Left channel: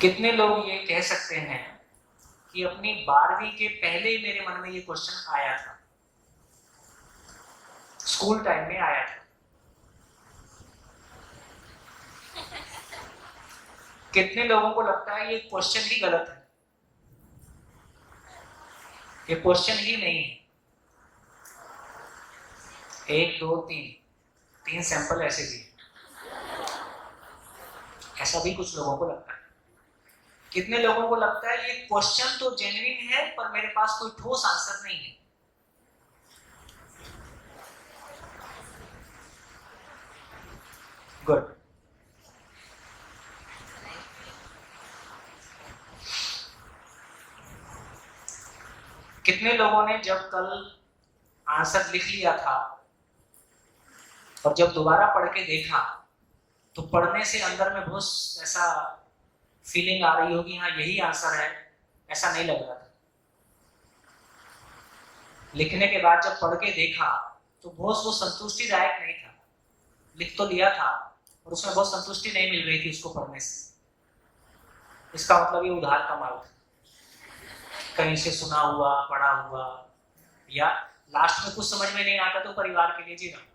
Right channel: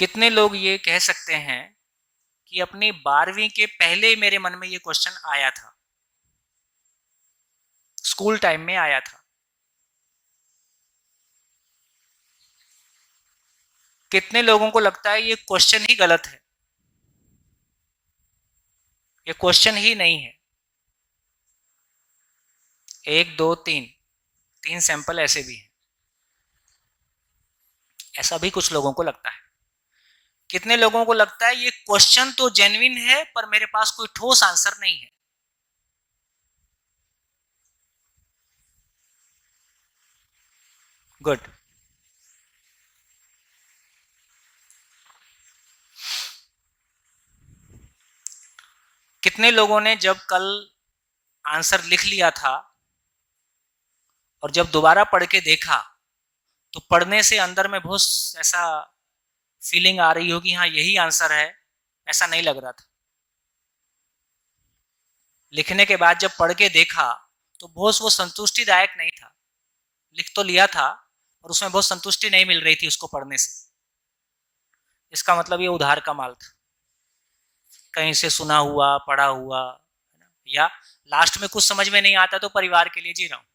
कितने लोग ये कह सकते हैं कि अपनी 12वीं के पहले मेरे मन में ये क्वेश्चन आया था, स्कूल टाइम में आया था। कितने लोगों को लगता है ये क्वेश्चन ही गलत है, ये क्वेश्चन ही नहीं है। 1 2 3 सैंपल ऐसे भी है। ऐसा भी कुछ लोगों को लगता है। कितने लोगों को लगता है ये क्वेश्चन तो जेन्युइन है पर मेरे पास कोई ठोस आंसर नहीं है। गुड। कितने लोगों ने जब कल आंसर लिख लिया था और जब दोबारा पढ़ के देखा तो पढ़ने से अंदर में बहुत ऐसा फीलिंग आ रही होगी, हाँ यही आंसर है, ऐसा नहीं लग रहा था। लिखने के बाद जब पढ़ के देखा तो बहुत वो संतुष्टिदायक नहीं था। लिख तो लिया था और उसमें बहुत संतुष्टि नहीं मिल रही थी उसको पढ़ने से। इसका मतलब ये उधार का माल था, कहीं से सुना हुआ पढ़ा हुआ, या लास्ट में कुछ समझ में नहीं आता तो परिवार के लिए जी रहा हूं।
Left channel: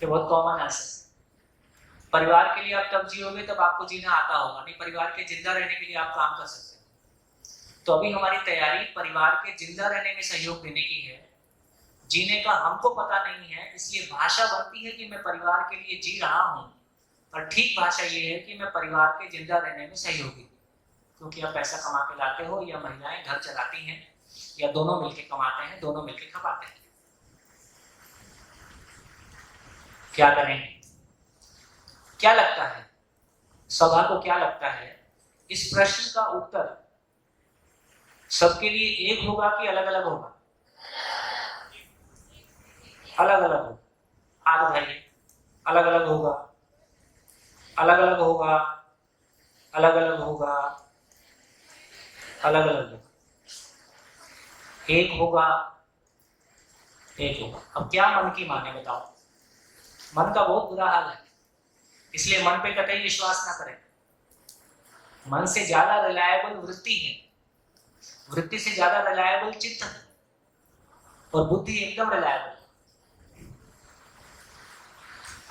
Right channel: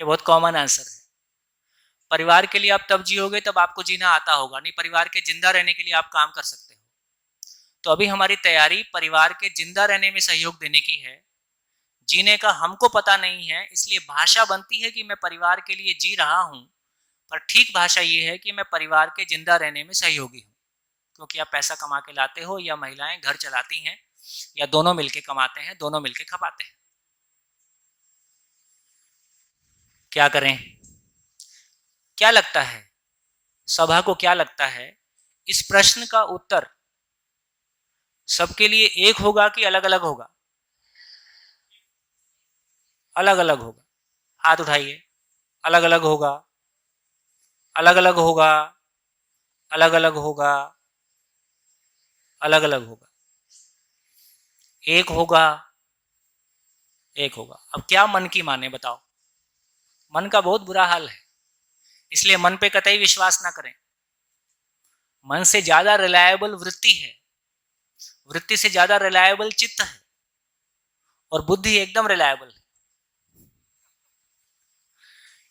ये बहुत कॉमन आंसर है। परिवार के लिए आप तब जियोगे तब आपको जीना आता होगा, नहीं परिवार के जिंदा रहने के लिए आप काम कर सकते हैं। तो अभी हमारी तैयारी परिवार के जिंदा रहने में सहयोग देने की है। जीने का हमको पता नहीं है, इसलिए भाषा बनती है कि मैं परिवार के लिए जी रहा हूं, पर ठीक भाषा ये है कि मैं परिवार के जिंदा रहने में सहयोगी हूं। क्योंकि आप पैसा कमा के लाते हो या महिलाएं घर चलाती हैं या दोनों मिलके कमाते हैं, दोनों मिलके खपाते हैं। क्या करें? क्या लगता है सभा को, क्या लगता है इस प्रश्न का उत्तर सबके लिए एक होगा कि अलग अलग होगा? अलग अलग होगा। हाथ उठाइए। अलग अलग होगा, अलग अलग होगा, अलग अलग होगा, अलग अलग होगा। एक होगा, एक होगा। अब क्या मन की माने बताओ? मन का बहुत बुरा हाल है, इसलिए मन पे कतई विश्वास ना करें। मन से ज्यादा रिलायबल वृत्ति है, वृत्ति से ज्यादा रिलायबल चित्त है, और बुद्धि एकदम रिलायबल।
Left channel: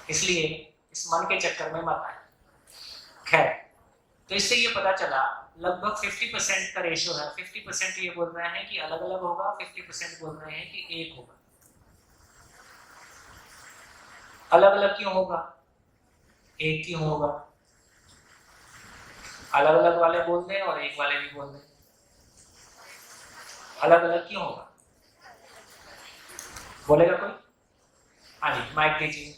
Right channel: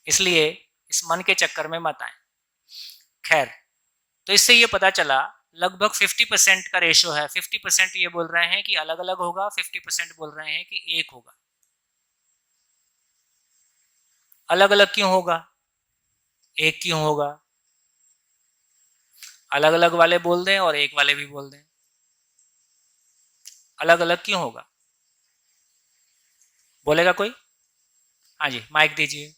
इसलिए इस मन के चक्कर में मत आए। खैर, तो इससे ये पता चला लगभग 50% का रेशो है। 50% ये बोल रहे हैं कि अलग अलग होगा, 50% बोल रहे हैं कि एक होगा। अलग अलग क्यों होगा, एक क्यों होगा? अलग अलग वाले बोल दें और एक वाले भी बोल दें। अलग अलग क्यों होगा? बोलेगा कोई? हाँ जी, माइक दीजिए।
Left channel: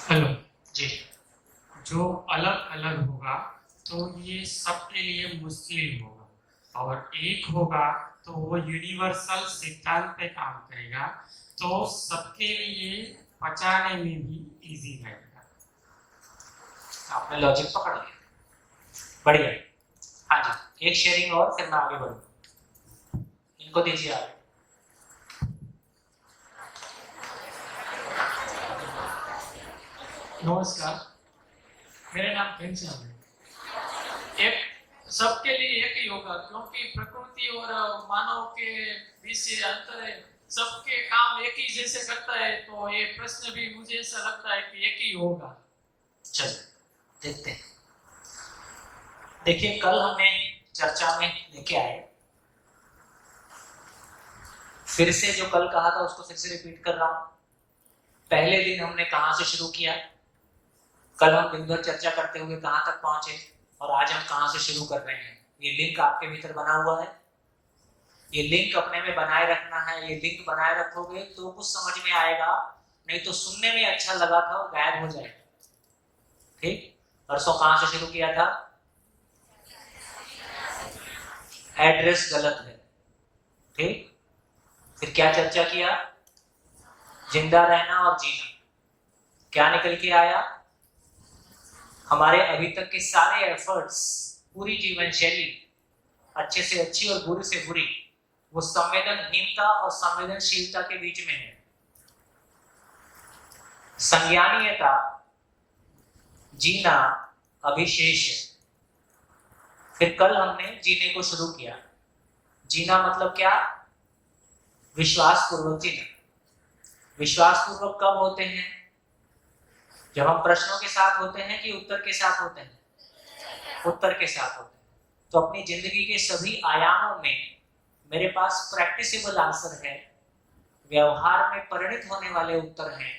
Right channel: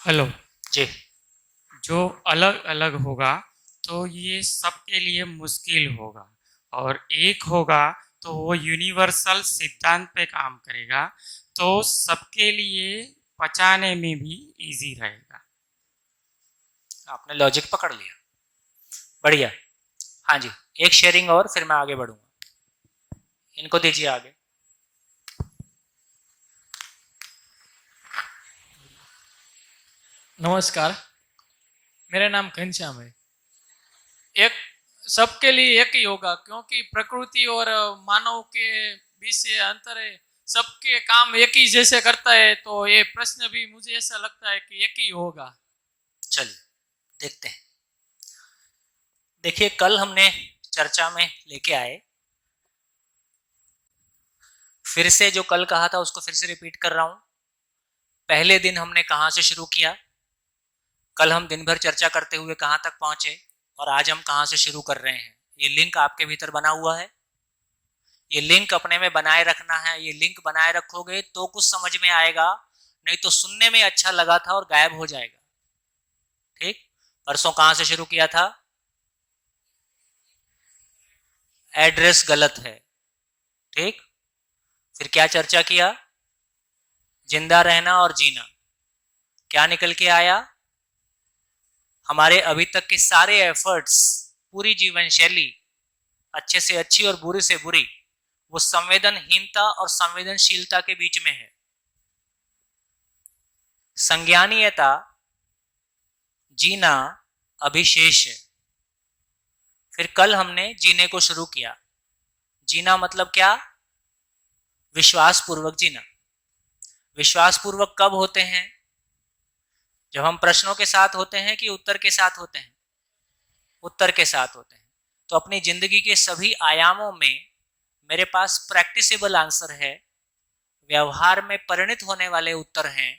हेलो जी। जो अलग अलग होगा तो ये सबके लिए मुश्किल होगा, और एक होगा तो वो यूनिवर्सल सिद्धांत पे काम करेगा, तो सबके लिए पचाने में भी इजी रहेगा। आपने लॉजिक पकड़ लिया, बढ़िया। हाँ जी, एक शेयरिंग और फिर मैं आगे बढ़ूँ। इनको दीजिए आगे। नमस्कार, मेरा नाम घनश्याम है। एक सबके लिए एक ही होगा, क्योंकि प्रकृति और मानव के बीच से अंतर है। सबके काम एक ही जैसे करता है, तो ये प्रश्न भी मुझे ऐसा लगता है कि एक ही होगा। चलिए देखते हैं। देखिए, कल हमने चर्चा में लेके आए, फिर से जो कल कहा था उसको फिर से रिपीट कर रहा हूं। पहले दिन हमने कहां से शुरू किया, कल हम दिन भर चर्चा करते हुए कहां तक पहुंचे, और आज हम कहां से शुरू कर रहे हैं। ये लिंक आपके भीतर बना हुआ है, ये लिंक अपने में बनाए रखना है। ये लिंक बनाए रखोगे तो कुछ समझ में आएगा, नहीं तो सुनने में अच्छा लगा था और गायब हो जाएगा। ठीक, परसों कहां से शुरू किया था? एड्रेस गलत है। ठीक, फिर क्या चर्चा किया? जिंदा रहना और जीना। क्या निकल के आया? हमारे अभी तक के सारे एफर्ट्स, पूरी जीवन शैली, अच्छे से अच्छी और बुरी से बुरी, वो संवेदनहीनता और संवेदनशीलता के बीच में है। संज्ञानीयता जीना अभिशेष है। फिर कल हमने जीने को शुरू किया। जीना मतलब क्या? विश्वास पूर्वक जीना। विश्वास पूर्वक कब होते हैं? जब हम प्रश्नों के साथ होते हैं कि उत्तर के साथ होते हैं? उत्तर के साथ होते हैं। तो अपनी जिंदगी के सभी आयामों में मेरे पास प्रैक्टिसेबल आंसर है, व्यवहार में परिणत होने वाले उत्तर हैं।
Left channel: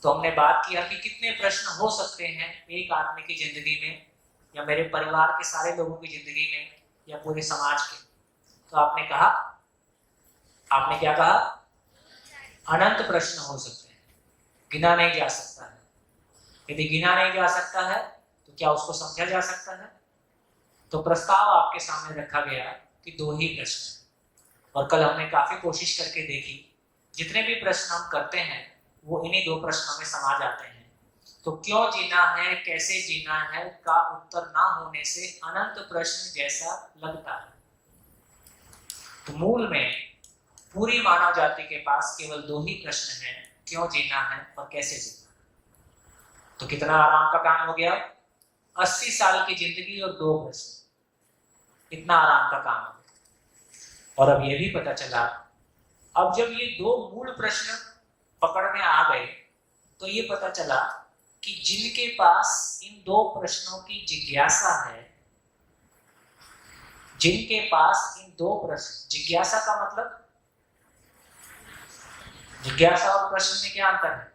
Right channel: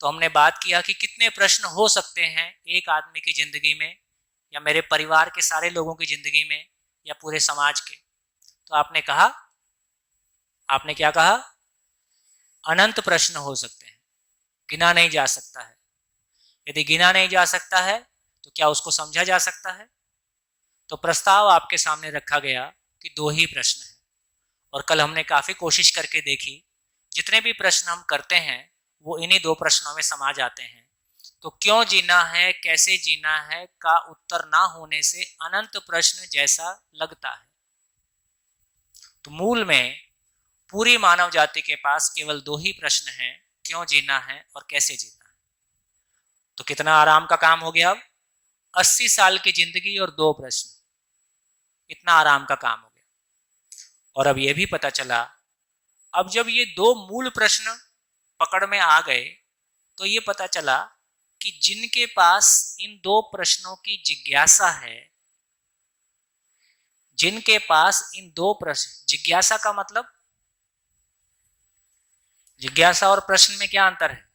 तो हमने बात किया कि कितने प्रश्न हो सकते हैं एक आदमी की जिंदगी में, या मेरे परिवार के सारे लोगों की जिंदगी में, या पूरे समाज के। तो आपने कहा, आपने क्या कहा? अनंत प्रश्न हो सकते हैं, गिना नहीं जा सकता है। यदि गिना नहीं जा सकता है तो क्या उसको समझा जा सकता है? तो प्रस्ताव आपके सामने रखा गया कि 2 ही प्रश्न हैं। और कल हमने काफी कोशिश करके देखी, जितने भी प्रश्न हम करते हैं वो इन्हीं 2 प्रश्नों में समा जाते हैं। तो क्यों जीना है, कैसे जीना है का उत्तर ना होने से अनंत प्रश्न जैसा लगता है। तो मूल में पूरी मानव जाति के पास केवल 2 ही प्रश्न हैं, क्यों जीना है और कैसे जीना है। तो कितना आराम का काम हो गया? 80 साल की जिंदगी और 2 प्रश्न, इतना आराम का काम हो गया। और अब यह भी पता चला, अब जब ये 2 मूल प्रश्न पकड़ में आ गए तो ये पता चला कि जिनके पास इन 2 प्रश्नों की जिज्ञासा है, जिनके पास इन 2 प्रश्न, जिज्ञासा का मतलब, जिज्ञासा और प्रश्न में क्या अंतर है?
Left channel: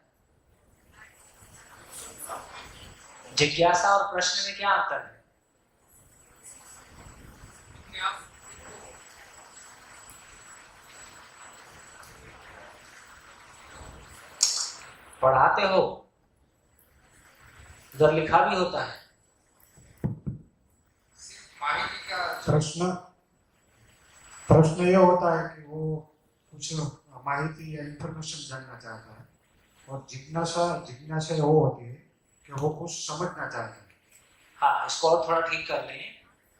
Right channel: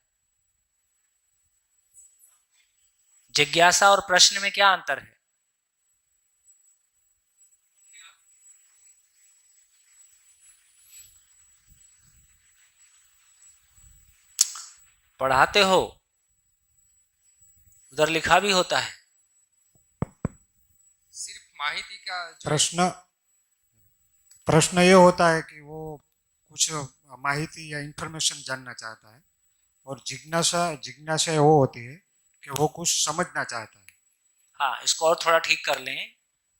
जिज्ञासा और प्रश्न में क्या अंतर है? पढ़ाते हो, उधर लिखा भी होता है। सिर्फ माहिती का प्रश्न ये होता है कि वो कुछ माहिती या इंफॉर्मेशन जानना चाहता है, और जिज्ञासा वो होती है कि वो कुछ समझना चाहता है। हाँ, इसको और थोड़ा ठीक कर लें।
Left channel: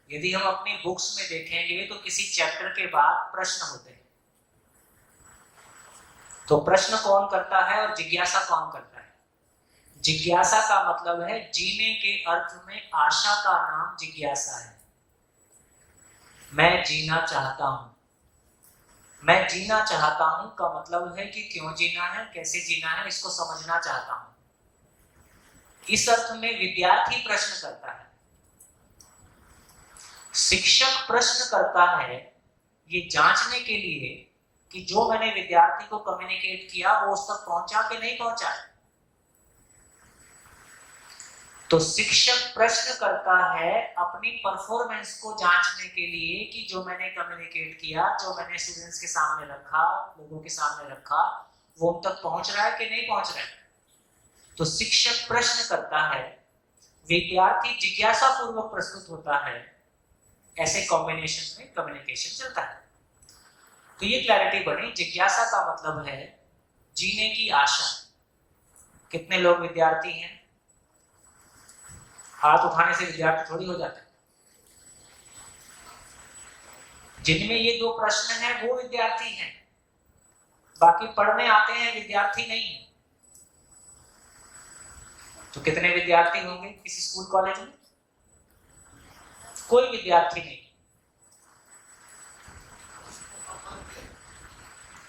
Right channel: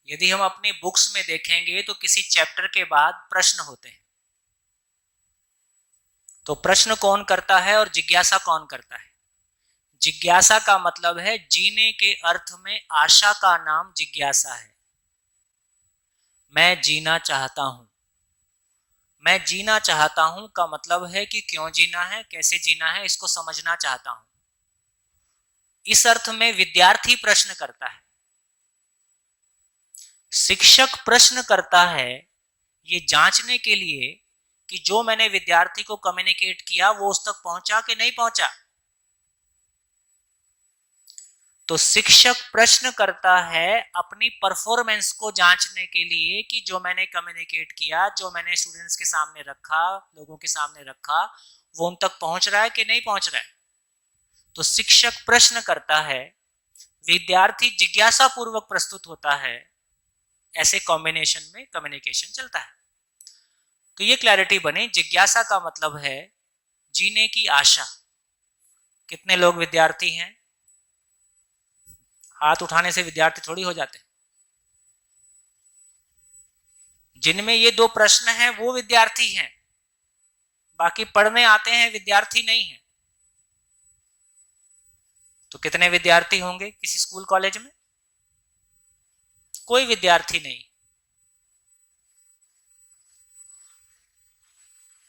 यदि हम अपनी बुक्स में देखेंगे तो किसी चैप्टर के बाद प्रश्न होते हैं। तो प्रश्न कौन करता है और जिज्ञासा कौन करता है? जिज्ञासा का मतलब है जीने के अर्थ में आशा का नाम जिज्ञासा है। मैं जीना चाहता हूं। मैं जीना चाहता हूं का मतलब है कि क्यों जीना है, कैसे जीना है, इसको समझना चाहता हूं। इस अर्थ में विद्यार्थी प्रश्न करता है, शिक्षक प्रश्न करता है ये जांचने के लिए कि जो मैंने विद्यार्थी को कम्युनिकेट किया वो उस तक पहुंचा कि नहीं पहुंचा। तो शिक्षक प्रश्न करता है अपनी परफॉर्मेंस को जांचने के लिए कि जो मैंने कम्युनिकेट किया, जो मैंने स्टूडेंट्स के सामने रखा, लोगों के सामने रखा, वो उन तक पहुंच रहा है कि नहीं पहुंच रहा है। तो शिक्षक प्रश्न करता है, विद्यार्थी जिज्ञासा पूर्वक प्रस्तुत होता है। ऐसे कॉम्बिनेशन में कम्युनिकेशन चलता है। तो ये क्लैरिटी बनी, जिज्ञासा का मतलब है जीने की आशा। कितने लोग विद्यार्थी हैं? हाथ उठाने से विद्यार्थी थोड़ी हो जाते हैं। जिनमें ये 2 प्रश्न हैं वो विद्यार्थी हैं, बाकी पढ़ने आते हैं विद्यार्थी नहीं है। तो कितने विद्यार्थी होंगे किसी स्कूल कॉलेज में? कोई विद्यार्थी नहीं।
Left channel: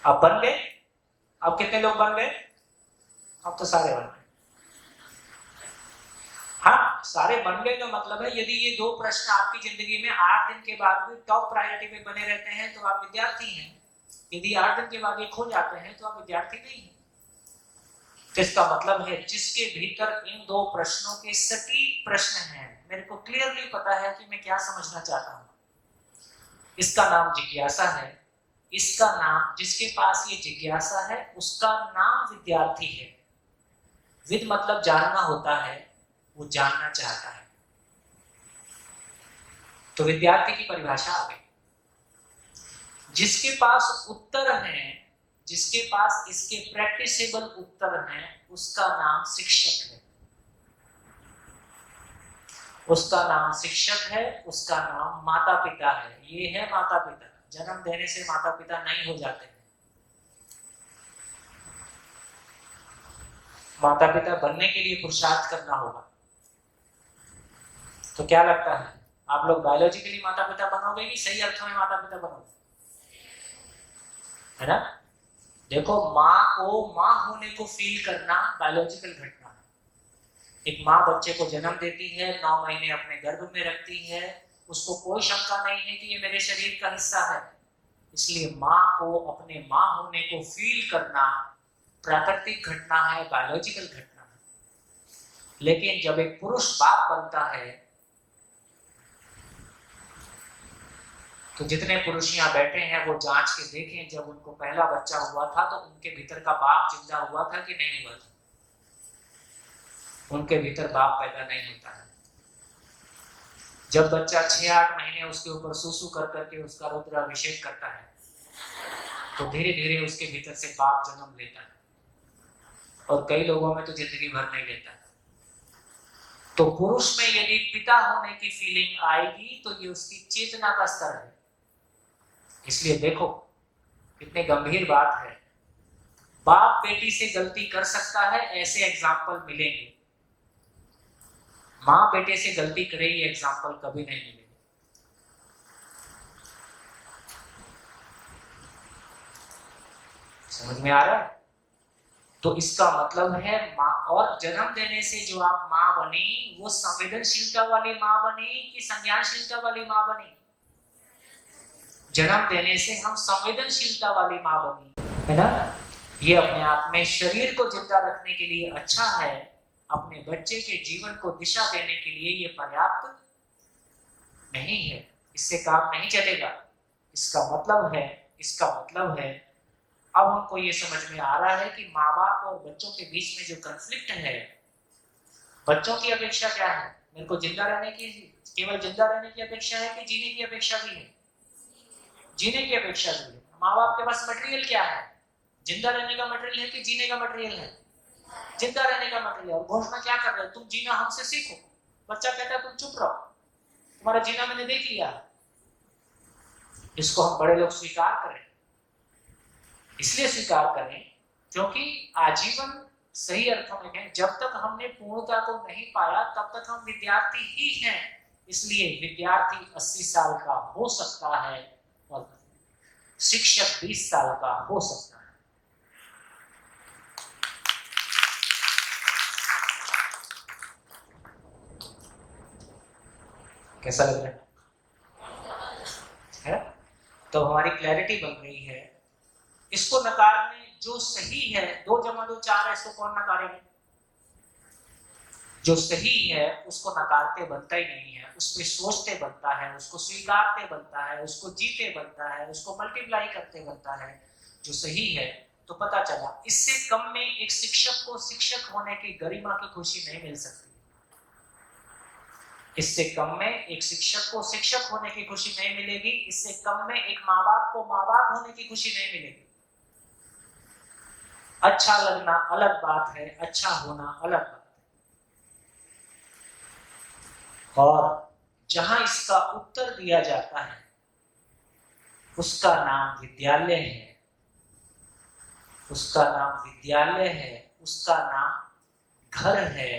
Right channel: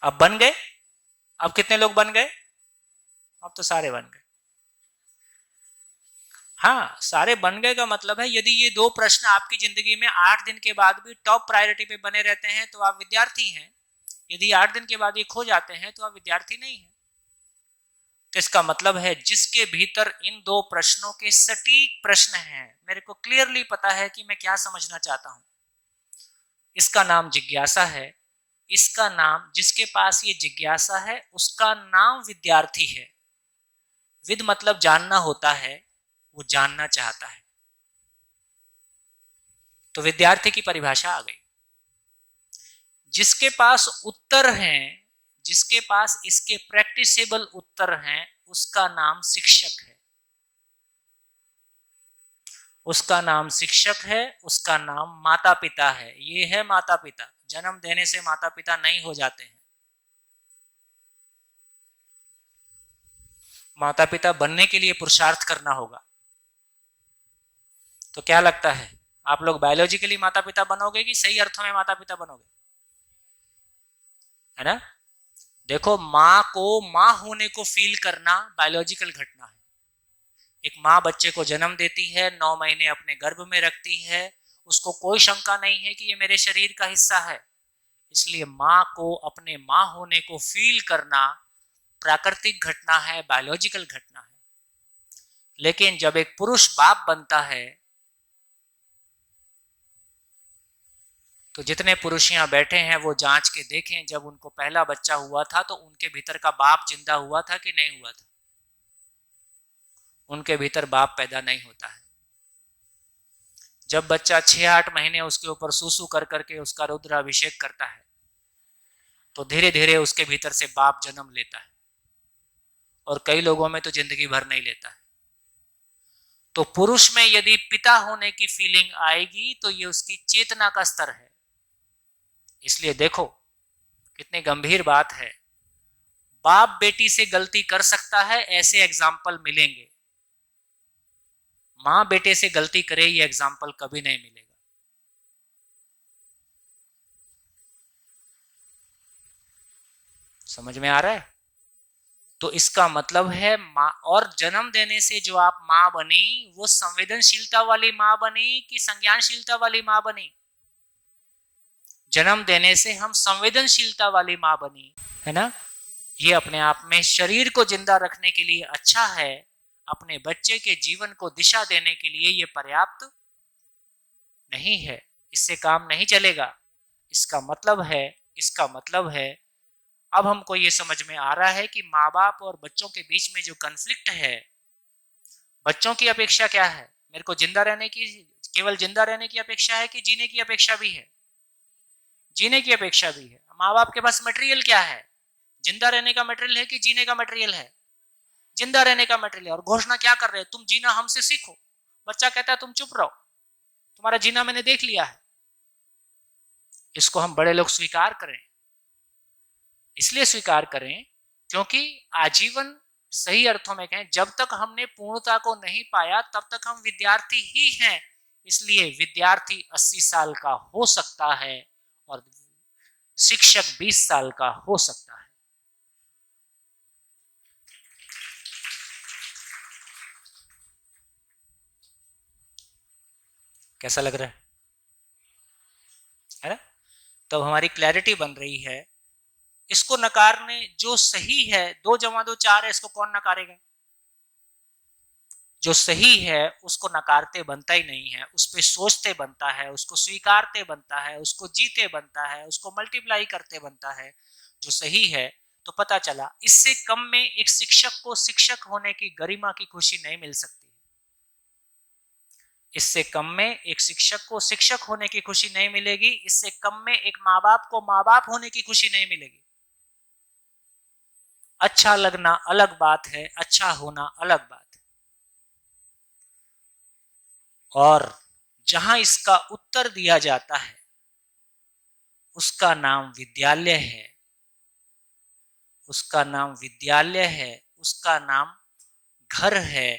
अब बन गए? अब कितने लोग बन गए? अब तो सारे बन गए। हाँ, सारे बन गए का मतलब है यदि ये 2 प्रश्न आपकी जिंदगी में 8 दिन के बाद भी टॉप प्रायोरिटी पे बने रहते हैं तो आप विद्यार्थी हैं। यदि 8 दिन के बाद ये खो जाते हैं तो आप विद्यार्थी नहीं हैं। तो इसका मतलब है जिसके भीतर इन 2 प्रश्नों के सटीक प्रश्न हैं, मेरे को क्लियरली पता है कि मैं क्या समझना चाहता हूं, इसका नाम जिज्ञासा है। इसका नाम, जिसके पास ये जिज्ञासा है उसका नाम विद्यार्थी है। विद मतलब जानना होता है, वो जानना चाहता है। तो विद्यार्थी की परिभाषा आ गई। जिसके पास उत्तर हैं, जिसके पास इसके प्रैक्टिसेबल उत्तर हैं, उसका नाम शिक्षक है। उसका नाम शिक्षक है, उसका नाम माता पिता है। ये है माता पिता जन्म देने से माता पिता नहीं हो जाते हैं। माता पिता बनने के लिए पुरुषार्थ करना होगा। तो क्या लगता है, आप लोग बायोलॉजिकली माता पिता बनोगे कि सही अर्थों में माता पिता बनोगे? है ना? देखो, माँ को माँ होने को फील करना बायोलॉजिकल घटना है। एक माँ बच्चे को जन्म देती है, 9 महीने अपने गर्भ में रखती है, उसको कोई शंका नहीं है कि ये मेरे शरीर का हिस्सा है। इसलिए माँ को अपने माँ होने को फील करना प्राकृतिक घटना है, बायोलॉजिकल घटना है। लेकिन जब एक पुरुष बाप बनता है, तो जितने पुरुष यहाँ बैठे हैं वो जांच के देखें, जब उनको पहला बच्चा हुआ था तो उनके भीतर का बाप जिंदा हुआ था कि नहीं हुआ था? उनके भीतर बाप पैदा नहीं होता है। जब बच्चा 6-8 महीने उसके ऊपर सूसू कर करके उसका रुद्राभिषेक करता है, तो धीरे धीरे उसके भीतर से बाप जन्म लेता है, और कई लोगों में तो जिंदगी भर नहीं लेता है। तो पुरुष में यदि पिता होने की फीलिंग आएगी तो ये उसकी चेतना का स्तर है। इसलिए देखो कितनी गंभीर बात है। बाप बेटी से गलती कर सकता है, ऐसे एग्जाम्पल मिलेंगे। माँ बेटे से गलती करे, ये एग्जाम्पल कभी नहीं मिलेंगे। समझ में आ रहा है? तो इसका मतलब है माँ, और जन्म देने से जो आप माँ बनी वो संवेदनशीलता वाली माँ बनी कि संज्ञानशीलता वाली माँ बनी? जन्म देने से हम संवेदनशीलता वाली माँ बनी, है ना? ये अपने आप में शरीर को जिंदा रखने के लिए अच्छा है, अपने बच्चे के जीवन को दिशा देने के लिए ये पर्याप्त नहीं है, इससे काम नहीं चलेगा। इसका मतलब है अब हमको ये समझ में आ रहा है कि माँ बाप और बच्चों के बीच में जो कन्फ्लिक्ट है, बच्चों की अपेक्षा क्या है? मेरे को जिंदा रहने की, केवल जिंदा रहने की अपेक्षा है कि जीने की अपेक्षा भी है? जीने की अपेक्षा भी है। माँ बाप के पास मटेरियल क्या है? जिंदा रहने का मटेरियल है कि जीने का मटेरियल है? जिंदा रहने का मटेरियल। और घोषणा क्या कर रहे हो? तुम जीना हमसे सीखो। बच्चा कहता है तुम चुप रहो, तुम्हारा जीना मैंने देख लिया है। इसको हम बड़े लोग स्वीकार करें। इसलिए स्वीकार करें क्योंकि आजीवन, सही अर्थों में कहें, जब तक हमने पूर्णता को नहीं पाया तब तक हम विद्यार्थी ही हैं। इसलिए विद्यार्थी 80 साल का हो सकता है और शिक्षक 20 साल का हो सकता है। कैसा लग रहा है? तो हमारी क्लैरिटी बन रही है। इसको नकारने, जो सही है, 2 + 2 4 है, इसको कौन नकारेगा? जो सही है उसको नकारते बनता ही नहीं है, उस पर सोचते बनता है, उसको स्वीकारते बनता है, उसको जीते बनता है, उसको मल्टीप्लाई करते बनता है। जो सही है, तो पता चला इससे कम में एक शिक्षक को शिक्षक होने की गरिमा की खुशी नहीं मिल सकती। इससे कम में एक शिक्षक को शिक्षक होने की खुशी नहीं मिलेगी। इससे कम में एक माँ बाप को माँ बाप होने की खुशी नहीं मिलेगी। अच्छा लगना अलग बात है, अच्छा होना अलग बात है। और जहां इसका उत्तर दिया जाता है उसका नाम विद्यालय है, उसका नाम विद्यालय है, उसका नाम घर है।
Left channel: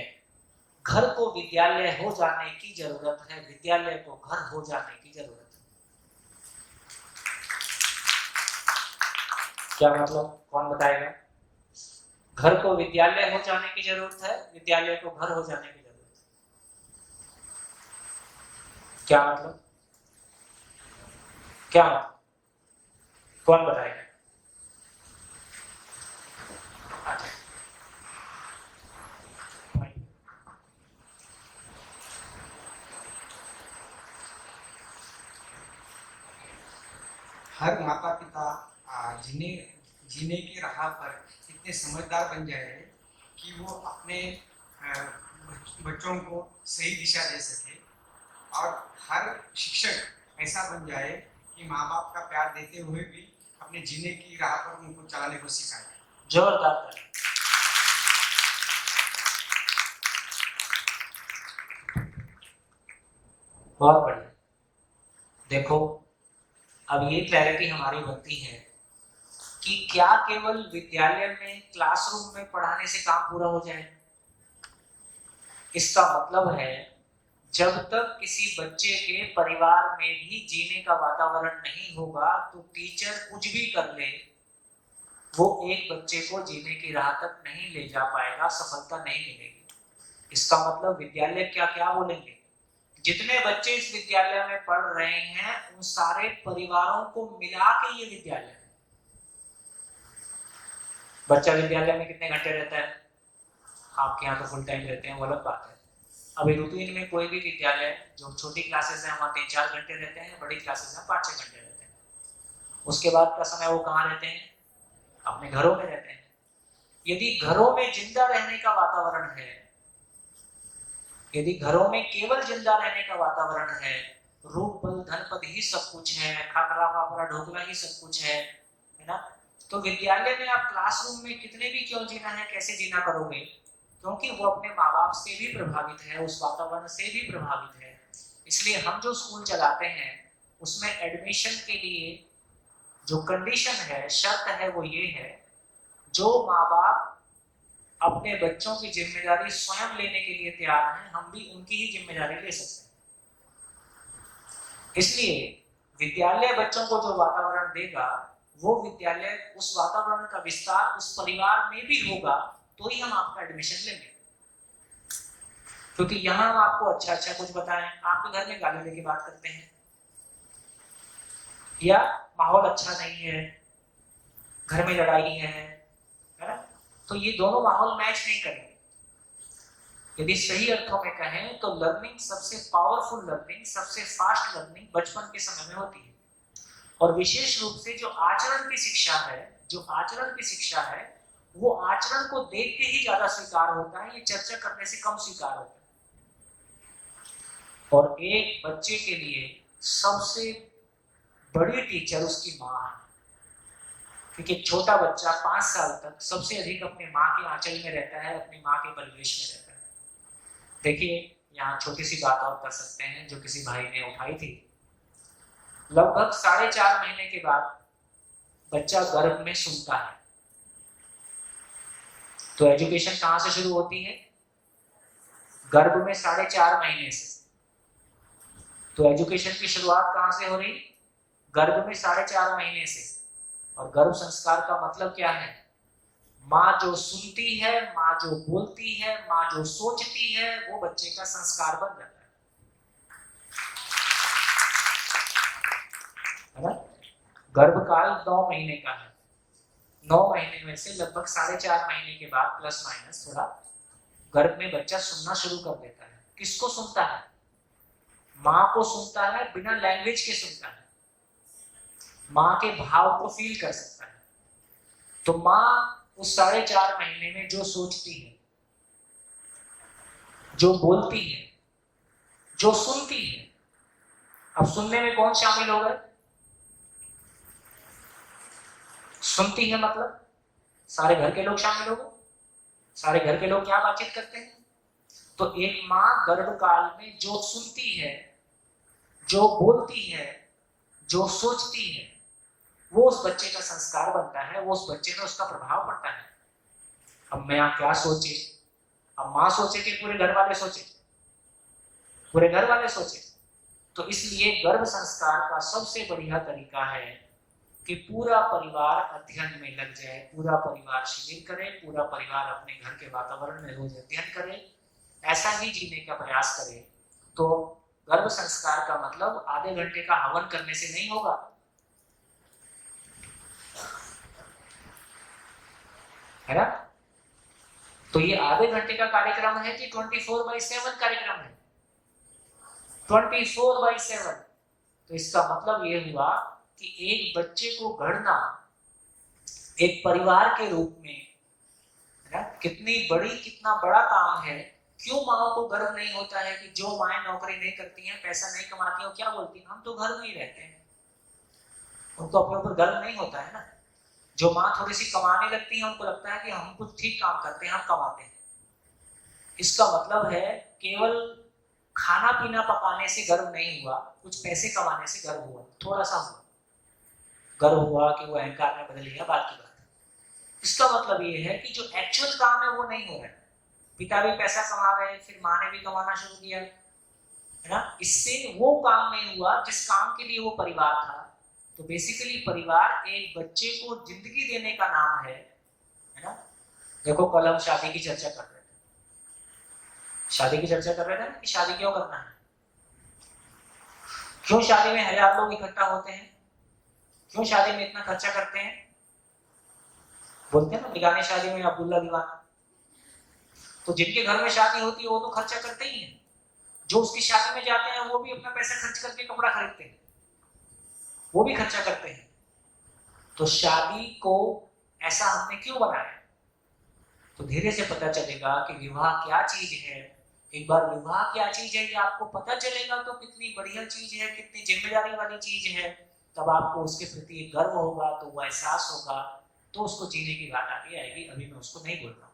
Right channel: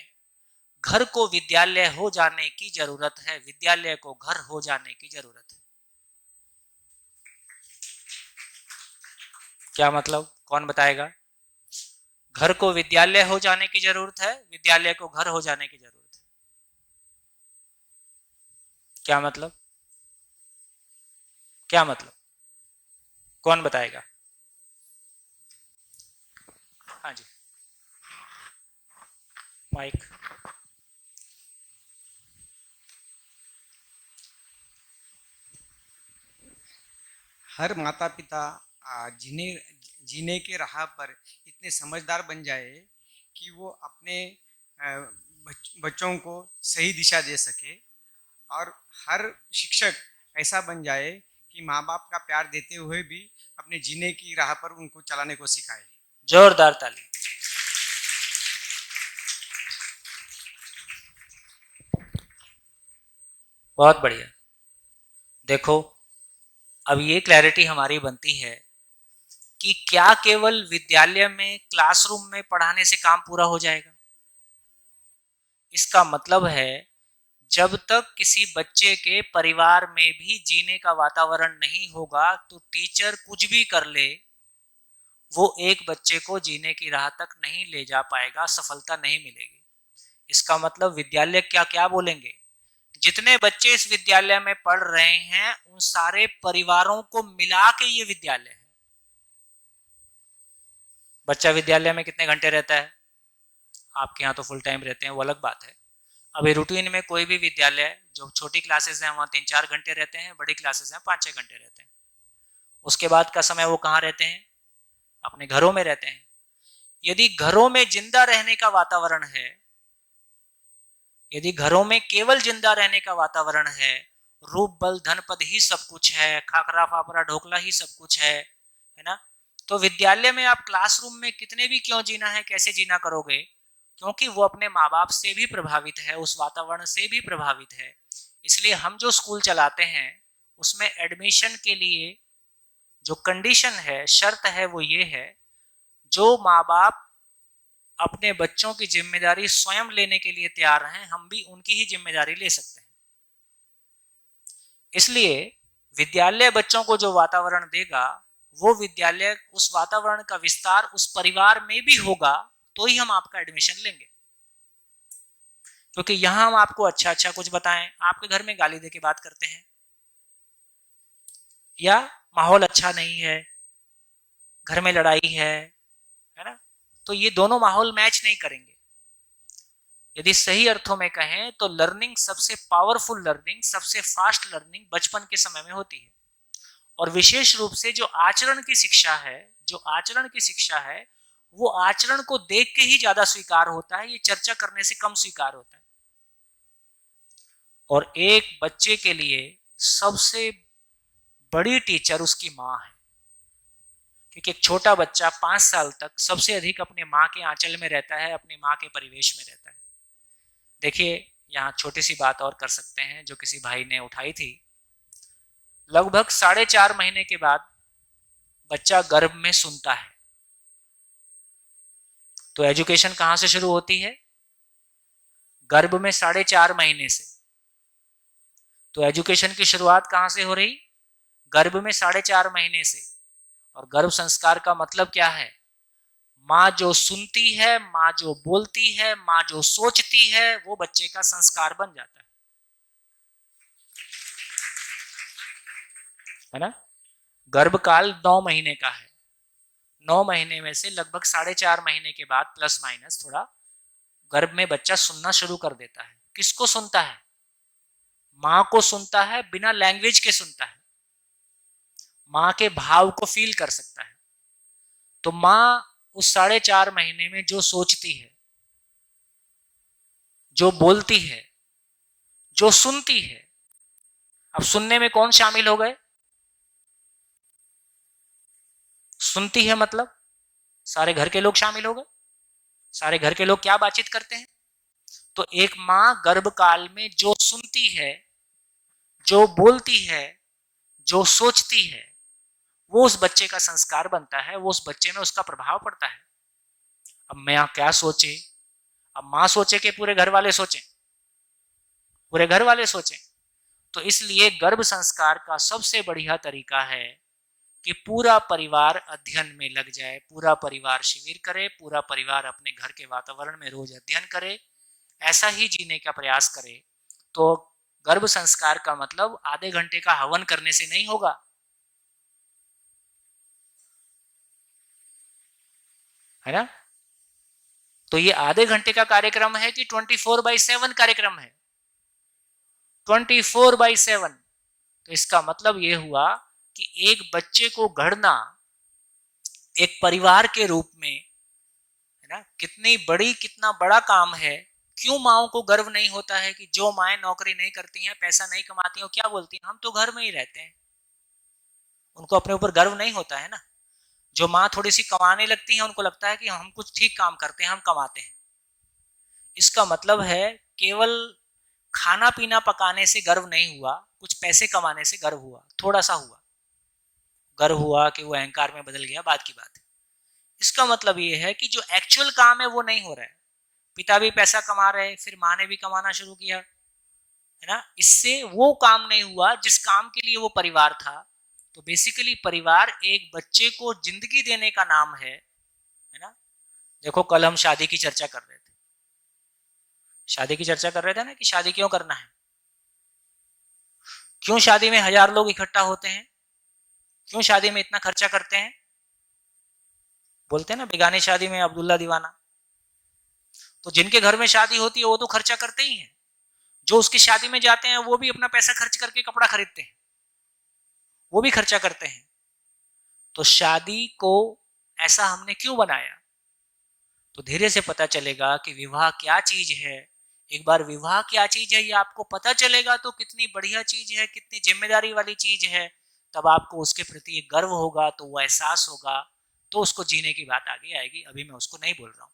घर को विद्यालय हो जाने की जरूरत है, विद्यालय को घर हो जाने की जरूरत है। क्या मतलब, कौन बताएगा? घर को विद्यालय हो जाने की जरूरत है, विद्यालय को घर हो जाने की जरूरत है। क्या मतलब? क्या मतलब, कौन बताएगा? माइक। हर माता पिता जीने के राह पर इतने समझदार बन जाए कि वो अपने बच्चों को सही दिशा दे सके, और हर शिक्षक ऐसा बन जाए कि माँ बाप का प्यार देते हुए भी अपने जीने की राह पर उनको चलाने को सिखाए। जोरदार ताली। बहुत बढ़िया। देखो, अब ये क्लैरिटी हमारी बनती है कि क्या केवल विद्यालय में क्लासरूम में पढ़ाने से काम पूरा हो जाएगा? इसका मतलब है जब तक किसी बच्चे के परिवार में भी जीने का वातावरण नहीं होगा तो टीचर कुछ भी कर ले, वो एक बच्चे को जीने की राह तक नहीं ले जा पाएगा, सफलता नहीं मिलेगी। इसका मतलब विद्यालय क्या क्या बोलेंगे, जितने बच्चे इस विद्यालय में पढ़ रहे हैं उन सारे परिवारों को मिला के ये विद्यालय है। बच्चा विद्यालय में कितने घंटे रहता है? आपके यहाँ तो फुल टाइम रहते हैं, वो अलग बात है। अभी रूटीन में कोई भी विद्यालय, जो छोटी क्लासेस हैं वहाँ 3-4 घंटे रहते हैं, बड़ी क्लासेस हैं 5-6 घंटे रहते हैं। उसके बाद का समय वो कहाँ रहते हैं? अपने घरों में रहते हैं। यदि घरों में जिंदा रहने का वातावरण है, यदि घरों में केवल जिंदा रहने का वातावरण है, रूप बल धन पद ही सब कुछ है, खाकरा फाफरा ढोकला ही सब कुछ है ना, तो विद्यालय में आप क्लासरूम में कितने भी क्यों जीना है, कैसे जीना करोगे? क्योंकि वो अपने माँ बाप से भी प्रभावित है, उस वातावरण से भी प्रभावित है। इसलिए हम जो स्कूल चलाते हैं उसमें एडमिशन के लिए जो कंडीशन है, शर्त है, वो ये है, जो माँ बाप अपने बच्चों की जिम्मेदारी स्वयं लेने के लिए तैयार हैं, हम भी उनकी ही जिम्मेदारी ले सकते हैं। इसलिए विद्यालय बच्चों को जो वातावरण देगा, वो विद्यालय उस वातावरण का विस्तार उस परिवार में भी होगा, तो ही हम आपका एडमिशन लेंगे। क्योंकि यहां हम आपको अच्छा अच्छा कुछ बताएं, आपके घर में गाली दे के बात करते हैं, या माहौल अच्छा नहीं है, घर में लड़ाई है ना, तो ये दोनों माहौल मैच नहीं करेंगे। यदि सही अर्थों में कहें तो लर्निंग, सबसे पावरफुल लर्निंग, सबसे फास्ट लर्निंग बचपन के समय में होती है। और विशेष रूप से जो आचरण की शिक्षा है, वो आचरण को देख के ही ज्यादा स्वीकार होता है, ये चर्चा करने से कम स्वीकार होता है। और एक बच्चे के लिए सबसे बड़ी टीचर उसकी माँ है, क्योंकि एक छोटा बच्चा 5 साल तक सबसे अधिक अपने माँ के आंचल में रहता है, अपनी माँ के परिवेश में रहता है। देखिए, यहाँ छोटी सी बात और कर सकते हैं जो किसी भाई ने उठाई थी। लगभग 4.5 महीने के बाद बच्चा गर्भ में सुनता है, तो एजुकेशन कहाँ से शुरू होती है? गर्भ में 4.5 महीने से। तो एजुकेशन की शुरुआत कहाँ से हो रही? गर्भ में 4.5 महीने से। और गर्भ संस्कार का मतलब क्या है? माँ जो सुनती है, माँ जो बोलती है, माँ जो सोचती है, वो बच्चे का संस्कार बन जाता है ना। गर्भकाल 9 महीने का है। 9 महीने में से लगभग 4.5 महीने के बाद प्लस माइनस थोड़ा गर्भ में बच्चा सुनना शुरू कर देता है। किसको सुनता है? माँ को सुनता है, बिना लैंग्वेज के सुनता है, माँ के भाव को फील कर सकता है। तो माँ उस 4.5 महीने में जो सोचती है, जो बोलती है, जो सुनती है, अब सुनने में कौन शामिल हो गए? सुनती है मतलब सारे घर के लोग शामिल हो गए। सारे घर के लोग क्या बातचीत करते हैं? तो एक माँ गर्भकाल में जो सुनती है, जो बोलती है, जो सोचती है, वो उस बच्चे का संस्कार बनता है, वो उस बच्चे में उसका प्रभाव पड़ता है। अब मैं क्या सोचे? अब माँ सोचे कि पूरे घर वाले सोचे? पूरे घर वाले सोचे। तो इसलिए गर्भ संस्कार का सबसे बढ़िया तरीका है कि पूरा परिवार अध्ययन में लग जाए, पूरा परिवार शिविर करे, पूरा परिवार अपने घर के वातावरण में रोज अध्ययन करे, ऐसा ही जीने का प्रयास करे। तो गर्भ संस्कार का मतलब आधे घंटे का हवन करने से नहीं होगा, है ना। तो ये आधे घंटे का कार्यक्रम है कि 24/7 कार्यक्रम है? 24/7। तो इसका मतलब ये हुआ कि एक बच्चे को गढ़ना एक परिवार के रूप में, है ना, कितना बड़ा काम है। क्यों माओ को गर्व नहीं होता है कि जो माएँ नौकरी नहीं करती हैं, पैसा नहीं कमाती हैं, क्या बोलती हैं? हम तो घर में ही रहते हैं। उनको अपने ऊपर गर्व नहीं होता है ना। जो माँ थोड़ी सी कमाने लगती है, उनको लगता है कि हम कुछ ठीक काम करते हैं, हम कमाते हैं। इसका मतलब है केवल खाना पीना पकाने से गर्व नहीं हुआ, कुछ पैसे कमाने से गर्व हुआ, थोड़ा सा हुआ। गर्व हुआ कि वो अहंकार में बदल गया, बात की बात है। इसका मतलब ये है कि जो एक्चुअल काम है वो नहीं हो रहा है। पिता भी पैसा कमा रहे हैं, फिर माँ ने भी कमाना शुरू किया, है ना, इससे वो काम नहीं हुआ जिस काम के लिए वो परिवार था। तो बेसिकली परिवार एक बच्चे को जिंदगी देने का नाम है ना। देखो कल हम शादी की चर्चा कर रहे थे, शादी की चर्चा कर रहे थे ना कि शादी क्यों करना है, क्यों शादी में 1000 लोग इकट्ठा होते हैं, क्यों शादी में इतना खर्चा करते हैं। बोलते हैं ना बेगानी शादी में अब्दुल्ला दीवाना। तो जिनके घर में शादी होती है वो तो खर्चा करते ही हैं, जो उसकी शादी में जाते हैं वो भी अपना पैसा खर्च करके कपड़ा खरीदते हैं, वो भी खर्चा करते हैं। तो शादी को ऐसा हमने क्यों बनाया, तो धीरे से पता चलेगा कि विवाह क्या चीज है। एक बार विवाह क्या चीज है ये आपको पता चलेगा तो कितनी बढ़िया चीज है, कितनी जिम्मेदारी वाली चीज है, तब आपको उसके प्रति एक गर्व होगा, तो वो एहसास होगा, तो उसको जीने की बात आगे आएगी। अभी मैं उसको नहीं बोल रहा हूं।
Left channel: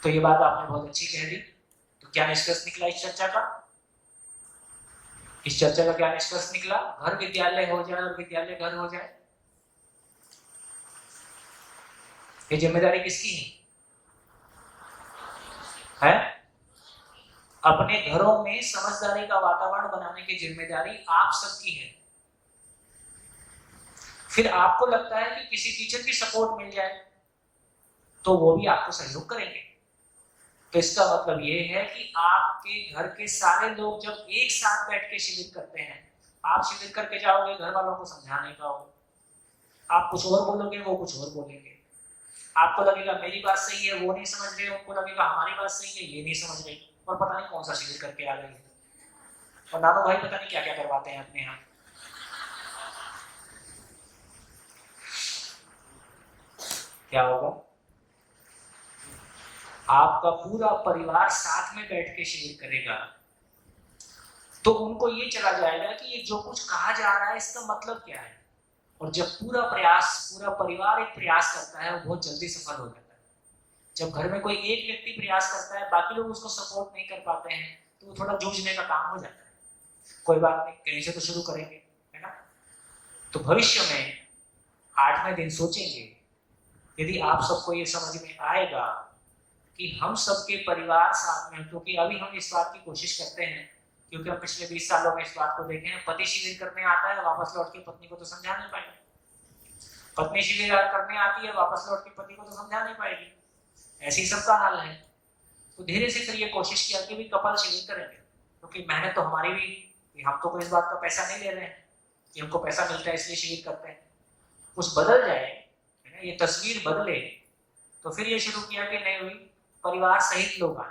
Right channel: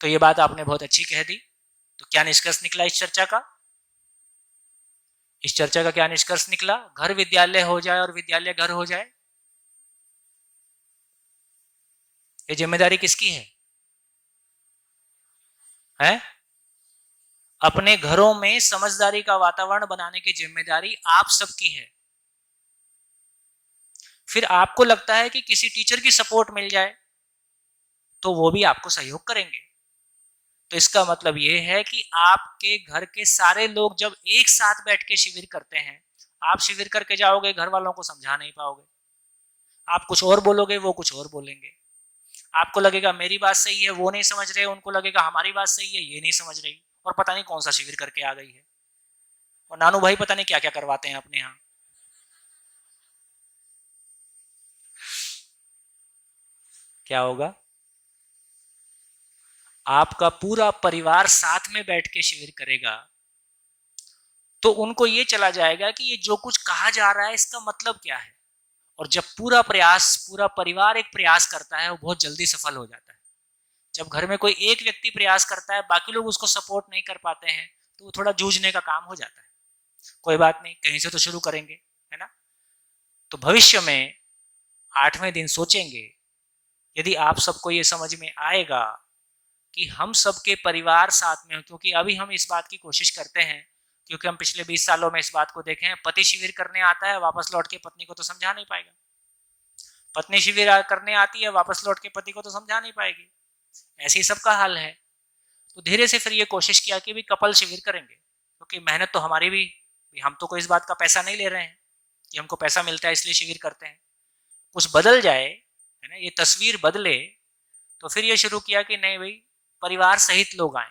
तो ये बात आपने बहुत अच्छी कह दी। तो क्या निष्कर्ष निकला इस चर्चा का? इस चर्चा का क्या निष्कर्ष निकला? घर विद्यालय हो जाए और विद्यालय घर हो जाए, ये जिम्मेदारी किसकी है? अपने घरों में समझदारी का वातावरण बनाने की जिम्मेदारी आप सबकी है। फिर आपको लगता है कि किसी टीचर की सपोर्ट मिल जाए तो वो भी आपको सहयोग करेंगे। तो इसका मतलब ये है कि आपके घर के सारे लोग जब एक साथ बैठ के शिविर करते हैं, आप शिविर करके जाओगे, घर वालों को समझा नहीं पाओगे, आप कुछ और बोलोगे, वो कुछ और बोलेंगे। आपको लगेगा मेरी बात सही है, वो नहीं समझ रहे, उनको लगेगा हमारी बात सही है, ये नहीं समझ रहे, और पता नहीं कौन सा शिविर करके आ गई है। और नानू भाई पता नहीं क्या क्या करवाते हैं अपने यहाँ। क्या होगा? आपका पूरा परिवार साथ में बैठ के शिविर करेगा तो उनको ये चला जाएगा कि ये जो कुछ कहा जा रहा है इसका मतलब क्या है। और जब पूरा परिवार एक प्रयास करता है, वो बहुत जल्दी सफल हो जाता है। जब घर में कोई एक व्यक्ति प्रयास करता है, बाकी लोग उसको सपोर्ट नहीं कर पाते हैं, तो वो थोड़ा जूझने का काम हो जाता है। कोई बात नहीं, कहीं से तो शुरू करेंगे, है ना। तो भविष्य में 8वें दिन सोचेंगे, यदि आप सबको ये समझ में आएगा कि हम सबके परिवार साथ में हो, क्योंकि अभी हम इस बात की कोशिश करते हैं, क्योंकि हम पिछले 20 सालों में इस बात को देखे हैं, पति शिविर करने आता है, वापस लौट के पत्नी को तो समझा नहीं पाएगा, पत्नी शिविर करने आती है, वापस लौट के पति को तो समझा नहीं पाएगी। ऐसे ही सबका हाल है। तो धीरे से फिर ये कोशिश किया कि भी कपल शिविर करेंगे, क्योंकि मेहनत तो हमारी भी, हम तो कोई इस बात का पैसा नहीं ले रहे हैं कि हमको पैसा मिलता है इसलिए शिविर करते हैं। कुछ बदल जाए, है ना, ये तस्वीर बदले, तो फिर ये शुरू किया कि नहीं भाई परिवार सहित लोग आए।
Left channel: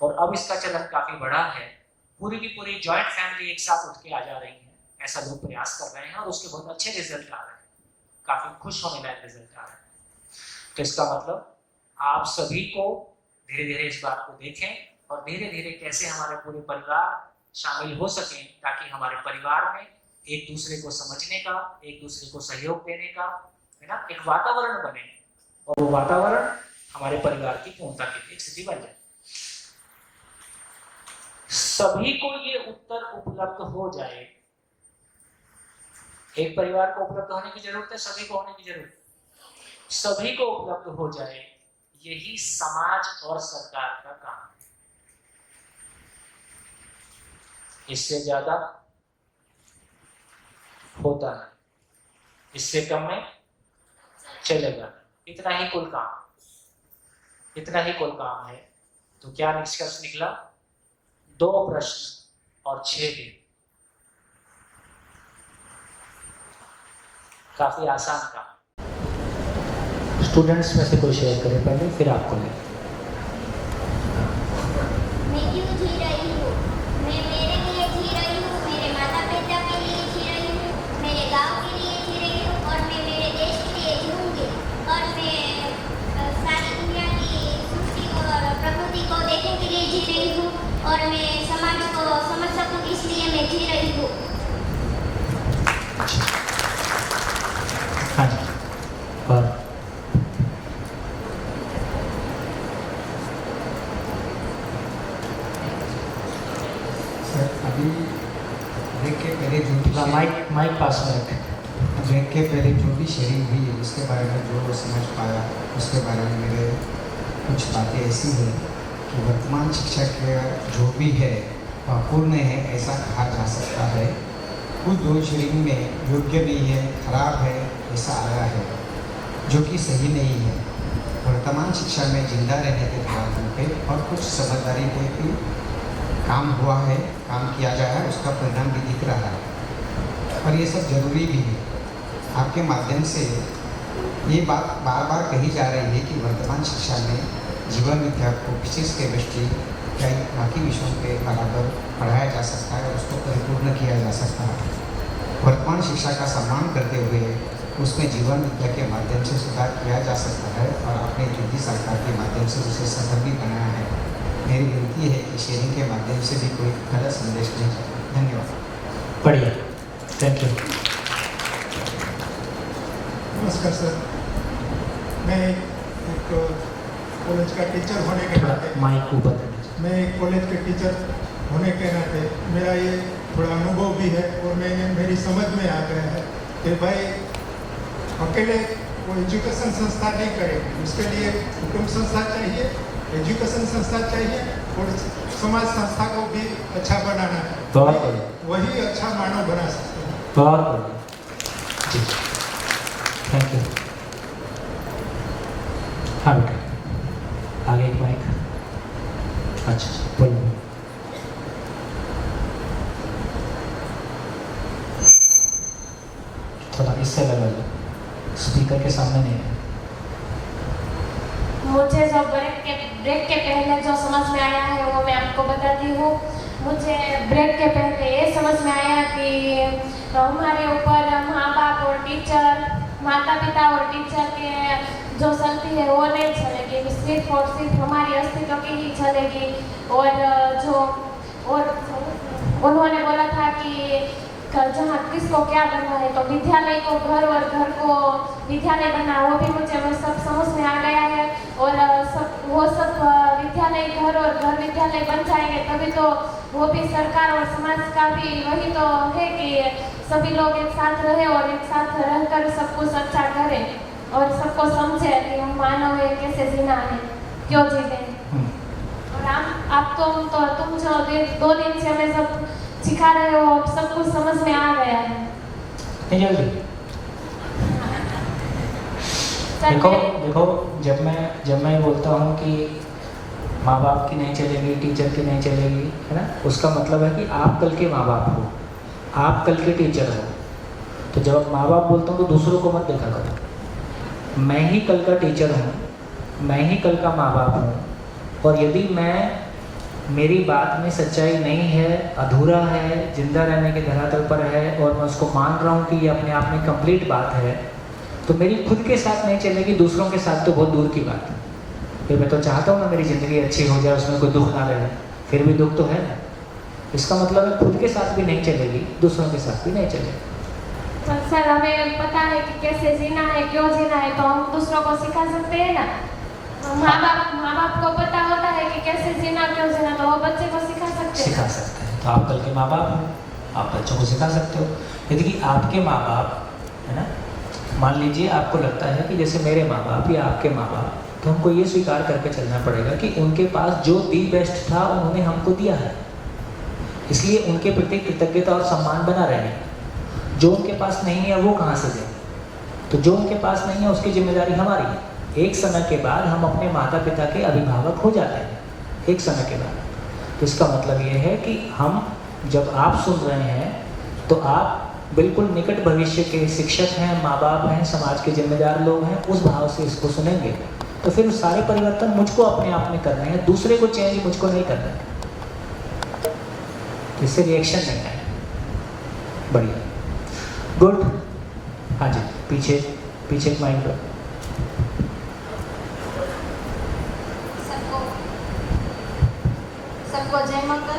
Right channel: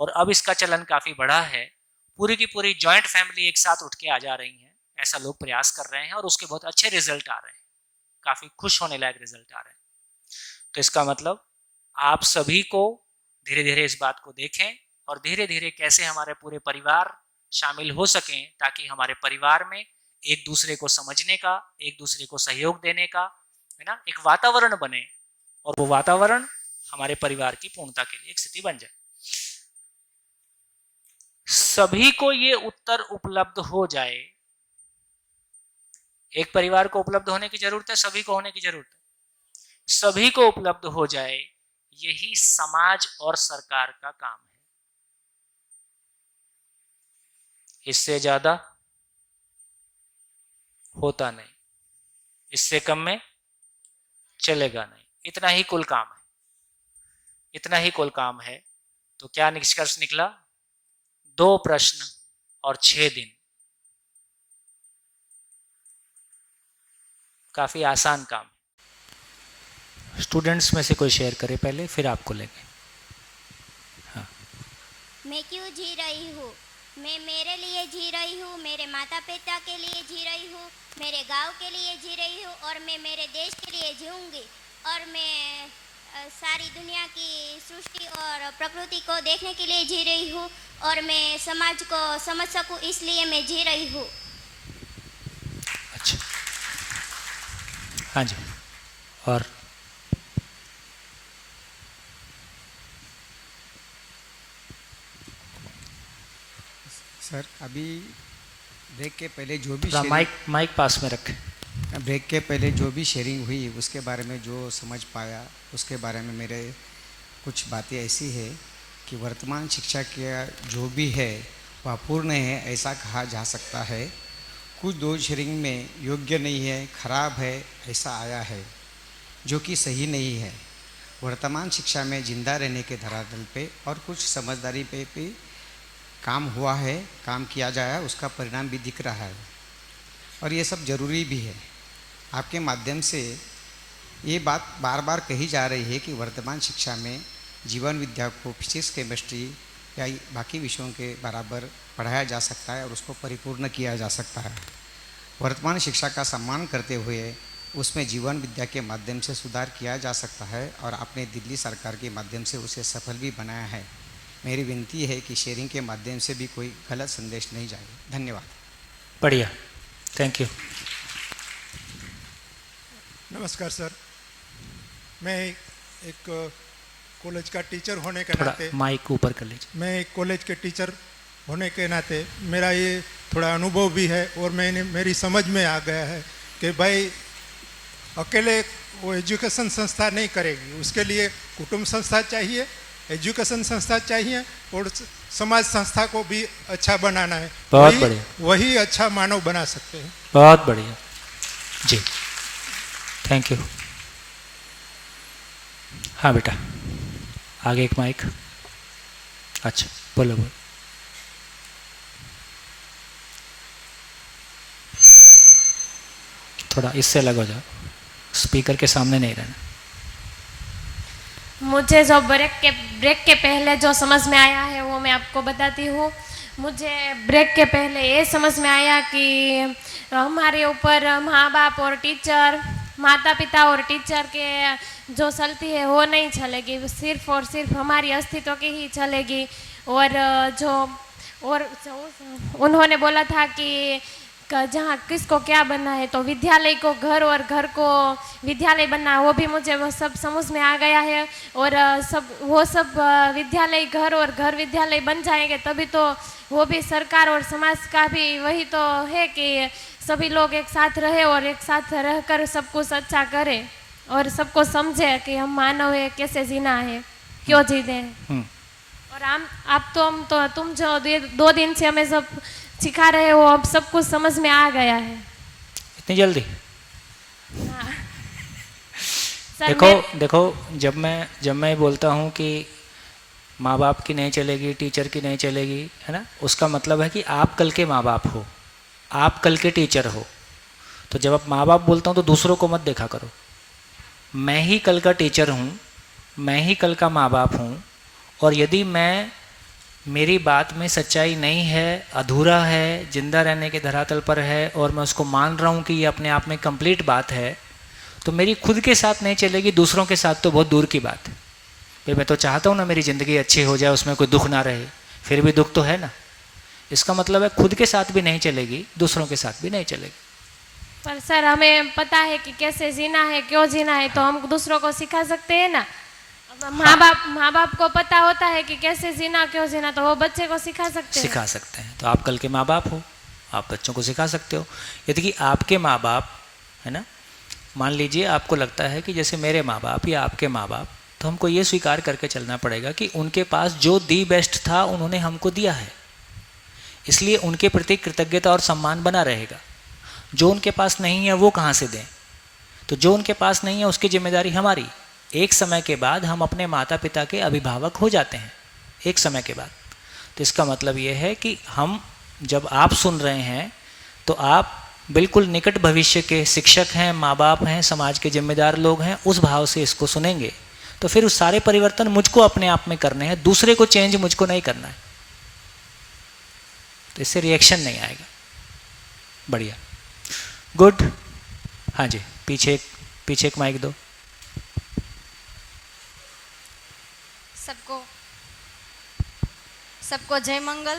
और अब इसका चलन काफी बड़ा है, पूरी की पूरी जॉइंट फैमिली एक साथ उठ के आ जा रही है, ऐसा लोग प्रयास कर रहे हैं और उसके बहुत अच्छे रिजल्ट आ रहे हैं, काफी खुश होने लायक रिजल्ट आ रहे हैं। तो इसका मतलब आप सभी को धीरे धीरे इस बात को देखें और धीरे धीरे कैसे हमारे पूरे परिवार शामिल हो सकें, ताकि हमारे परिवार में एक दूसरे को समझने का, एक दूसरे को सहयोग देने का, है ना, एक वातावरण बने, और वो वातावरण हमारे परिवार की पूर्णता के लिए एक स्थिति बन जाए। सभी को ये उत्तर उपलब्ध हो जाए। एक परिवार को उपलब्ध होने की जरूरत है, सभी को होने की जरूरत है। सभी को उपलब्ध हो जाए, यही समाज और सरकार का काम है। इससे ज्यादा होता नहीं, इससे कम में चलेगा नहीं। इतना ही कुल काम है, इतना ही कुल काम है। तो क्या निष्कर्ष निकला? 2 प्रश्न और 6 दिन, काफी आसान काम। स्टूडेंट्स में से कोई शेयर करे पहले, फिर आपको लेंगे। मैं क्यों जी रही हूँ? मैं मेरे लिए जी रही हूँ, मेरे माता पिता के लिए जी रही हूँ, मेरे गांव के लिए जी रही हूँ, और मैं मेरे देश के लिए जीऊँगी। और मैं सारी दुनिया की सृष्टि और प्रकृति को देखने के लिए जी रही हूँ, और मैं समाज को समझ सकूँ इसलिए मैं जी रही हूँ। हाँ जी। और सर अभी देखिए पहले जो माइक पास में रखें। ब्रेक के पहले जो भी शेयरिंग हुई उसके बारे में जो समझ पाया उसके बारे में मेरे कुछ बातें ऐसी है कि वर्तमान शिक्षा के जो भी है वह पूर्ण है ऐसा कहा जा सकता है। कुछ दो शेयरिंग में योग्य नहीं है, खराब है ऐसा आया है, जो कि सही नहीं है। वर्तमान शिक्षा में जिंदा रहने के धरातल पे और कुछ समझदारी पे भी काम हुआ है, काम किया जाए, उसका परिणाम भी दिख रहा है और ये सब जरूरी भी है। आपके माध्यम से ये बात बार बार कही जा रही है कि वर्तमान शिक्षा में जीवन विद्या को फिजिक्स, केमिस्ट्री या बाकी विषयों के बराबर पढ़ाया जा सकता है और उसको परिपूर्ण किया जा सकता है। वर्तमान शिक्षा का सम्मान करते हुए उसमें जीवन विद्या के माध्यम से सुधार किया जा सकता है और आपने दिल्ली सरकार के माध्यम से उसे सफल भी बनाया है। मेरी विनती है कि शेयरिंग के माध्यम से भी कोई गलत संदेश नहीं जाए। धन्यवाद। बढ़िया, थैंक यू। नमस्कार सर, मैं एक कॉलेज का टीचर होने के नाते माइक ऊपर कर लीजिए। मैं एक कॉलेज के टीचर होने के नाते मेरा ये थोड़ा अनुभव भी है और मेरी समझ में आ गया है कि भाई अकेले वो एजुकेशन संस्था नहीं करेगी, उसके लिए कुटुंब संस्था चाहिए, एजुकेशन संस्था चाहिए और समाज संस्था को भी अच्छा बनाना है। बहुत बढ़िया। वही अच्छा मानव बना सकते हैं। बहुत बढ़िया जी, थैंक यू। हाँ बेटा, आगे एक माइक। अच्छा बोलो। थोड़ा इससे लगा जाओ, स्पीकर के सामने नहीं रहना। मुझे जो ब्रेक के पहले जो समझ में आया है वो मैं आपको बताती हूँ। मुझे ब्रेक के पहले ये समझ में आया कि हमारे ऊपर माँ बाप और टीचर, माता पिता और टीचर के जो चलती है वो नहीं चलेगी, सिर्फ और सिर्फ हमारी अस्तित्व की ही चलेगी। और उन्होंने बोला था कि जहाँ किसको क्या बनना है, तो विद्यालय को घर और घर को विद्यालय बनना, वो भी मुझे वो सब समझ में आ गया है। और वो सब विद्यालय घर और घर विद्यालय बन जाएंगे तभी तो वो भी सरकार और समाज का भी वही तो है कि सभी लोग एक साथ रहे और एक साथ रहकर सब कुछ अच्छा करें और सबको समझे कि हम मानव है, कैसे जीना है, क्यों जीने। और आप तुम जो 2 दिन से हमें सब सिखा रहे हो, अब सब कुछ समझ में आ गया है। इतनी जल्दी? देखो जब मैं बोलता हूँ कि माँ बाप की नहीं चलेगी, टीचर की नहीं चलेगी, है ना, उसका मतलब है कि आप कल के माँ बाप हो, आप कल के टीचर हो। तो जब आप माँ बाप बोलता हूँ तो दूसरों को मत देखा करो। मैं ही कल का टीचर हूँ, मैं ही कल का माँ बाप हूँ, और यदि मेरी बात में सच्चाई नहीं है, अधूरा है, जिंदा रहने के धरातल पर है और मैं उसको मान रहा हूँ कि ये अपने आप में कंप्लीट बात है, तो मेरी खुद के साथ नहीं चलेगी, दूसरों के साथ तो बहुत दूर की बात है। ये मैं तो चाहता हूँ ना मेरी ज़िंदगी अच्छी हो जाए, उसमें कोई दुख ना रहे, फिर भी दुख तो है ना। इसका मतलब है खुद के साथ भी नहीं चलेगी, दूसरों के साथ भी नहीं चलेगी। पर सर हमें पता है कि कैसे जीना है, क्यों जीना है, तो हम दूसरों को सिखा सकते हैं ना। तो माँ बाप को पता होता है कि कैसे जीना, क्यों जीना, तो वो बच्चे को सिखा सकते हैं। तो आप कल के माँ बाप हो, आप बच्चों को सिखा सकते हो। यदि कि आपके माँ बाप, है ना, मान लीजिए आपको लगता है कि जैसे मेरे माँ बाप या आपके माँ बाप, तो हमको ये स्वीकार करके चलना पड़ेगा कि उनके पास जो दी बेस्ट था उन्होंने हमको दिया है, इसलिए उनके प्रति कृतज्ञता और सम्मान बना रहेगा। जो उनके पास नहीं है वो कहाँ से दें, तो जो उनके पास नहीं है उसकी जिम्मेदारी हमारी। एक समय के बाद हम अपने माता पिता के अभिभावक हो जाते हैं, एक समय के बाद। तो इसका मतलब ये है कि हम, जब आप सुन रहे हैं तो आप बिल्कुल निकट भविष्य के शिक्षक हैं, माँ बाप हैं, समाज के जिम्मेदार लोग हैं, उस भाव से इसको सुनेंगे। तो फिर उस सारे परिवर्तन मुझको अपने आप में करने हैं, दूसरे को चेंज मुझको नहीं करना है, तो इससे रिएक्शन नहीं आएगा। बढ़िया, गुड। हाँ जी, पीछे एक माइक दो। सबको जय मंगल।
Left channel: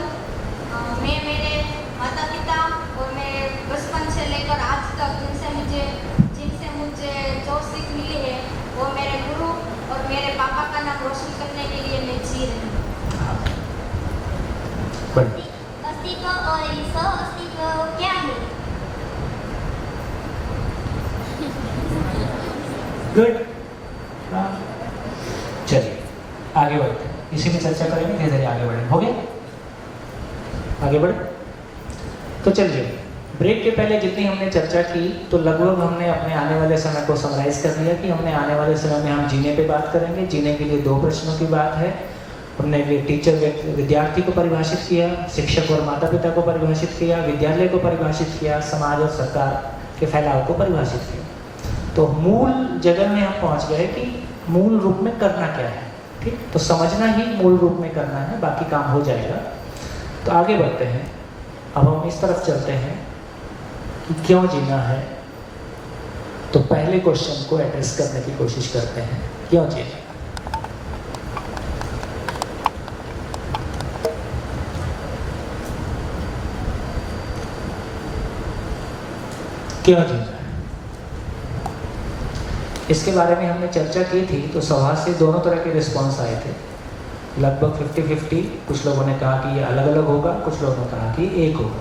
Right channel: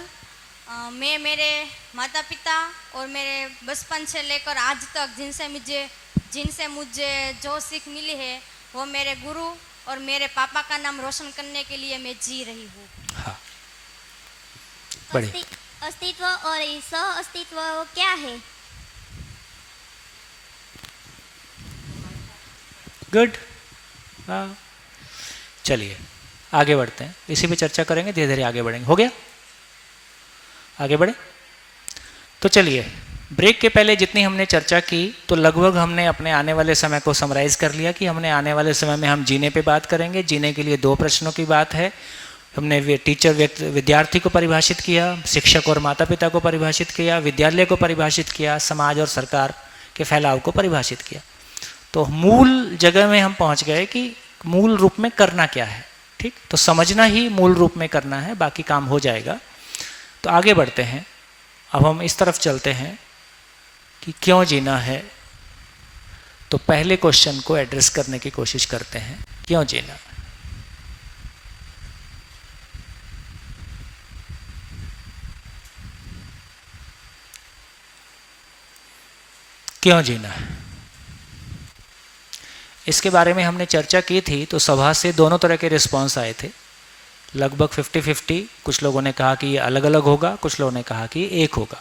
मैं मेरे माता पिता और मेरे बचपन से लेकर आज तक जिनसे मुझे जो सीख मिली है वो मेरे गुरु और मेरे पापा का नाम रोशन करने के लिए मैं जी रही हूँ। अस्तित्व और सह अस्तित्व क्या है? गुड। चलिए आगे बढ़ते हैं, इसी में चर्चा करेंगे, धीरे धीरे आगे बढ़ेंगे। हो गया, आगे बढ़े। तो चलिए, ब्रेक के पहले जितनी हमने चर्चा की तो लगभग हमने अपने आने वाले समय को समराइज कर लिया कि हमने आने वाले समय में हम जीने पे बात करेंगे। जीने के लिए 2 प्रश्नों की बात है। हमने विद्यार्थी को परिभाषित किया, शिक्षक और माता पिता को परिभाषित किया, विद्यालय को परिभाषित किया, समाज और सरकार के फैलाव को परिभाषित किया। तो मूल जगह में हम पहुंच गए कि मूल रूप में करना क्या है। ठीक, तो समझना ही मूल रूप में करना है, बाकी काम हो जाएगा। तो आगे बढ़ते हैं। अब हम इस तरफ चलते हैं कि क्यों जीना है। तो पहले क्वेश्चन को एड्रेस करने की कोशिश करते हैं, क्यों जीना। क्यों जीना है, इसके बारे में हमने चर्चा की थी। तो सभा से दोनों तरह के रिस्पॉन्स आए थे, लगभग 50-50। कुछ लोगों ने कहा कि ये अलग अलग होगा, कुछ लोगों ने कहा कि एक होगा।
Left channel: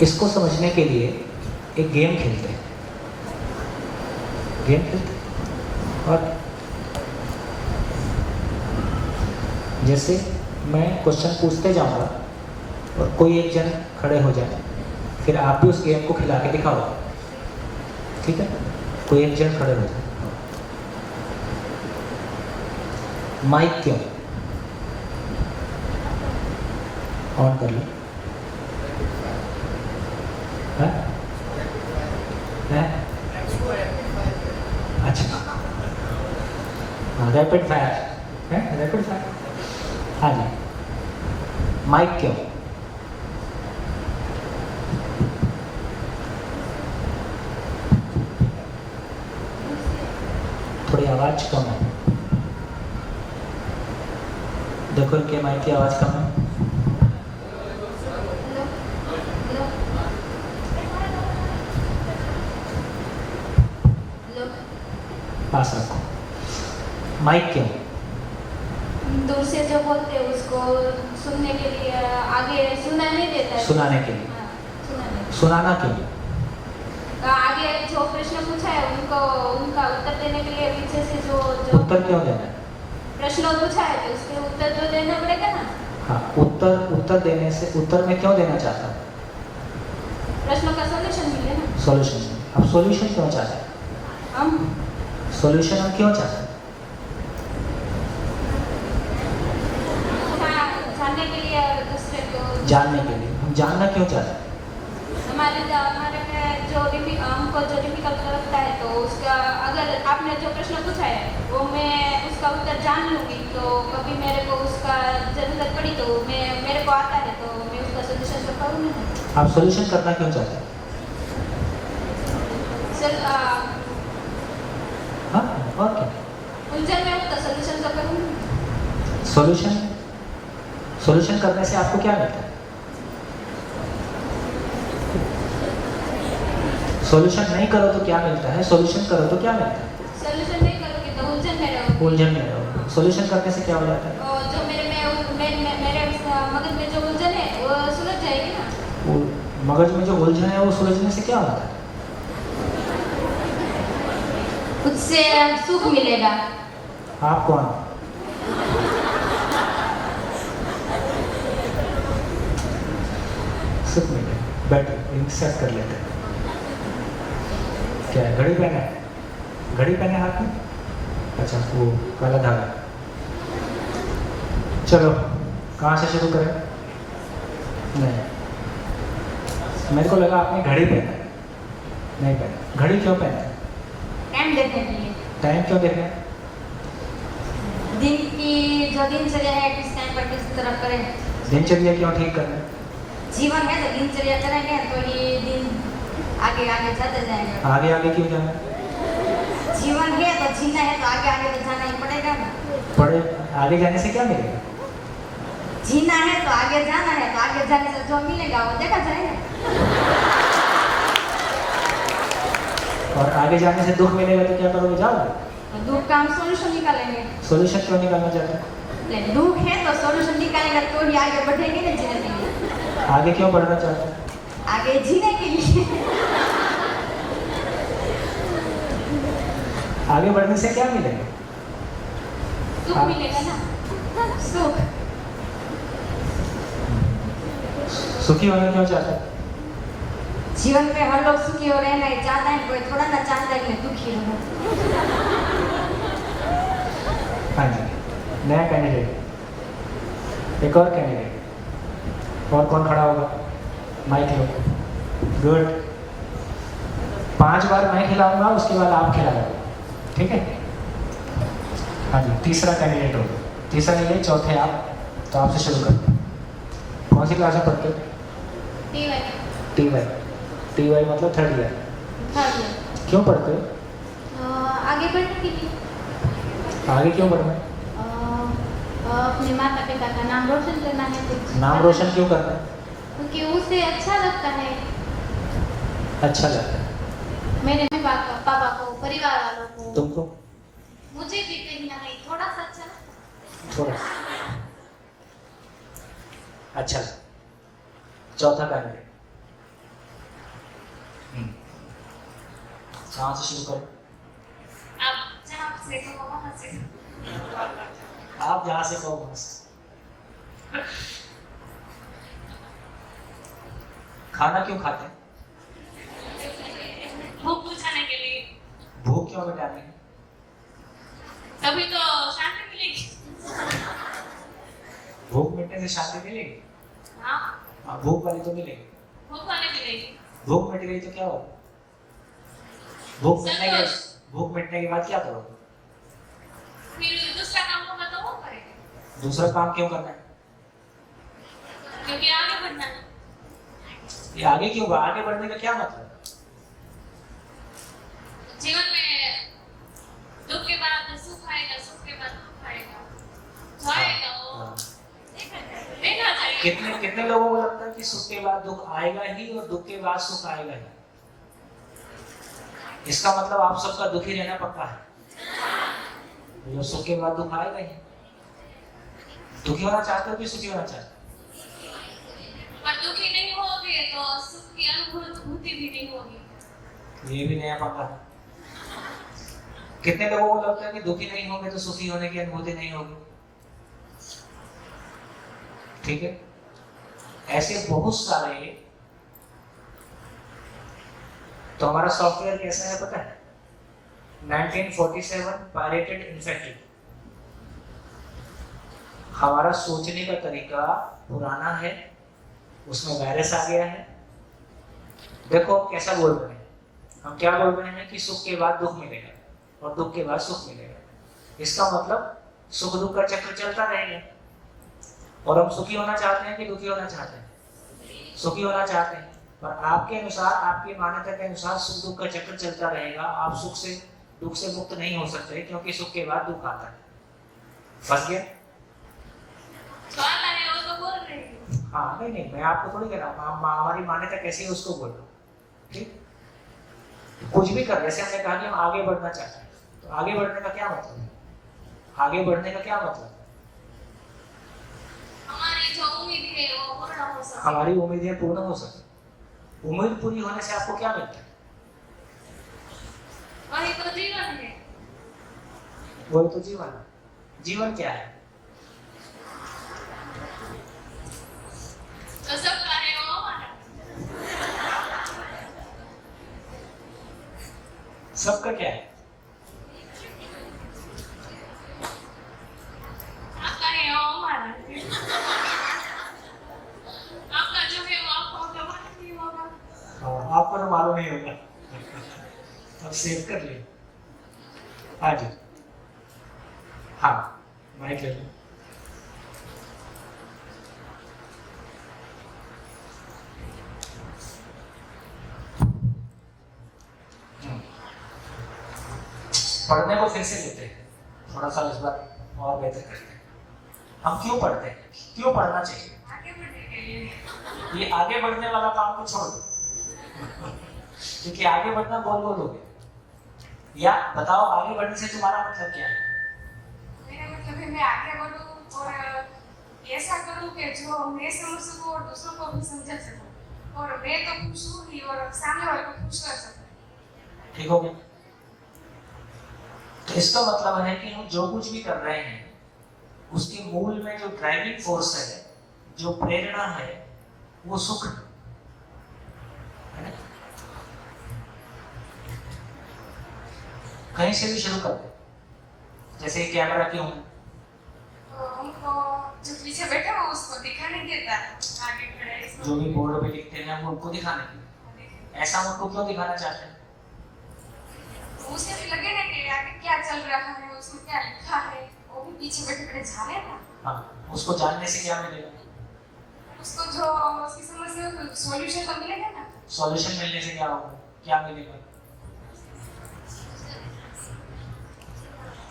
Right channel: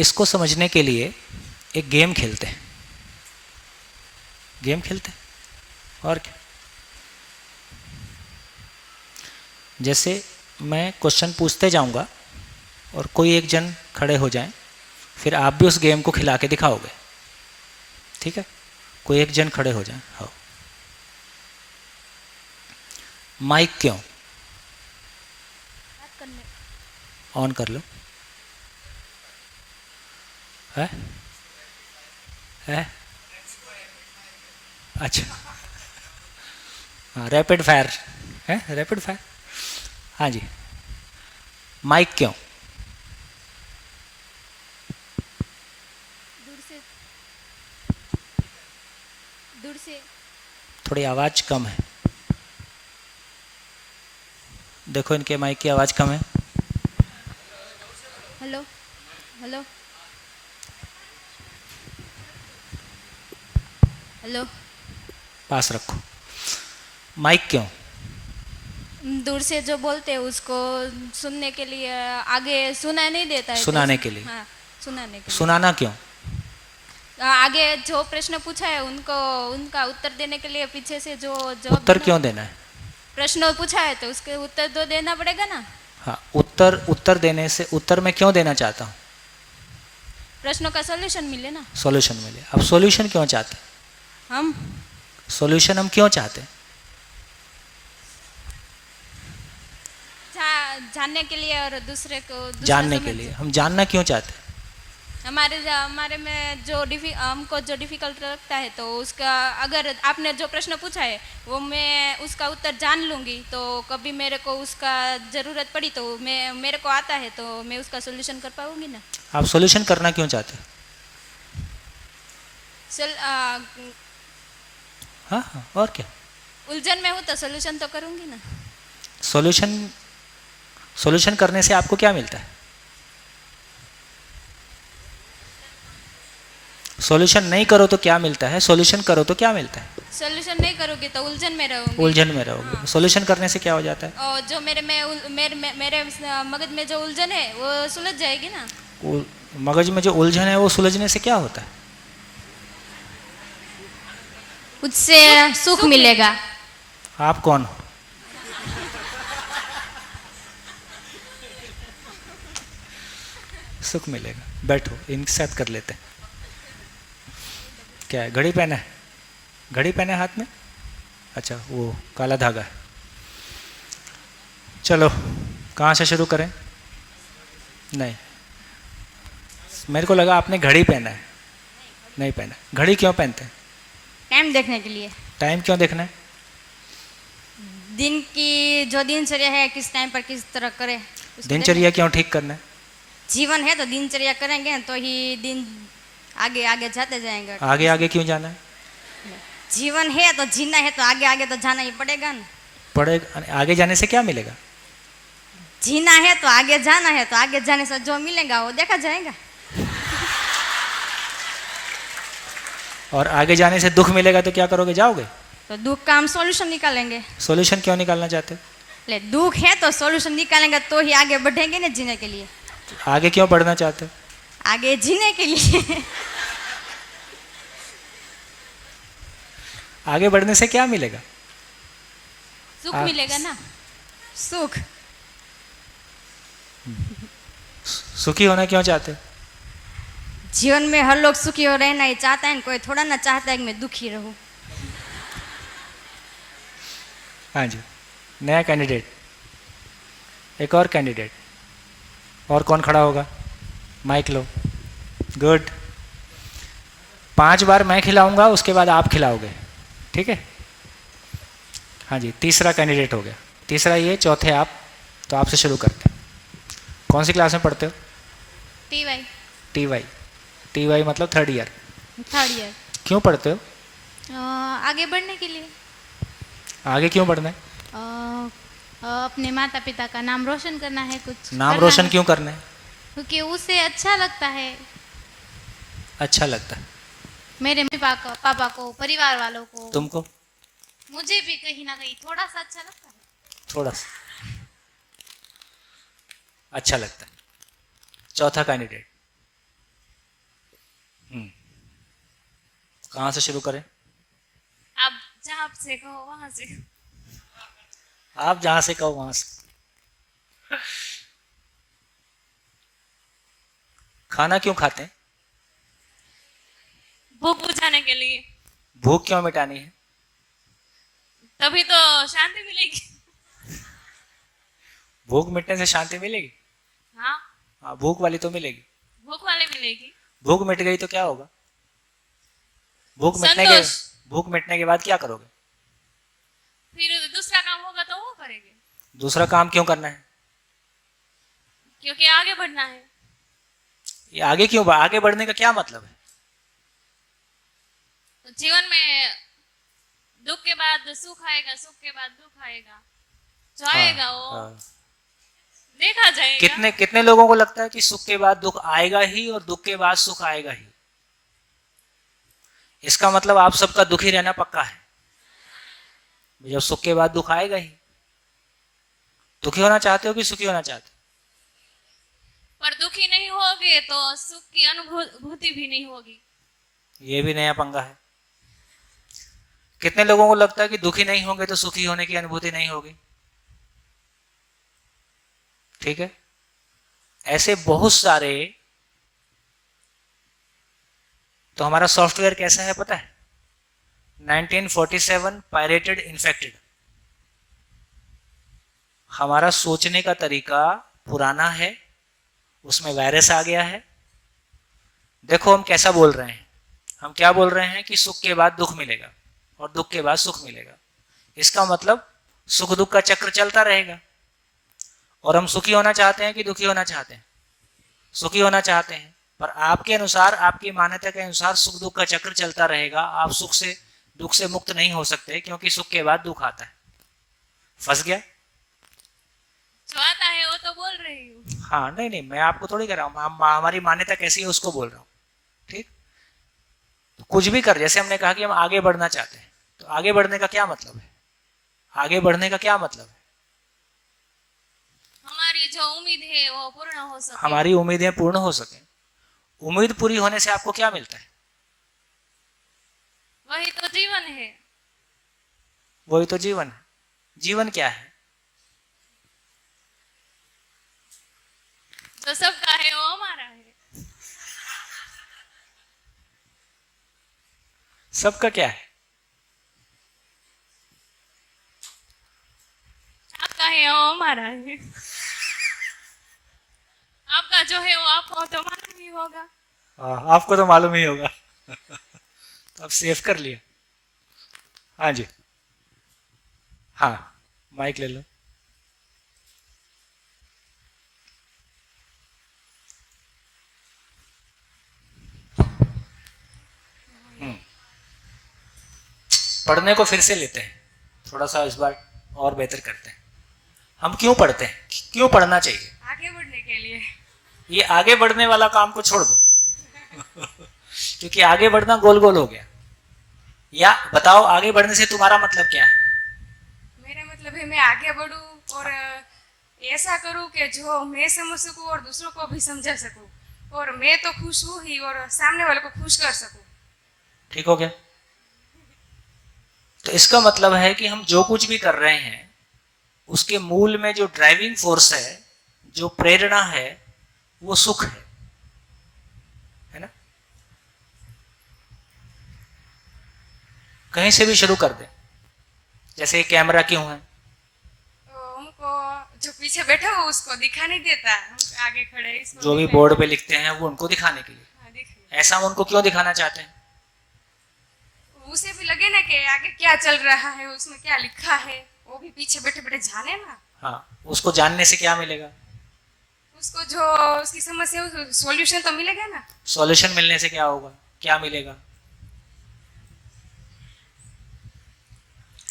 इसको समझने के लिए एक गेम खेलते हैं। गेम खेलते हैं और क्या? जैसे मैं क्वेश्चन पूछते जाऊंगा और कोई एक जन खड़े हो जाए, फिर आप भी उस गेम को खिला के दिखाओगे। ठीक है, कोई एक जन खड़े हो जाए। माइक क्यों ऑन कर लो। है? है? अच्छा, रैपिड फायर है, रैपिड फायर। हाँ जी, माइक क्यों? थोड़ी आवाज़ कम है, देखो इनके माइक की आवाज़ कम है। हेलो, पास रखो। माइक क्यों? दूर से जो बोलते हैं उसको सुनने के लिए, आगे सुनाई नहीं देता है। सुनाने के लिए। हाँ, सुनाने। सुनाना क्यों? तो आगे जो प्रश्न पूछा है उनको उनका उत्तर देने के लिए पीछे से जो उत्तर क्यों देना है? प्रश्न पूछा है तो उसके उत्तर तो देना पड़ेगा ना। हाँ, उत्तर देने से, उत्तर मैं क्यों देना चाहता हूँ? प्रश्नों का सॉल्यूशन मिले ना। सॉल्यूशन मिले। अब सॉल्यूशन क्यों चाहते हैं? हम सॉल्यूशन हम क्यों चाहते हैं? जानने के लिए और दूसरे को जानने के लिए। हम जानना क्यों चाहते हैं? हमारे में हमको जो डिफिकल्ट लगता है तो उसका, अगर आपने जो प्रश्न पूछा है वो मैं उसका उत्तर जान लूँगी तो कभी मेरे को उसका ज़रूरत पड़ी तो मेरे को आता है तो मैं उसका सोल्यूशन कर पाऊँगी ना। आप सॉल्यूशन करना क्यों चाहते हैं? हाँ, और क्या? उलझन में हूँ तो सोल्यूशन तो करूँगी ना। सॉल्यूशन करने से आपको क्या मिलता है? सॉल्यूशन नहीं करो तो क्या मिलता है? सॉल्यूशन करो तो क्या मिलता है? सोल्यूशन नहीं करोगे तो उलझन में रहोगे। उलझन में रहोगे। सॉल्यूशन करने से क्या हो जाता है? और जो मेरे मगज में जो उलझन है वो सुलझ जाएगी ना। मगज में जो उलझन है वो सुलझने से क्या होता है? उससे सुख मिलेगा। आप कौन हो? सुख मिलेगा। बैठो, इनके साथ कर लेते हैं। क्या है, घड़ी पहना है? घड़ी पहने हाथ में? अच्छा, वो काला धागा है। चलो, कहाँ से शुरू करें? नहीं, मेरे को लगा आपने घड़ी पहना है। नहीं पहना। घड़ी क्यों पहनते हैं? टाइम देखने के लिए। टाइम क्यों देखना है? दिन की जो दिनचर्या है किस टाइम पर किस तरह करें। दिनचर्या क्यों ठीक करना है? जीवन है तो दिनचर्या करेंगे तो ये दिन आगे आगे जाते जाएंगे। आगे आगे क्यों जाना है? जीवन है तो जीना है तो आगे आगे तो जाना ही पड़ेगा ना। पड़े, आगे जाने से क्या मिलेगा? जीना है तो आगे जाना है तो आगे जाने से जो मिलेगा वो देखा जाएगा। और आगे जाने से दुख मिलेगा तो क्या करोगे? जाओगे? तो दुख का हम सॉल्यूशन निकालेंगे। सॉल्यूशन क्यों निकालना चाहते हैं? ले दुख है तो सॉल्यूशन निकालेंगे तो ही आगे बढ़ेंगे ना जीने के लिए। आगे क्यों बढ़ना चाहते हैं? आगे जीने के लिए। आगे बढ़ने से क्या मिलेगा? सुख मिलेगा ना। सुख। सुखी होना क्यों चाहते हो? जीवन में हर लोग सुखी हो रहना ही चाहता है, कोई थोड़ा ना चाहता है कि मैं दुखी रहूं। हाँ जी, नया कैंडिडेट, एक और कैंडिडेट, और कौन खड़ा होगा? माइक लो। गुड। 5 बार मैं खिलाऊंगा, उसके बाद आप खिलाओगे, ठीक है? हाँ जी, तीसरा कैंडिडेट हो गया। तीसरा ये, चौथे आप। तो आपसे शुरू करते हैं। कौन सी क्लास में पढ़ते हो? TY TY मतलब 3rd ईयर। Third year. क्यों पढ़ते हो? आगे बढ़ने के लिए, आगे क्यों बढ़ना है? अपने माता पिता का नाम रोशन करना है। कुछ नाम करना रोशन है। क्यों करना है? क्योंकि उसे अच्छा लगता है, अच्छा लगता है। मेरे पापा को, परिवार वालों को, तुमको? मुझे भी कहीं ना कहीं थोड़ा सा अच्छा लगता है। थोड़ा सा अच्छा लगता है। चौथा कैंडिडेट, कहाँ से शुरू करें? आप जहाँ से कहो वहाँ से। आप जहाँ से कहो वहाँ से। खाना क्यों खाते हैं? भूख बुझाने के लिए। भूख क्यों मिटानी है? तभी तो शांति मिलेगी। भूख मिटने से शांति मिलेगी? हाँ, हाँ, भूख वाली तो मिलेगी। भूख वाले मिलेगी। भूख मिट गई तो क्या होगा? संतोष। भूख मिटने के बाद क्या करोगे? फिर दूसरा काम होगा तो वो करेंगे, दूसरा काम क्यों करना है? क्योंकि आगे बढ़ना है। ये आगे क्यों? आगे बढ़ने का क्या मतलब है? जीवन में दुख के बाद सुख आएगा, सुख के बाद दुख आएगा, जो आएगा वो हाँ। देखा जाएगा। कितने लोगों को लगता है कि सुख के बाद दुख आएगा ही और दुख के बाद सुख आएगा ही? इसका मतलब आप सबका दुखी रहना पक्का है। जब सुख के बाद दुख आएगा ही। दुखी होना चाहते हो कि सुखी होना चाहते हो? पर दुखी नहीं होगे तो सुख की अनुभूति भी नहीं होगी। ये भी नया पंगा है। कितने लोगों को लगता है कि दुखी नहीं होंगे तो सुखी होने की अनुभूति नहीं होगी? ठीक है, ऐसे बहुत सारे। तो हमारा सॉफ्टवेयर कैसा है पता है? 1947 पायरेटेड इन्फेक्टेड। हमारा सोचने का तरीका पुराना है, उसमें वायरस आ गया है। देखो हम कैसा बोल रहे हैं। हम क्या बोल रहे हैं कि सुख के बाद दुख मिलेगा और दुख के बाद सुख मिलेगा। इसका मतलब सुख दुख का चक्र चलता रहेगा। और हम सुखी होना चाहते हैं कि दुखी होना चाहते हैं? सुखी होना चाहते हैं। पर आपके अनुसार, आपकी मान्यता के अनुसार सुख दुख का चक्र चलता रहेगा। आप सुख से दुख से मुक्त नहीं हो सकते, क्योंकि सुख के बाद दुख आता है। फंस गया? जो आता है वो तो बोल रहे हैं। हाँ, नहीं, मैं आपको थोड़ी कह रहा हूँ। हमारी मान्यता कैसी है उसको बोल रहा हूँ। ठीक, कुछ भी कर, जैसे हमने कहा कि हम आगे बढ़ना चाहते हैं, तो आगे बढ़ने का क्या मतलब है? आगे बढ़ने का क्या मतलब है? हमारी जो उम्मीद है वो पूर्ण हो सके। हमारी उम्मीदें पूर्ण हो सके। उम्मीद पूरी होने से आपको क्या मिलता है? वही तो जीवन है। वही तो जीवन है। जीवन क्या है? तो सबका है वो हमारा। सबका क्या है? आपका है वो हमारा है। आपका जो है वो आपको तो मालूम ही होगा। हाँ, आपको तो मालूम ही होगा। अब सेव कर लिया। हाँ जी, हाँ, माइक ले लो। पढ़ने को फिर से लेते हैं, थोड़ा सा इस बार और बेहतर करते हैं। हम क्यों पढ़ते हैं? क्यों पढ़ना चाहिए? आगे बढ़ने के लिए। ये आगे बढ़ने वाला काम को छोड़ दो। क्योंकि आगे बढ़ना गोल गोल हो गया। या बताओ, आगे बढ़ने से तुम्हारा मतलब क्या है? मेरा मतलब है मैं आगे बढ़ूं और ऐसा करूं कि जो मैं समझ सकूं और दूसरों को भी समझा सकूं और मैं तो खुश हूँ ही और सामने वाले को खुश कर सकूँ। ठीक हो गया? तो इसका मतलब है कि हम जो कुछ भी कर रहे हैं उसके मूल में जो ड्राइविंग फोर्स है, जो प्रेरणा है, वो सुख है ना? कहीं से भी शुरू कर दे। जैसे ये कैमरा क्यों है? तो हमको जो पीछे बैठा हो उसको दिखा नहीं देता, आगे खड़े हैं, इसको जो भी दिखाई- बोर्ड पे लिखते हैं वो उनको दिखाने के लिए। हाँ, दिखाई। ऐसा उनको क्यों दिखाना चाहते हैं? तो उसे भी लगे ना कि आगे क्या चल रहा है, उसमें क्या लिखा है, वो भी पीछे बैठे बैठे जाने ना। हाँ, उसको जानने से क्या मिलेगा? उसको जो उसकी समस्या हो सॉल्यूशन तो मिलेगा ना। सॉल्यूशन मिलने से क्या होगा? क्या मिलेगा?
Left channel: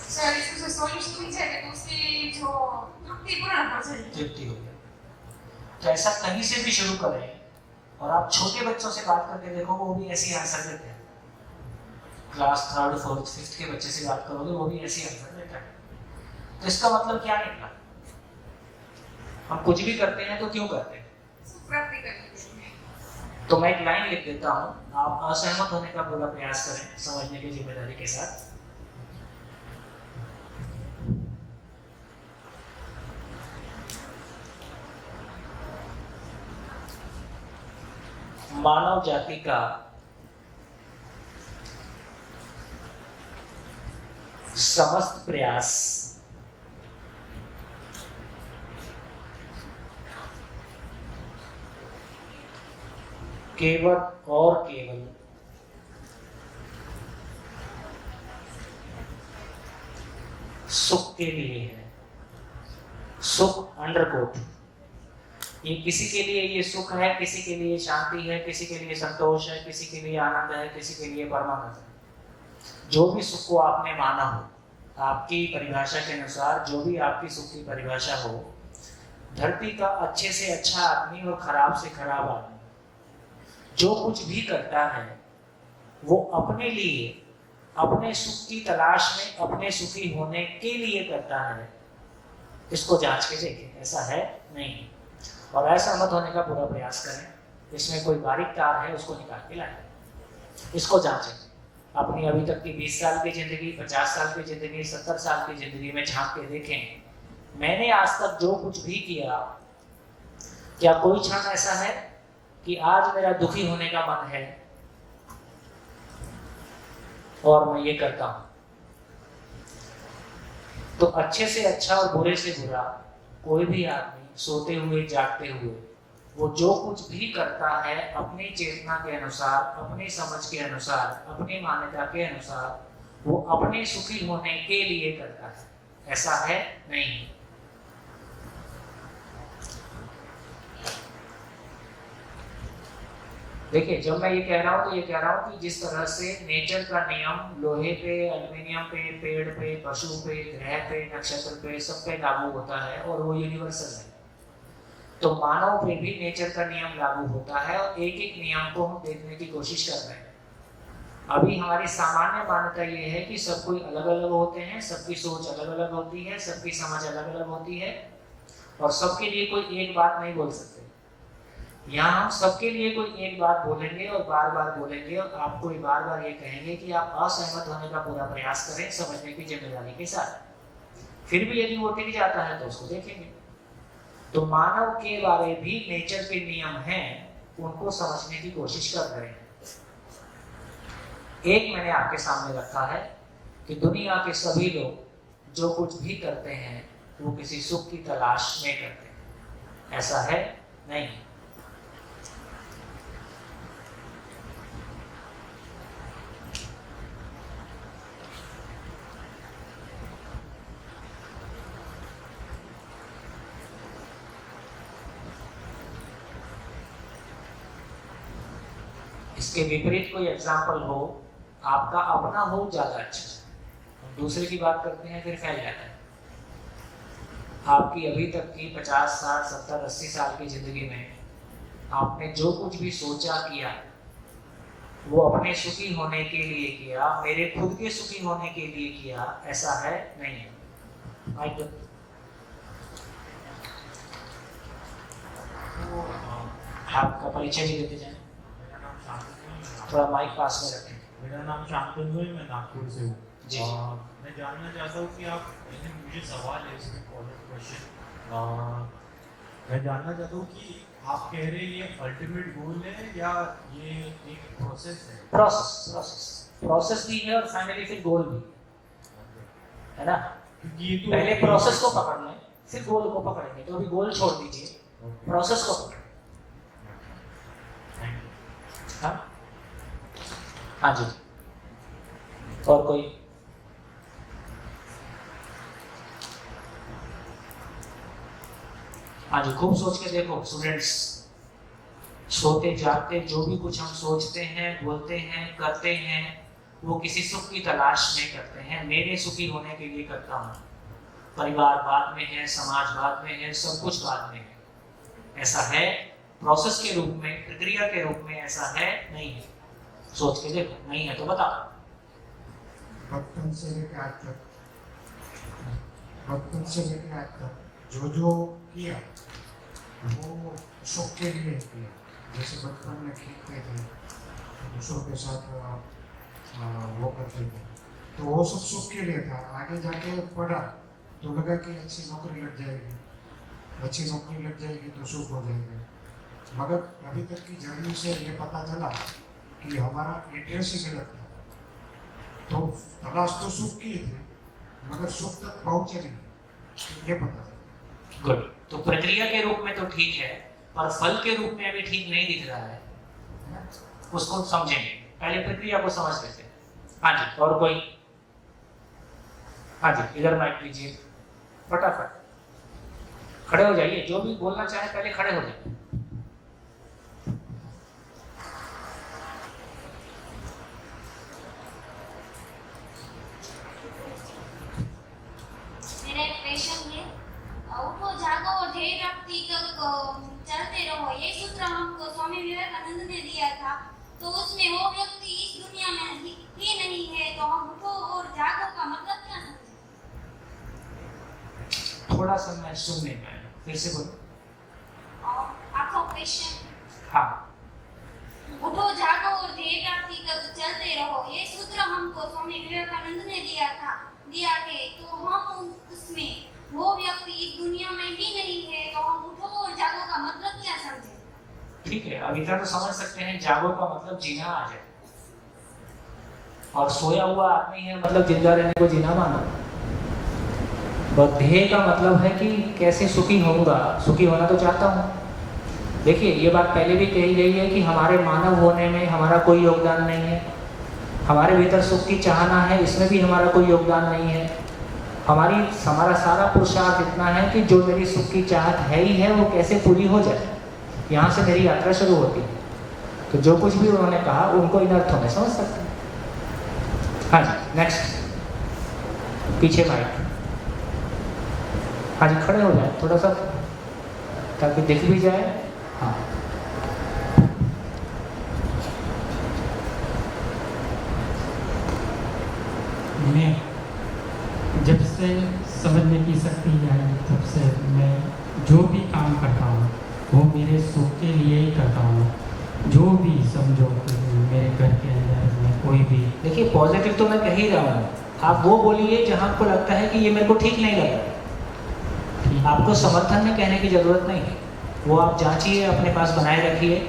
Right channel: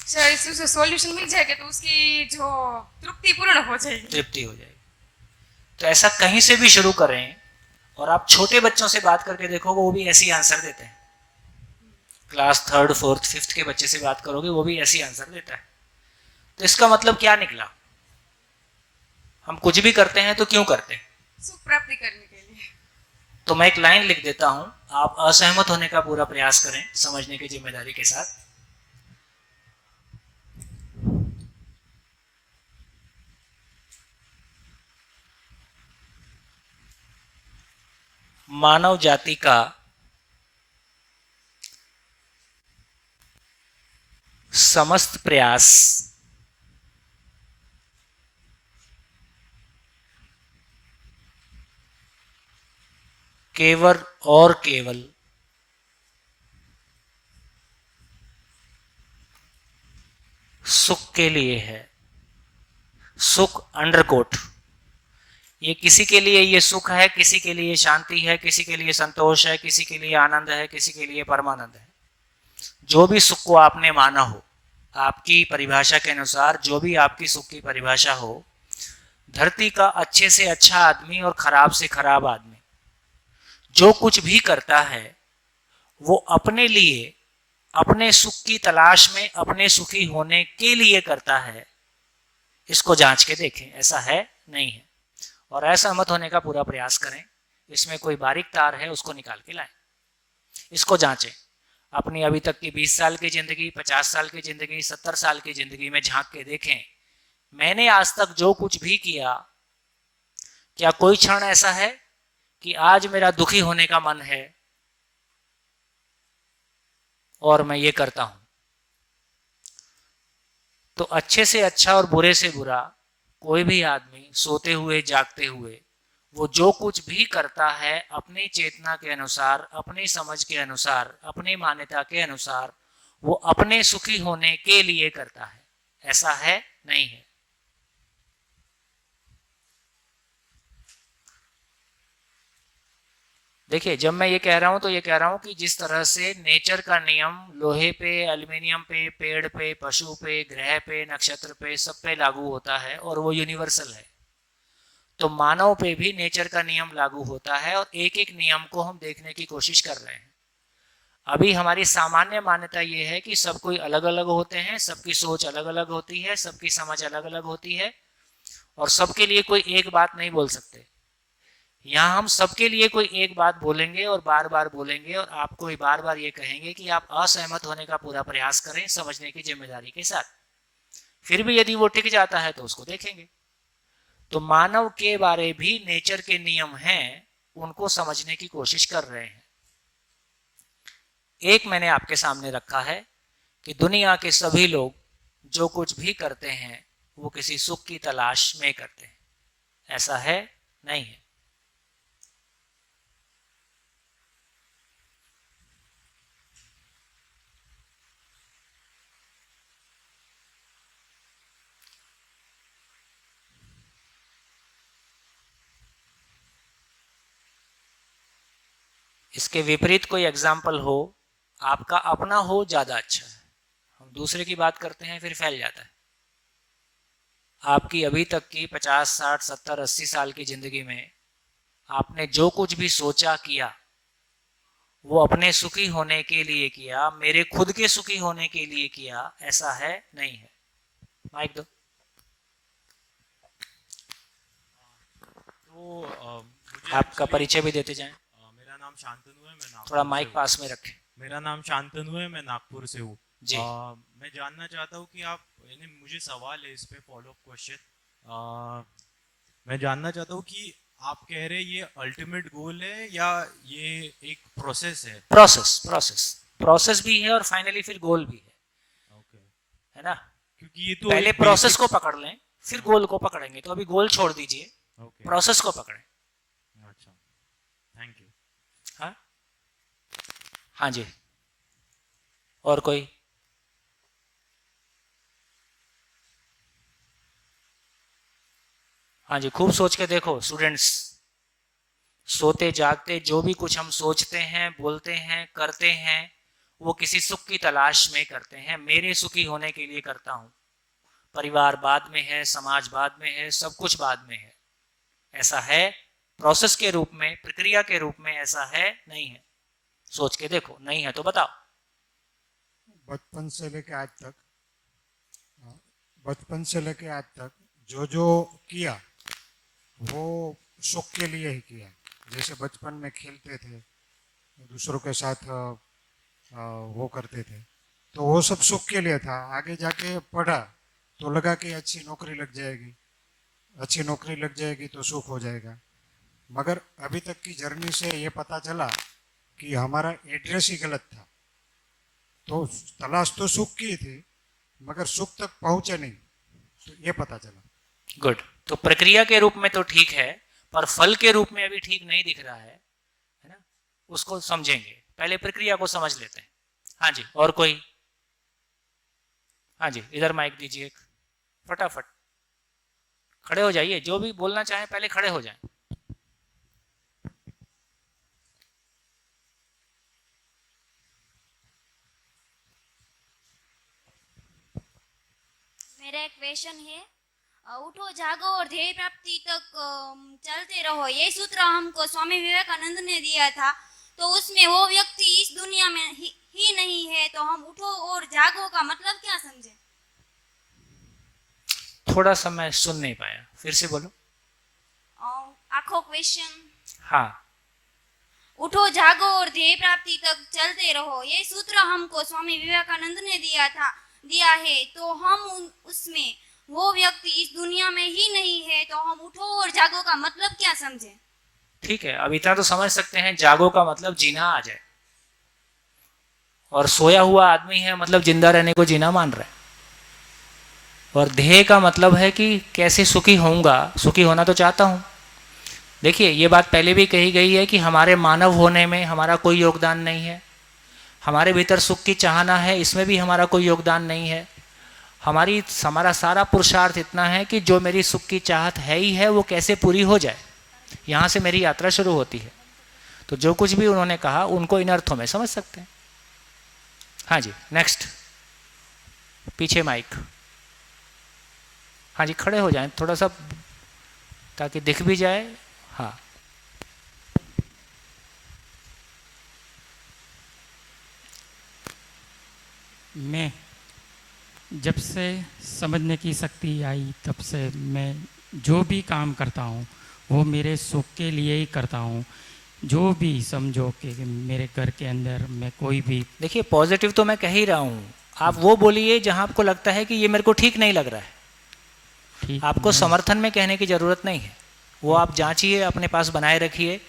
शायद से उसे सॉल्यूशन मिल जाएगा तो उसकी जो तृप्ति पूर्ण हो जाएगी। तृप्ति हो जाएगी। तो ऐसा कहीं से भी शुरू करें, और आप छोटे बच्चों से बात करके देखो वो भी ऐसी आंसर देते हैं। क्लास 3rd 4th 5th के बच्चे से बात करोगे वो भी ऐसी आंसर देता है। तो इसका मतलब क्या निकला? हम कुछ भी करते हैं तो क्यों करते हैं? सुख प्राप्ति करने के लिए। तो मैं एक लाइन लिख देता हूं, आप असहमत होने का पूरा प्रयास करें समझने की जिम्मेदारी के साथ। मानव जाति का समस्त प्रयास केवल और केवल सुख के लिए है। सुख अंडरकोट। ये किसी के लिए ये सुख है, किसी के लिए शांति है, किसी के लिए संतोष है, किसी के लिए आनंद है, किसी के लिए परमानंद है। जो भी सुख को आपने माना हो, आपकी परिभाषा के अनुसार जो भी आपकी सुख की परिभाषा हो, धरती का अच्छे से अच्छा आदमी और खराब से खराब आदमी जो कुछ भी करता है वो अपने लिए, अपने सुख की तलाश में, अपने सुखी होने के लिए करता है। इसको जांच के देखें, ऐसा है नहीं है। और ऐसा मत होने का पूरा प्रयास करें। इसमें कोई बारीक तार है उसको निकाल के लाएं, इसको जांचें। अपनी अभी तक की 20 साल की ज़िंदगी, 50 साल की ज़िंदगी, 70 साल की ज़िंदगी में झांक के देखें, मैंने आज तक जो कुछ भी किया, क्या कोई क्षण ऐसा है कि आज मेरा दुखी होने का मन है और मैं ये करता हूं? तो अच्छे से अच्छा और बुरे से बुरा कोई भी आदमी सोते हुए जागते हुए वो जो कुछ भी करता है अपनी चेतना के अनुसार, अपनी समझ के अनुसार, अपनी मान्यता के अनुसार, वो अपने सुखी होने के लिए करता है। ऐसा है नहीं। देखिए, जब मैं ये कह रहा हूँ तो ये कह रहा हूँ कि जिस तरह से नेचर का नियम लोहे पे, एल्युमिनियम पे, पेड़ पे, पशु पे, ग्रह पे, नक्षत्र पे, सब पे लागू होता है और वो यूनिवर्सल है, तो मानव पे भी नेचर का नियम लागू होता है और एक एक नियम को हम देखने की कोशिश कर रहे हैं। अभी हमारी सामान्य मान्यता ये है कि सब कोई अलग अलग होते हैं, सबकी सोच अलग अलग होती है, सबकी समझ अलग अलग होती है और सबके लिए कोई एक बात नहीं बोल सकते। यहाँ हम सबके लिए कोई एक बात बोलेंगे और बार बार बोलेंगे और आपको बार बार ये कहेंगे कि आप असहमत होने का पूरा प्रयास करें समझने की जिम्मेदारी के साथ। फिर भी यदि वो टिक जाता है तो उसको देखेंगे। तो मानव के बारे भी नेचर के नियम हैं, उनको समझने की कोशिश कर रहे हैं। एक मैंने आपके सामने रखा है कि दुनिया के सभी लोग जो कुछ भी करते हैं वो किसी सुख की तलाश में करते हैं। ऐसा है नहीं। इसके विपरीत कोई एग्जाम्पल हो, आपका अपना हो, ज़्यादा अच्छा है। दूसरे की बात करते हैं फिर फैल जाता है। आपकी अभी तक की 50, 60, 70, 80 साल की ज़िंदगी में आपने जो कुछ भी सोचा किया वो अपने सुखी होने के लिए किया, मेरे खुद के सुखी होने के लिए किया। ऐसा है नहीं है। माइक दो। आपका परिचय भी देते जाएं। मेरा नाम शांतनु है, मैं थोड़ा माइक पास में रखें। मेरा नाम शांतनु है, मैं नागपुर से हूँ जी। मैं जानना चाहता हूँ कि आप, मुझे सवाल है इसमें फॉलो क्वेश्चन। मैं जानना चाहता हूँ कि आप कह रहे हैं ये अल्टीमेट गोल है या ये एक प्रोसेस है? प्रोसेस भी है और फाइनली फिर गोल भी है ना। क्योंकि ये तो पहले प्रोसेस को पकड़ लें फिर गोल को पकड़ेंगे। तो अभी गोल छोड़ दीजिए, प्रोसेस को पकड़ें। हाँ हाँ जी, और कोई? हाँ जी, खूब सोच के देखो स्टूडेंट्स। सोते जागते जो भी कुछ हम सोचते हैं, बोलते हैं, करते हैं, वो किसी सुख की तलाश में करते हैं। मेरे सुखी होने के लिए करता हूँ। परिवार बाद में है, समाज बाद में है, सब कुछ बाद में है। ऐसा है प्रोसेस के रूप में, प्रक्रिया के रूप में ऐसा है नहीं है? सोच के देखो, नहीं है तो बताओ। बचपन से लेकर आज तक जो जो किया वो सुख के लिए ही किया। जैसे बचपन में खेलते थे, दूसरों के साथ वो करते थे, तो वो सब सुख के लिए था। आगे जाके पढ़ा तो लगा कि अच्छी नौकरी लग जाएगी, अच्छी नौकरी लग जाएगी तो सुख हो जाएगा। मगर अभी तक की जर्नी से ये पता चला कि हमारा एड्रेस ही गलत था। तो तलाश तो सुख की थी मगर सुख तक पहुँचे नहीं, ये पता चला। गुड। तो प्रक्रिया के रूप में तो ठीक है, पर फल के रूप में अभी ठीक नहीं दिख रहा है। उसको समझेंगे, पहले प्रक्रिया को समझ लेते हैं। हाँ जी, और कोई? हाँ जी, इधर माइक दीजिए, फटाफट खड़े हो जाइए। जो भी बोलना चाहे पहले खड़े हो जाए। मेरा एक क्वेश्चन है, उठो जागो और ध्येय प्राप्ति तक चलते रहो, ये सूत्र हमको स्वामी विवेकानंद ने दिया था। तो उसमें वो व्यक्ति इस दुनिया में ही नहीं है, तो हम उठो और जागो का मतलब क्या समझे? थोड़ा सा मैं सुन नहीं पाया, फिर से बोलो। आखो क्वेश्चन। हाँ, उठो जागो और ध्येय प्राप्ति तक चलते रहो, ये सूत्र हमको स्वामी विवेकानंद ने दिया है। तो हम उसमें वो व्यक्ति इस दुनिया में ही नहीं है, तो हम उठो और जागो का मतलब क्या समझे? ठीक है, अब इतना तो समझ सकते हैं, जागो का मतलब जीना आ जाए, और सोया हुआ आदमी है मतलब जिंदा रहने को जीना मान रहे हैं। और ध्येय का मतलब है कि कैसे सुखी होऊंगा, सुखी होना तो चाहता हूँ। देखिए, ये बात पहले भी कही गई है कि हमारे मानव होने में हमारा कोई योगदान नहीं है। हमारे भीतर सुख की चाहना है, इसमें भी हमारा कोई योगदान नहीं है। हमारा सारा पुरुषार्थ इतना है कि जो मेरी सुख की चाहत है ही है वो कैसे पूरी हो जाए, यहाँ से मेरी यात्रा शुरू होती है। तो जो कुछ भी उन्होंने कहा उनको इन अर्थों में समझ सकते हैं। हाँ जी, नेक्स्ट, पीछे माइक। हाँ जी, खड़े हो जाए थोड़ा सा ताकि दिख भी जाए। हाँ, मैं जब से समझने की शक्ति आई तब से मैं जो भी काम करता हूँ वो मेरे सुख के लिए ही करता हूँ। जो भी समझो कि मेरे घर के अंदर में कोई भी, देखिए पॉजिटिव तो मैं कह ही रहा हूँ, आप वो बोलिए जहाँ आपको लगता है कि ये मेरे को ठीक नहीं लग रहा है। आपको समर्थन में कहने की ज़रूरत नहीं है, वो आप जांचिए, अपने पास बनाए रखिए।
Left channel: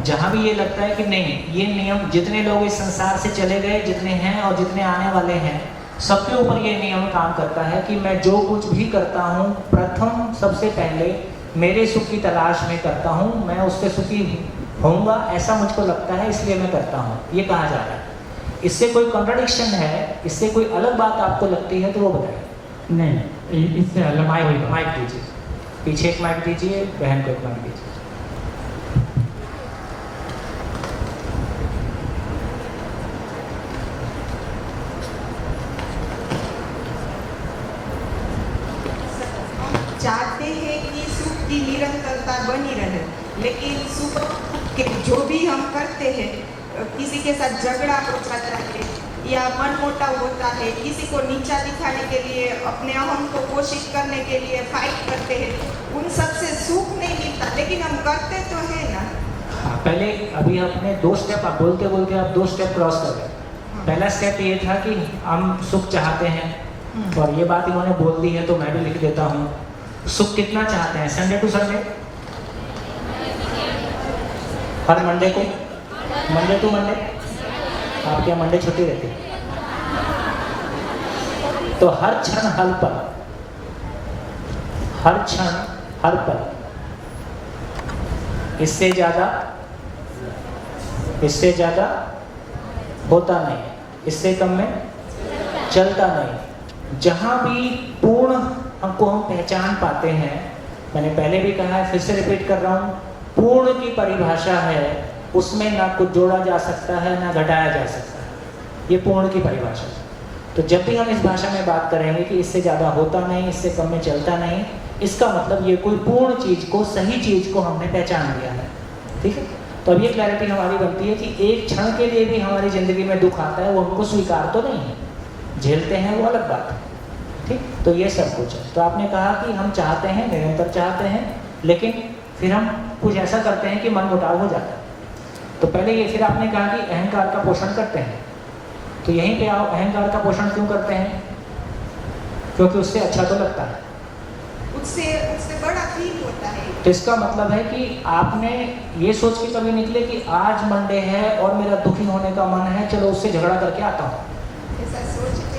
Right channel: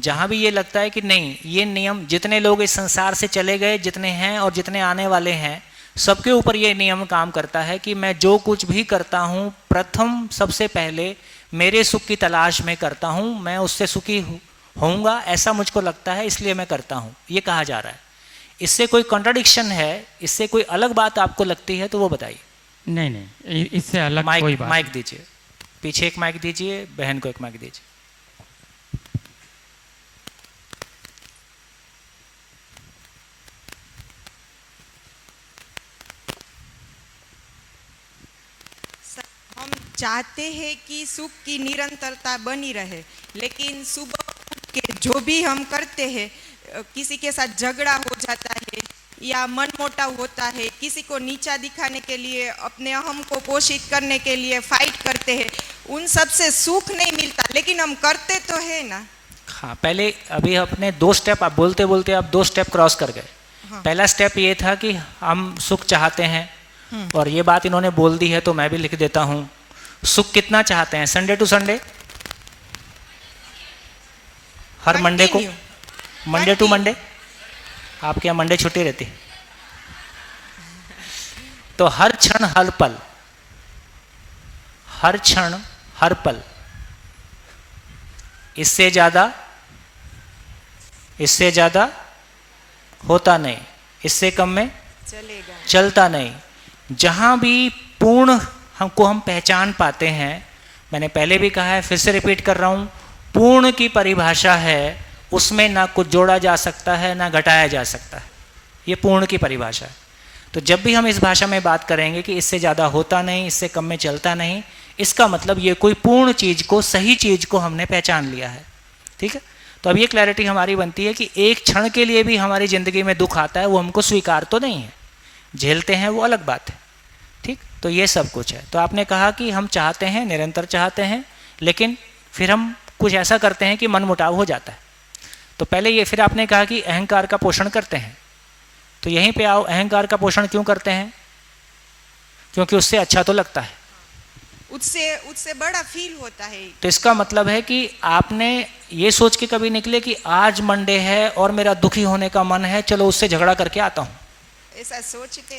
जहाँ भी ये लगता है कि नहीं, ये नियम, जितने लोग इस संसार से चले गए, जितने हैं और जितने आने वाले हैं, सबके ऊपर ये नियम काम करता है कि मैं जो कुछ भी करता हूँ प्रथम सबसे पहले मेरे सुख की तलाश में करता हूँ। मैं उससे सुखी होऊंगा ऐसा मुझको लगता है, इसलिए मैं करता हूँ, ये कहा जा रहा है। इससे कोई कॉन्ट्राडिक्शन है, इससे कोई अलग बात आपको लगती है तो वो बताइए। नहीं, इससे अलग माइक दीजिए, पीछे एक माइक दीजिए, बहन को एक माइक दीजिए। चाहते हैं कि सुख की निरंतरता बनी रहे, लेकिन सुख के जो भी हम करते हैं, किसी के साथ झगड़ा हो जाता है या मनमुटाव होता है, किसी को नीचा दिखाने के लिए, अपने अहम को पोषित करने के लिए फाइट करते हैं, उन सब से सुख नहीं मिलता, लेकिन हम करते तो है ना। हाँ, पहले अभी आपने 2 स्टेप, आप बोलते बोलते आप 2 स्टेप क्रॉस कर गए। पहला स्टेप ये था कि हम सुख चाहते हैं, और ये बात इन्होंने बोल दी है तो मैं भी लिख देता हूँ। सुख कितना चाहते हैं? संडे टू संडे, हर मंडे को, मंडे टू मंडे। आपके यहाँ मंडे छुट्टी रहती, तो हर क्षण हर पल, हर क्षण हर पल, इससे ज़्यादा होता नहीं, इससे कम में चलता नहीं। जहाँ भी पूर्ण हमको हम पहचान पाते हैं, मैंने पहले भी कहा है, फिर से रिपीट कर रहा हूँ, पूर्ण की परिभाषा है, उसमें ना कुछ जोड़ा जा सकता है ना घटाया जा सकता है। ये पूर्ण की परिभाषा है। तो जब भी हम इस भाषा में बात करेंगे कि इससे ज़्यादा होता नहीं, इससे कम में चलता नहीं, इसका मतलब ये कोई पूर्ण चीज़ को, सही चीज़ को हमने पहचान लिया है। ठीक है, तो अब ये क्लैरिटी हमारी बनती है कि एक क्षण के लिए भी हमारी ज़िंदगी में दुख आता है, वो हमको स्वीकार तो नहीं है, झेलते हैं, वो अलग बात है। ठीक, तो ये सब कुछ है। तो आपने कहा कि हम चाहते हैं, निरंतर चाहते हैं, लेकिन फिर हम कुछ ऐसा करते हैं कि मनमुटाव हो जाता है। तो पहले ये, फिर आपने कहा कि अहंकार का पोषण करते हैं। तो यहीं पे आओ, अहंकार का पोषण क्यों करते हैं? क्योंकि उससे अच्छा तो लगता है, उससे बड़ा फील होता है। तो इसका मतलब है कि आपने ये सोच के कभी निकले कि आज मंडे है और मेरा दुखी होने का मन है, चलो उससे झगड़ा करके आता हूँ।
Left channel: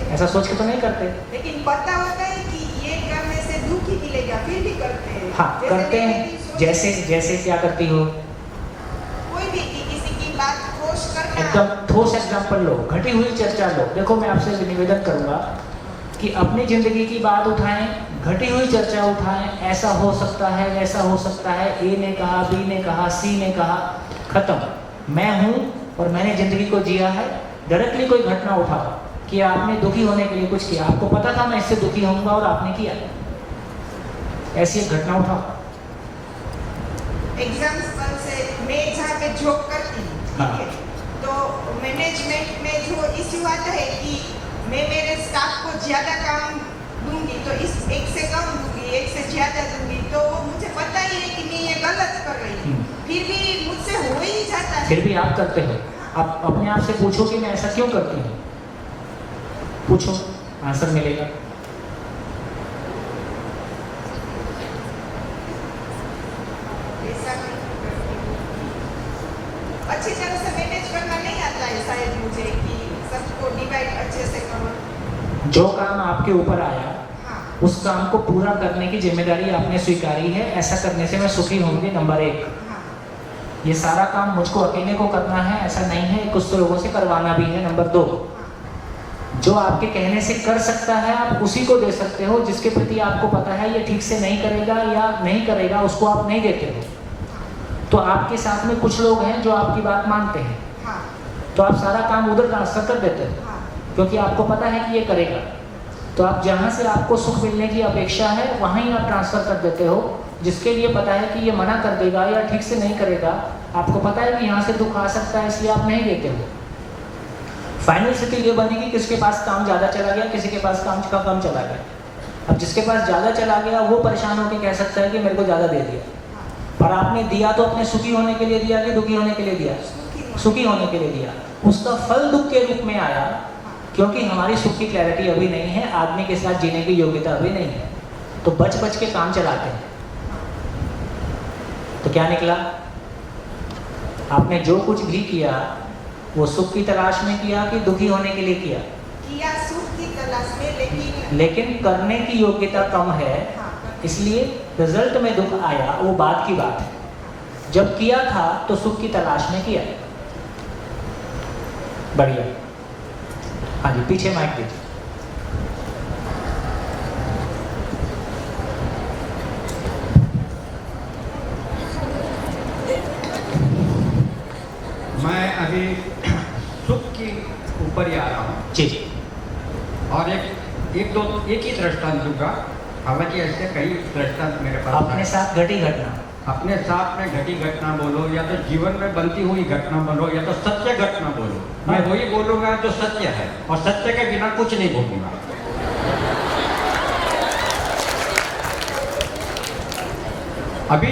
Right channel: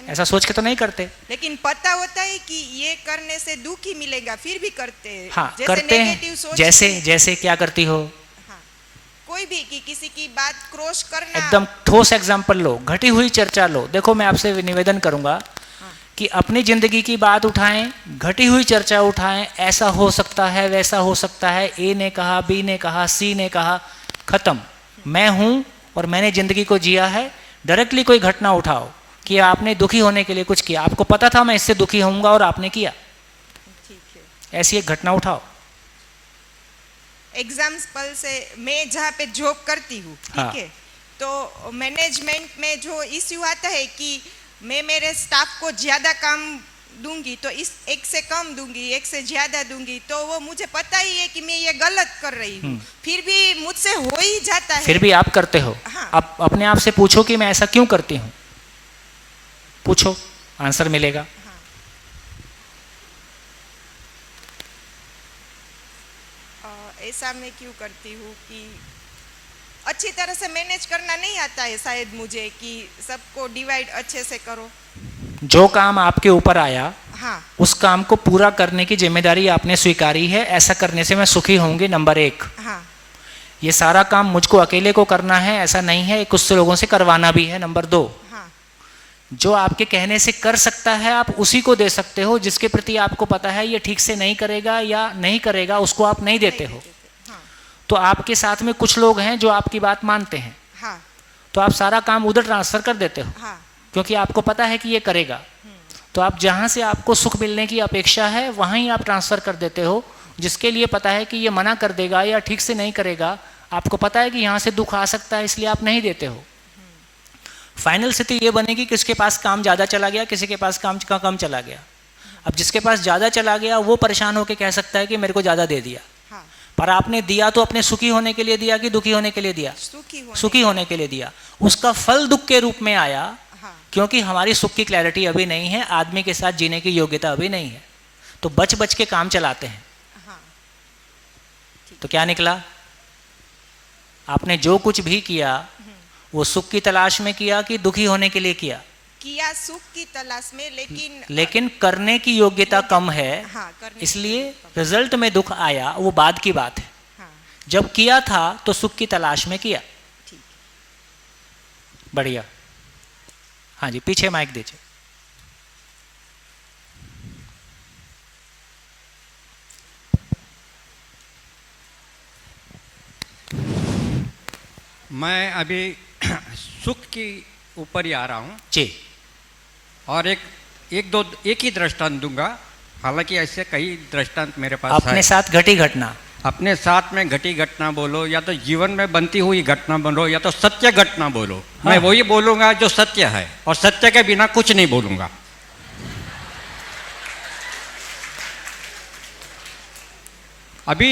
ऐसा सोच के तो नहीं करते, लेकिन पता होता है कि ये करने से दुख ही मिलेगा, फिर भी करते हैं। हाँ करते हैं। जैसे क्या करती हो? कोई भी किसी की बात क्रॉस करना। एकदम ठोस एग्जाम्पल लो, घटी हुई चर्चा लो। देखो, मैं आपसे निवेदन करूंगा कि अपनी ज़िंदगी की बात उठाएं, घटी हुई चर्चा उठाएं, ऐसा हो सकता है, वैसा हो सकता है, ए ने कहा, बी ने कहा, सी ने कहा, ख़त्म। मैं हूँ और मैंने ज़िंदगी को जिया है। डायरेक्टली कोई घटना उठाओ कि आपने दुखी होने के लिए कुछ किया, आपको पता था मैं इससे दुखी होऊंगा और आपने किया, ऐसी एक घटना उठाओ। एग्जाम्पल से, मैं जहाँ पे जॉब करती हूँ, ठीक है, तो मैनेजमेंट में जो इश्यू आता है कि मैं मेरे स्टाफ को ज़्यादा काम दूंगी, तो इस एक से कम दूंगी, एक से ज़्यादा दूंगी, तो वो मुझे पता ही है कि मैं ये गलत कर रही हूँ, फिर भी मुझसे हो ही जाता है। फिर भी आप करते हो। आप अपने आप से पूछो कि मैं ऐसा क्यों करती हूँ, पूछो, आंसर मिलेगा। ऐसा मैं क्यों करती हूँ? अच्छी तरह से मैनेज करना नहीं आता है शायद मुझे, कि सबको डिवाइड अच्छे से करो। जो काम आपके ऊपर आया, हाँ, उस काम को पूरा करने की जिम्मेदारी आपने स्वीकारी है। ऐसा करने से मैं सुखी होंगी, नंबर 1। हाँ, ये सारा काम मुझको अकेले को करना है, ऐसा नहीं है, कुछ लोगों से करवाना भी है, नंबर 2। जो आपके कहने से कर सकता है, आप उसी को दे सकते हो। जिसके प्रति आपको पता है ये ठीक से नहीं करेगा या नहीं करेगा, उसको आप नहीं देते हो। तो आपके साथ में कुछ लोग हैं जो आपकी बात मानते हैं, हाँ, तो आप सारा काम उधर ट्रांसफ़र कर देते हो, हाँ, क्योंकि आपको पता है कि ये करेगा। तो आप जहाँ से आपको सुख मिलने की अपेक्षा है, वहाँ ही आप ट्रांसफ़र कर देते हो। जिसके लिए पता है कि ये मना कर देगा या ठीक से नहीं करेगा, आपको पता है कि यहाँ से दुख आ सकता है, इसलिए आप नहीं देते हो। फाइनल स्थिति ये बनेगी, किसके पास काम ज़्यादा चला गया, किसी के पास काम का कम चला गया। अब जिसके पास ज़्यादा चला गया, वो परेशान होकर कह सकता है कि मेरे को ज़्यादा दे दिया। पर आपने दिया तो अपने सुखी होने के लिए दिया कि दुखी होने के लिए दिया? सुखी होने के लिए दिया। उसका फल दुख के रूप में आया, क्योंकि हमारी सुख की क्लैरिटी अभी नहीं है, आदमी के साथ जीने की योग्यता अभी नहीं है, तो बच बच के काम चलाते हैं। तो क्या निकला? आपने जो कुछ भी किया वो सुख की तलाश में किया कि दुखी होने के लिए किया? किया सुख की तलाश में, लेकिन करने की योग्यता कम है, इसलिए रिजल्ट में दुख आया, वो बात की बात है। जब किया था तो सुख की तलाश में किया। बढ़िया। हाँ जी, पीछे माइक दीजिए। मैं अभी सुख के ऊपर ही आ रहा हूँ जी, और एक ही दृष्टांत दूंगा। हालांकि ऐसे कई दृष्टांत मेरे पास अपने है। साथ घटी घटना, अपने साथ में घटी घटना बोलो, या तो जीवन में बनती हुई घटना बोलो, या तो सत्य घटना बोलो। मैं वही बोलूँगा जो सत्य है, और सत्य के बिना कुछ नहीं बोलूँगा। अभी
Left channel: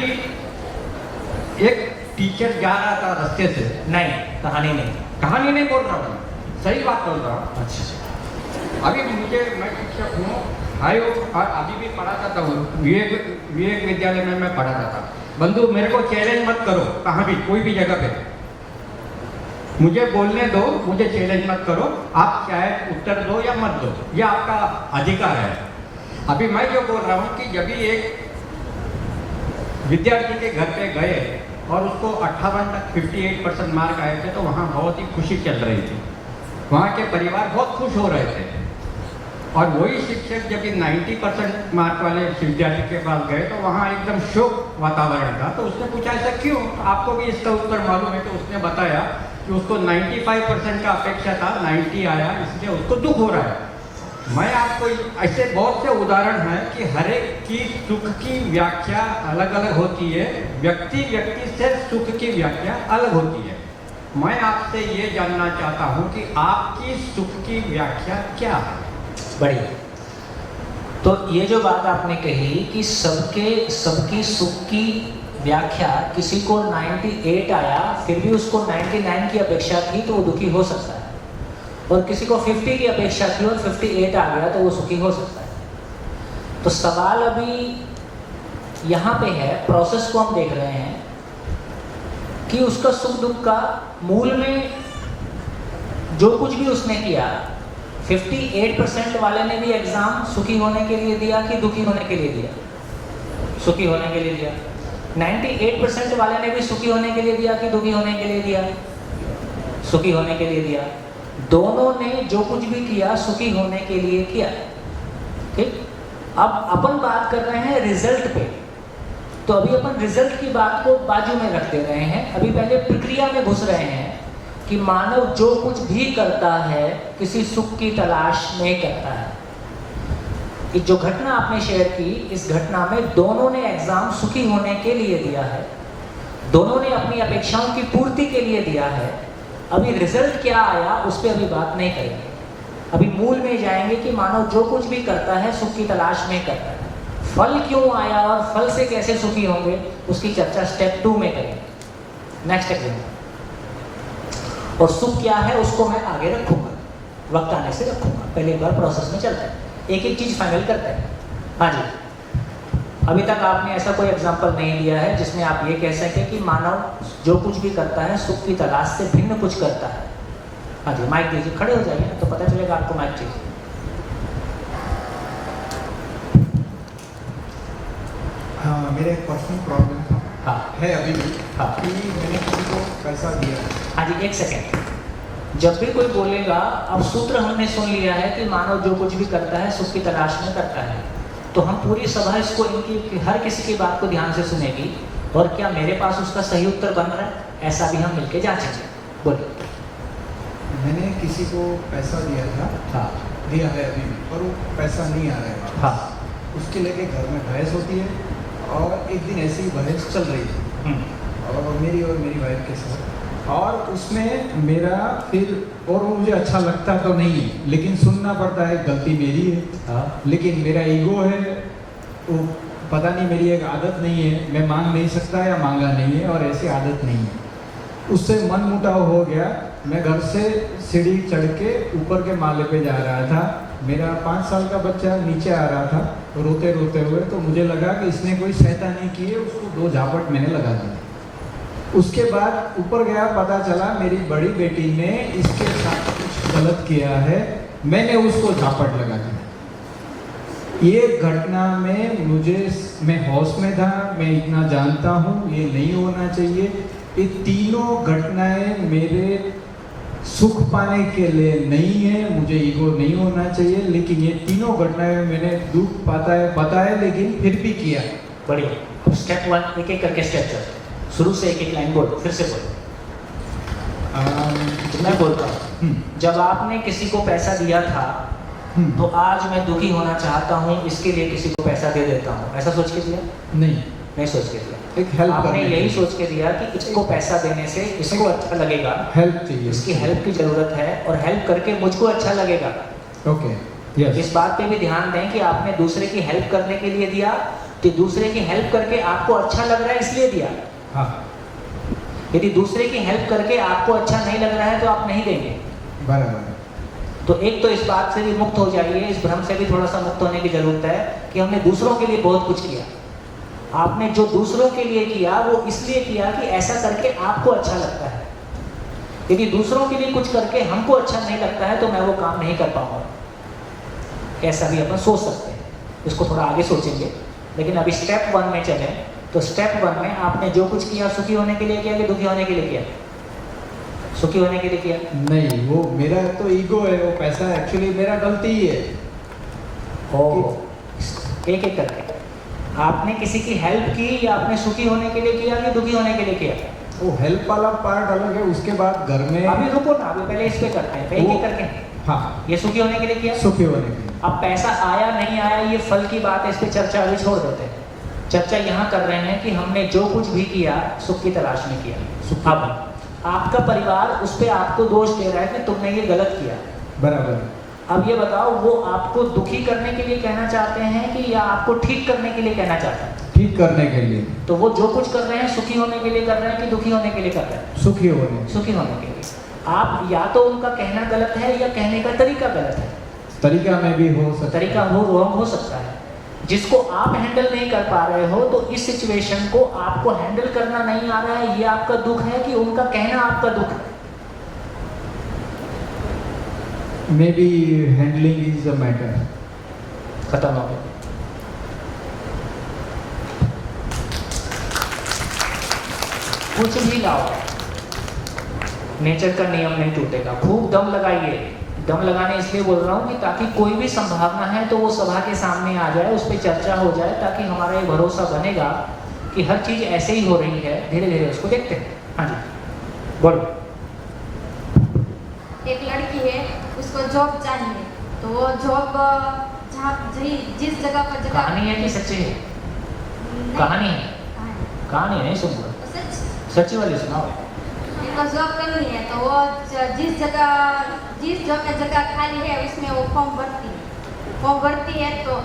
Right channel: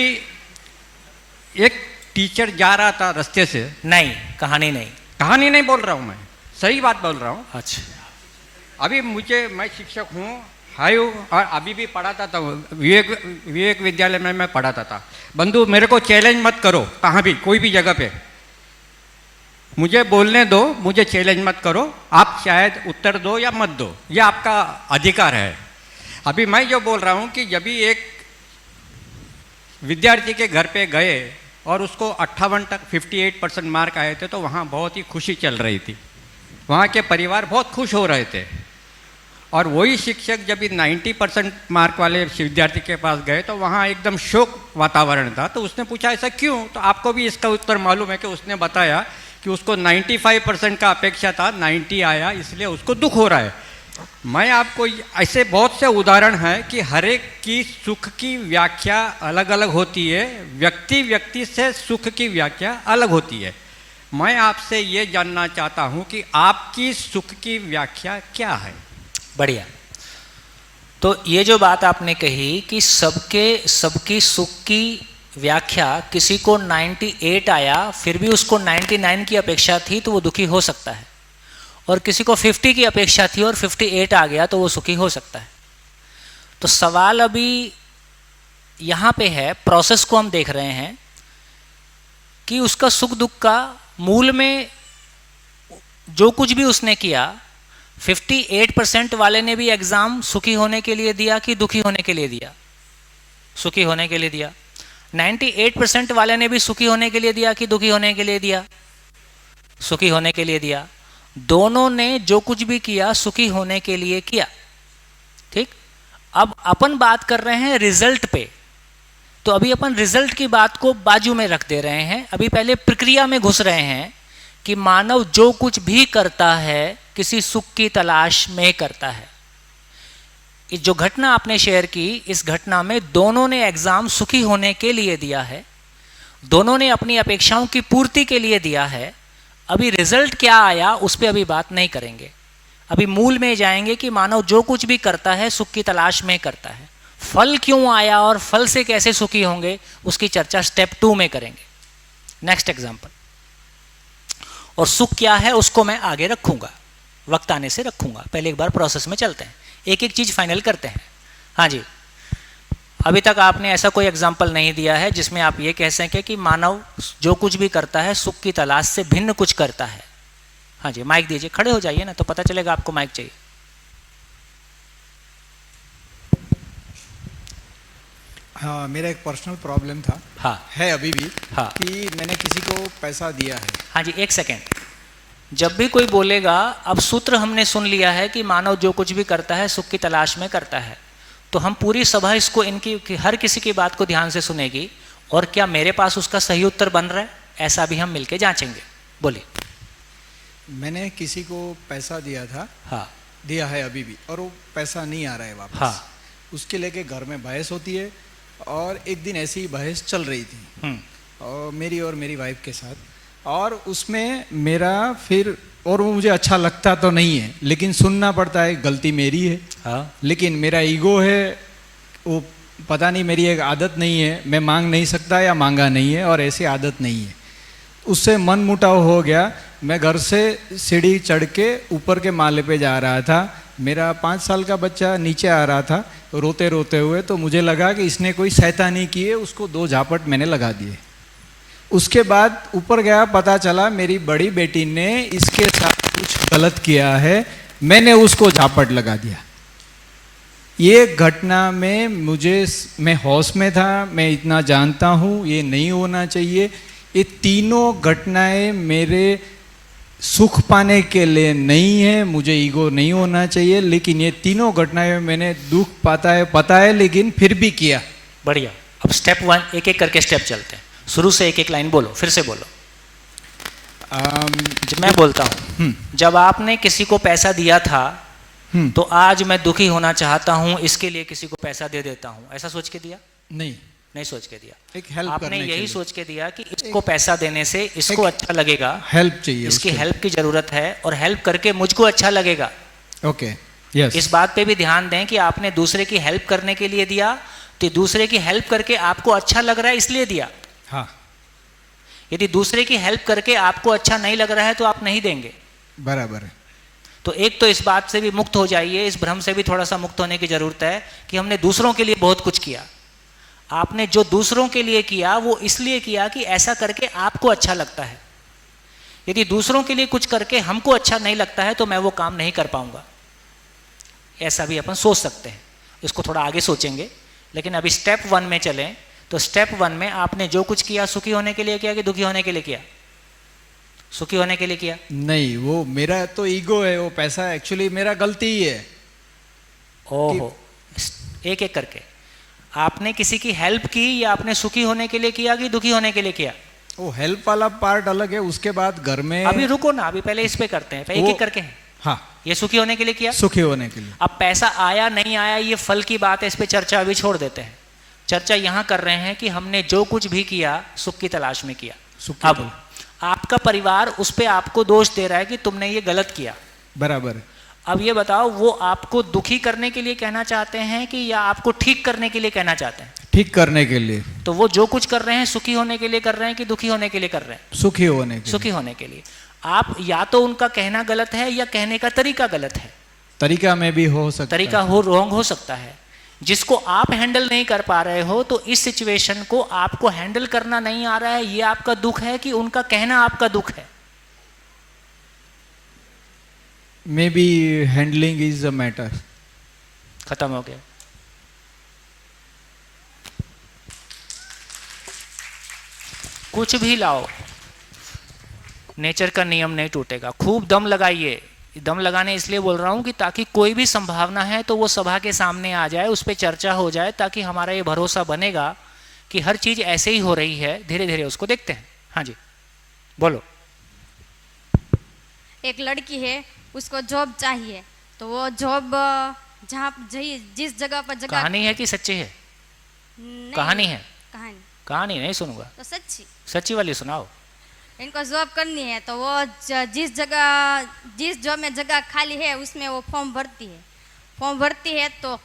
एक टीचर जा रहा था रास्ते से। नहीं, कहानी नहीं, कहानी नहीं बोल रहा हूँ मैं, सही बात बोल रहा हूँ। अच्छा, अभी मैं शिक्षक हूँ, और अभी भी पढ़ाता था, विवेक विद्यालय में मैं पढ़ाता था। बंधु, मेरे को चैलेंज मत करो, कहाँ भी कोई भी जगह पे मुझे बोलने दो, मुझे चैलेंज मत करो। आप शायद उत्तर दो या मत दो, ये आपका अधिकार है। अभी मैं जो बोल रहा हूँ कि जब भी एक विद्यार्थी के घर पे गए और उसको 58 तक 58% मार्क आए थे, तो वहाँ बहुत ही खुशी चल रही थी, वहाँ के परिवार बहुत खुश हो रहे थे। और वही शिक्षक जब भी 90% मार्क वाले विद्यार्थी के पास गए तो वहाँ एकदम शोक वातावरण था। तो उसने पूछा ऐसा क्यों, तो आपको भी इसका उत्तर मालूम है कि उसने बताया कि उसको 95% का अपेक्षा था, 90 आया, इसलिए उसको दुख हो रहा है। मैं आपको ऐसे बहुत से उदाहरण हैं कि हर एक की सुख की व्याख्या अलग अलग होती है, व्यक्ति से सुख की व्याख्या अलग होती है। मैं आपसे ये जानना चाहता हूँ कि आपकी सुख की व्याख्या क्या है? बढ़िया। तो ये जो बात आपने कही कि सबकी सुख की व्याख्या, किसी को 98 आया फिर भी उसको 99 की अपेक्षा थी तो वो दुखी हो सकता है, और किसी को 50 की अपेक्षा थी और 58 आ गया तो वो सुखी हो सकता है। तो सवाल अभी यहाँ पे है, प्रोसेस को हम देख रहे हैं कि उसका सुख दुख का मूल में जो कुछ भी उसने किया, 58% वाले ने भी एग्ज़ाम सुखी होने के लिए दिया कि दुखी होने के लिए दिया? सुखी होने के लिए दिया। 98% वाले ने भी सुखी होने के लिए दिया कि दुखी होने के लिए दिया? सुखी होने के लिए दिया। दोनों ने जो कुछ भी किया सुखी होने के लिए किया। ठीक, अब अपन बात कर रहे हैं रिजल्ट पे, तो अभी अपन रिजल्ट की बात को बाजू में रख दे रहे हैं। अभी पहले प्रक्रिया में घुस रहे हैं कि मानव जो कुछ भी करता है किसी सुख की तलाश में करता है। ये जो घटना आपने शेयर की, इस घटना में दोनों ने एग्ज़ाम सुखी होने के लिए दिया है, दोनों ने अपनी अपेक्षाओं की पूर्ति के लिए दिया है। अभी रिजल्ट क्या आया उस पर अभी बात नहीं करेंगे, अभी मूल में जाएंगे कि मानव जो कुछ भी करता है सुख की तलाश में करता है। फल क्यों आया और फल से कैसे सुखी होंगे उसकी चर्चा स्टेप 2 में करेंगे। Next example. और सुख क्या है उसको मैं आगे रखूँगा, वक्त आने से रखूँगा। पहले एक बार प्रोसेस में चलते हैं, एक एक चीज़ फाइनल करते हैं। हाँ जी, अभी तक आपने ऐसा कोई एग्जाम्पल नहीं दिया है जिसमें आप ये कह सकें कि मानव जो कुछ भी करता है सुख की तलाश से भिन्न कुछ करता है। हाँ जी, माइक दीजिए, खड़े हो जाइए ना तो पता चलेगा आपको माइक चाहिए। हाँ, मेरा एक पर्सनल प्रॉब्लम था। हाँ, है अभी भी। हाँ, कि मैंने किसी को पैसा दिया। हाँ जी, एक सेकेंड। जब भी कोई बोलेगा, अब सूत्र हमने सुन लिया है कि मानव जो कुछ भी करता है सुख की तलाश में करता है, तो हम पूरी सभा इसको इनकी हर किसी की बात को ध्यान से सुनेगी और क्या मेरे पास उसका सही उत्तर बन रहा है, ऐसा भी हम मिलके जांचेंगे। बोलिए। मैंने किसी को पैसा दिया था। हाँ, दिया है अभी भी, और वो पैसा नहीं आ रहा है वापस। हाँ, उसके लेके घर में बहस होती है, और एक दिन ऐसी ही बहस चल रही थी और मेरी वाइफ के साथ, और उसमें मेरा फिर, और वो मुझे अच्छा लगता तो नहीं है लेकिन सुनना पड़ता है, गलती मेरी है। हाँ, लेकिन मेरा ईगो है, वो पता नहीं, मेरी एक आदत नहीं है, मैं मांग नहीं सकता या मांगा नहीं है, और ऐसी आदत नहीं है। उससे मन मुटाव हो गया। मैं घर से सीढ़ी चढ़ के ऊपर के माले पे जा रहा था, मेरा 5 साल का बच्चा नीचे आ रहा था रोते रोते हुए, तो मुझे लगा कि इसने कोई शैतानी की है, उसको 2 झापट मैंने लगा दिए। उसके बाद ऊपर गया, पता चला मेरी बड़ी बेटी ने इसके साथ कुछ गलत किया है, मैंने उसको झापट लगा दिया। ये घटना में मैं होश में था, मैं इतना जानता हूँ ये नहीं होना चाहिए। ये तीनों घटनाएं मेरे सुख पाने के लिए नहीं है, मुझे ईगो नहीं होना चाहिए, लेकिन ये तीनों घटनाएं मैंने दुख पता है लेकिन फिर भी किया। बढ़िया। अब स्टेप 1 एक एक करके स्टेप चलते हैं। शुरू से एक एक लाइन बोलो, फिर से बोलो। मैं बोलता हूँ, जब आपने किसी को पैसा दिया था तो आज मैं दुखी होना चाहता हूँ, इसके लिए किसी को पैसा दे देता हूँ, ऐसा सोच के दिया? नहीं सोच के दिया। एक हेल्प आपने यही सोच के दिया कि इसको पैसा देने से इसको अच्छा लगेगा, हेल्प चाहिए, इसकी हेल्प की ज़रूरत है और हेल्प करके मुझको अच्छा लगेगा। Okay, yes. इस बात पे भी ध्यान दें कि आपने दूसरे की हेल्प करने के लिए दिया, तो दूसरे की हेल्प करके आपको अच्छा लग रहा है इसलिए दिया। हाँ। यदि दूसरे की हेल्प करके आपको अच्छा नहीं लग रहा है तो आप नहीं देंगे। बराबर है। तो एक तो इस बात से भी मुक्त हो जाइए, इस भ्रम से भी थोड़ा सा मुक्त होने की ज़रूरत है कि हमने दूसरों के लिए बहुत कुछ किया। आपने जो दूसरों के लिए किया वो इसलिए किया कि ऐसा करके आपको अच्छा लगता है। यदि दूसरों के लिए कुछ करके हमको अच्छा नहीं लगता है तो मैं वो काम नहीं कर पाऊंगा, ऐसा भी अपन सोच सकते हैं। इसको थोड़ा आगे सोचेंगे, लेकिन अभी स्टेप 1 में चलें। तो स्टेप 1 में आपने जो कुछ किया सुखी होने के लिए किया कि दुखी होने के लिए किया? सुखी होने के लिए किया। नहीं, वो मेरा तो ईगो है, वो पैसा एक्चुअली मेरा गलती ही है। एक एक करके आपने किसी की हेल्प की या आपने सुखी होने के लिए किया कि दुखी होने के लिए किया? वो हेल्प वाला पार्ट अलग है, उसके बाद घर में अभी रुको ना, अभी पहले इस पे करते हैं, एक एक करके। हाँ, ये सुखी होने के लिए किया, सुखी होने के लिए। अब पैसा आया नहीं आया ये फल की बात है, इस पे चर्चा अभी छोड़ देते हैं। चर्चा यहाँ कर रहे हैं कि हमने जो कुछ भी किया सुख की तलाश में किया। अब आपका परिवार उस पे आपको दोष दे रहा है कि तुमने ये गलत किया। बराबर। अब ये बताओ, वो आपको दुखी करने के लिए कहना चाहते हैं कि या आपको ठीक करने के लिए कहना चाहते हैं? ठीक करने के लिए। तो वो जो कुछ कर रहे हैं सुखी होने के लिए कर रहे हैं कि दुखी होने के लिए कर रहे हैं? सुखी होने। सुखी होने के लिए। आप या तो उनका कहना गलत है या कहने का तरीका गलत है। तरीका में भी हो सकता, तरीका हो रॉन्ग हो सकता है। जिसको आप हैंडल नहीं कर पा रहे हो तो इस सिचुएशन को आपको हैंडल करना नहीं आ रहा है, ये आपका दुख है कि उनका कहना आपका दुख है? May be handling is a matter. खत्म हो गया। कुछ भी लाओ, नेचर का नियम नहीं टूटेगा। खूब दम लगाइए। दम लगाने इसलिए बोल रहा हूँ कि ताकि कोई भी संभावना है तो वो सभा के सामने आ जाए, उस पर चर्चा हो जाए, ताकि हमारा ये भरोसा बनेगा कि हर चीज़ ऐसे ही हो रही है। धीरे धीरे उसको देखते हैं। हाँ जी बोलो। एक लड़की है, उसको जॉब चाहिए, तो वो जॉब जहाँ जिस जगह पर जगह। कहानी है कि सच्ची है? कहानी है। कहानी नहीं सुनूंगा, सच्ची वाली सुनाओ। इनको जॉब करनी है तो वो जिस जॉब में जगह खाली है उसमें वो फॉर्म भरती है तो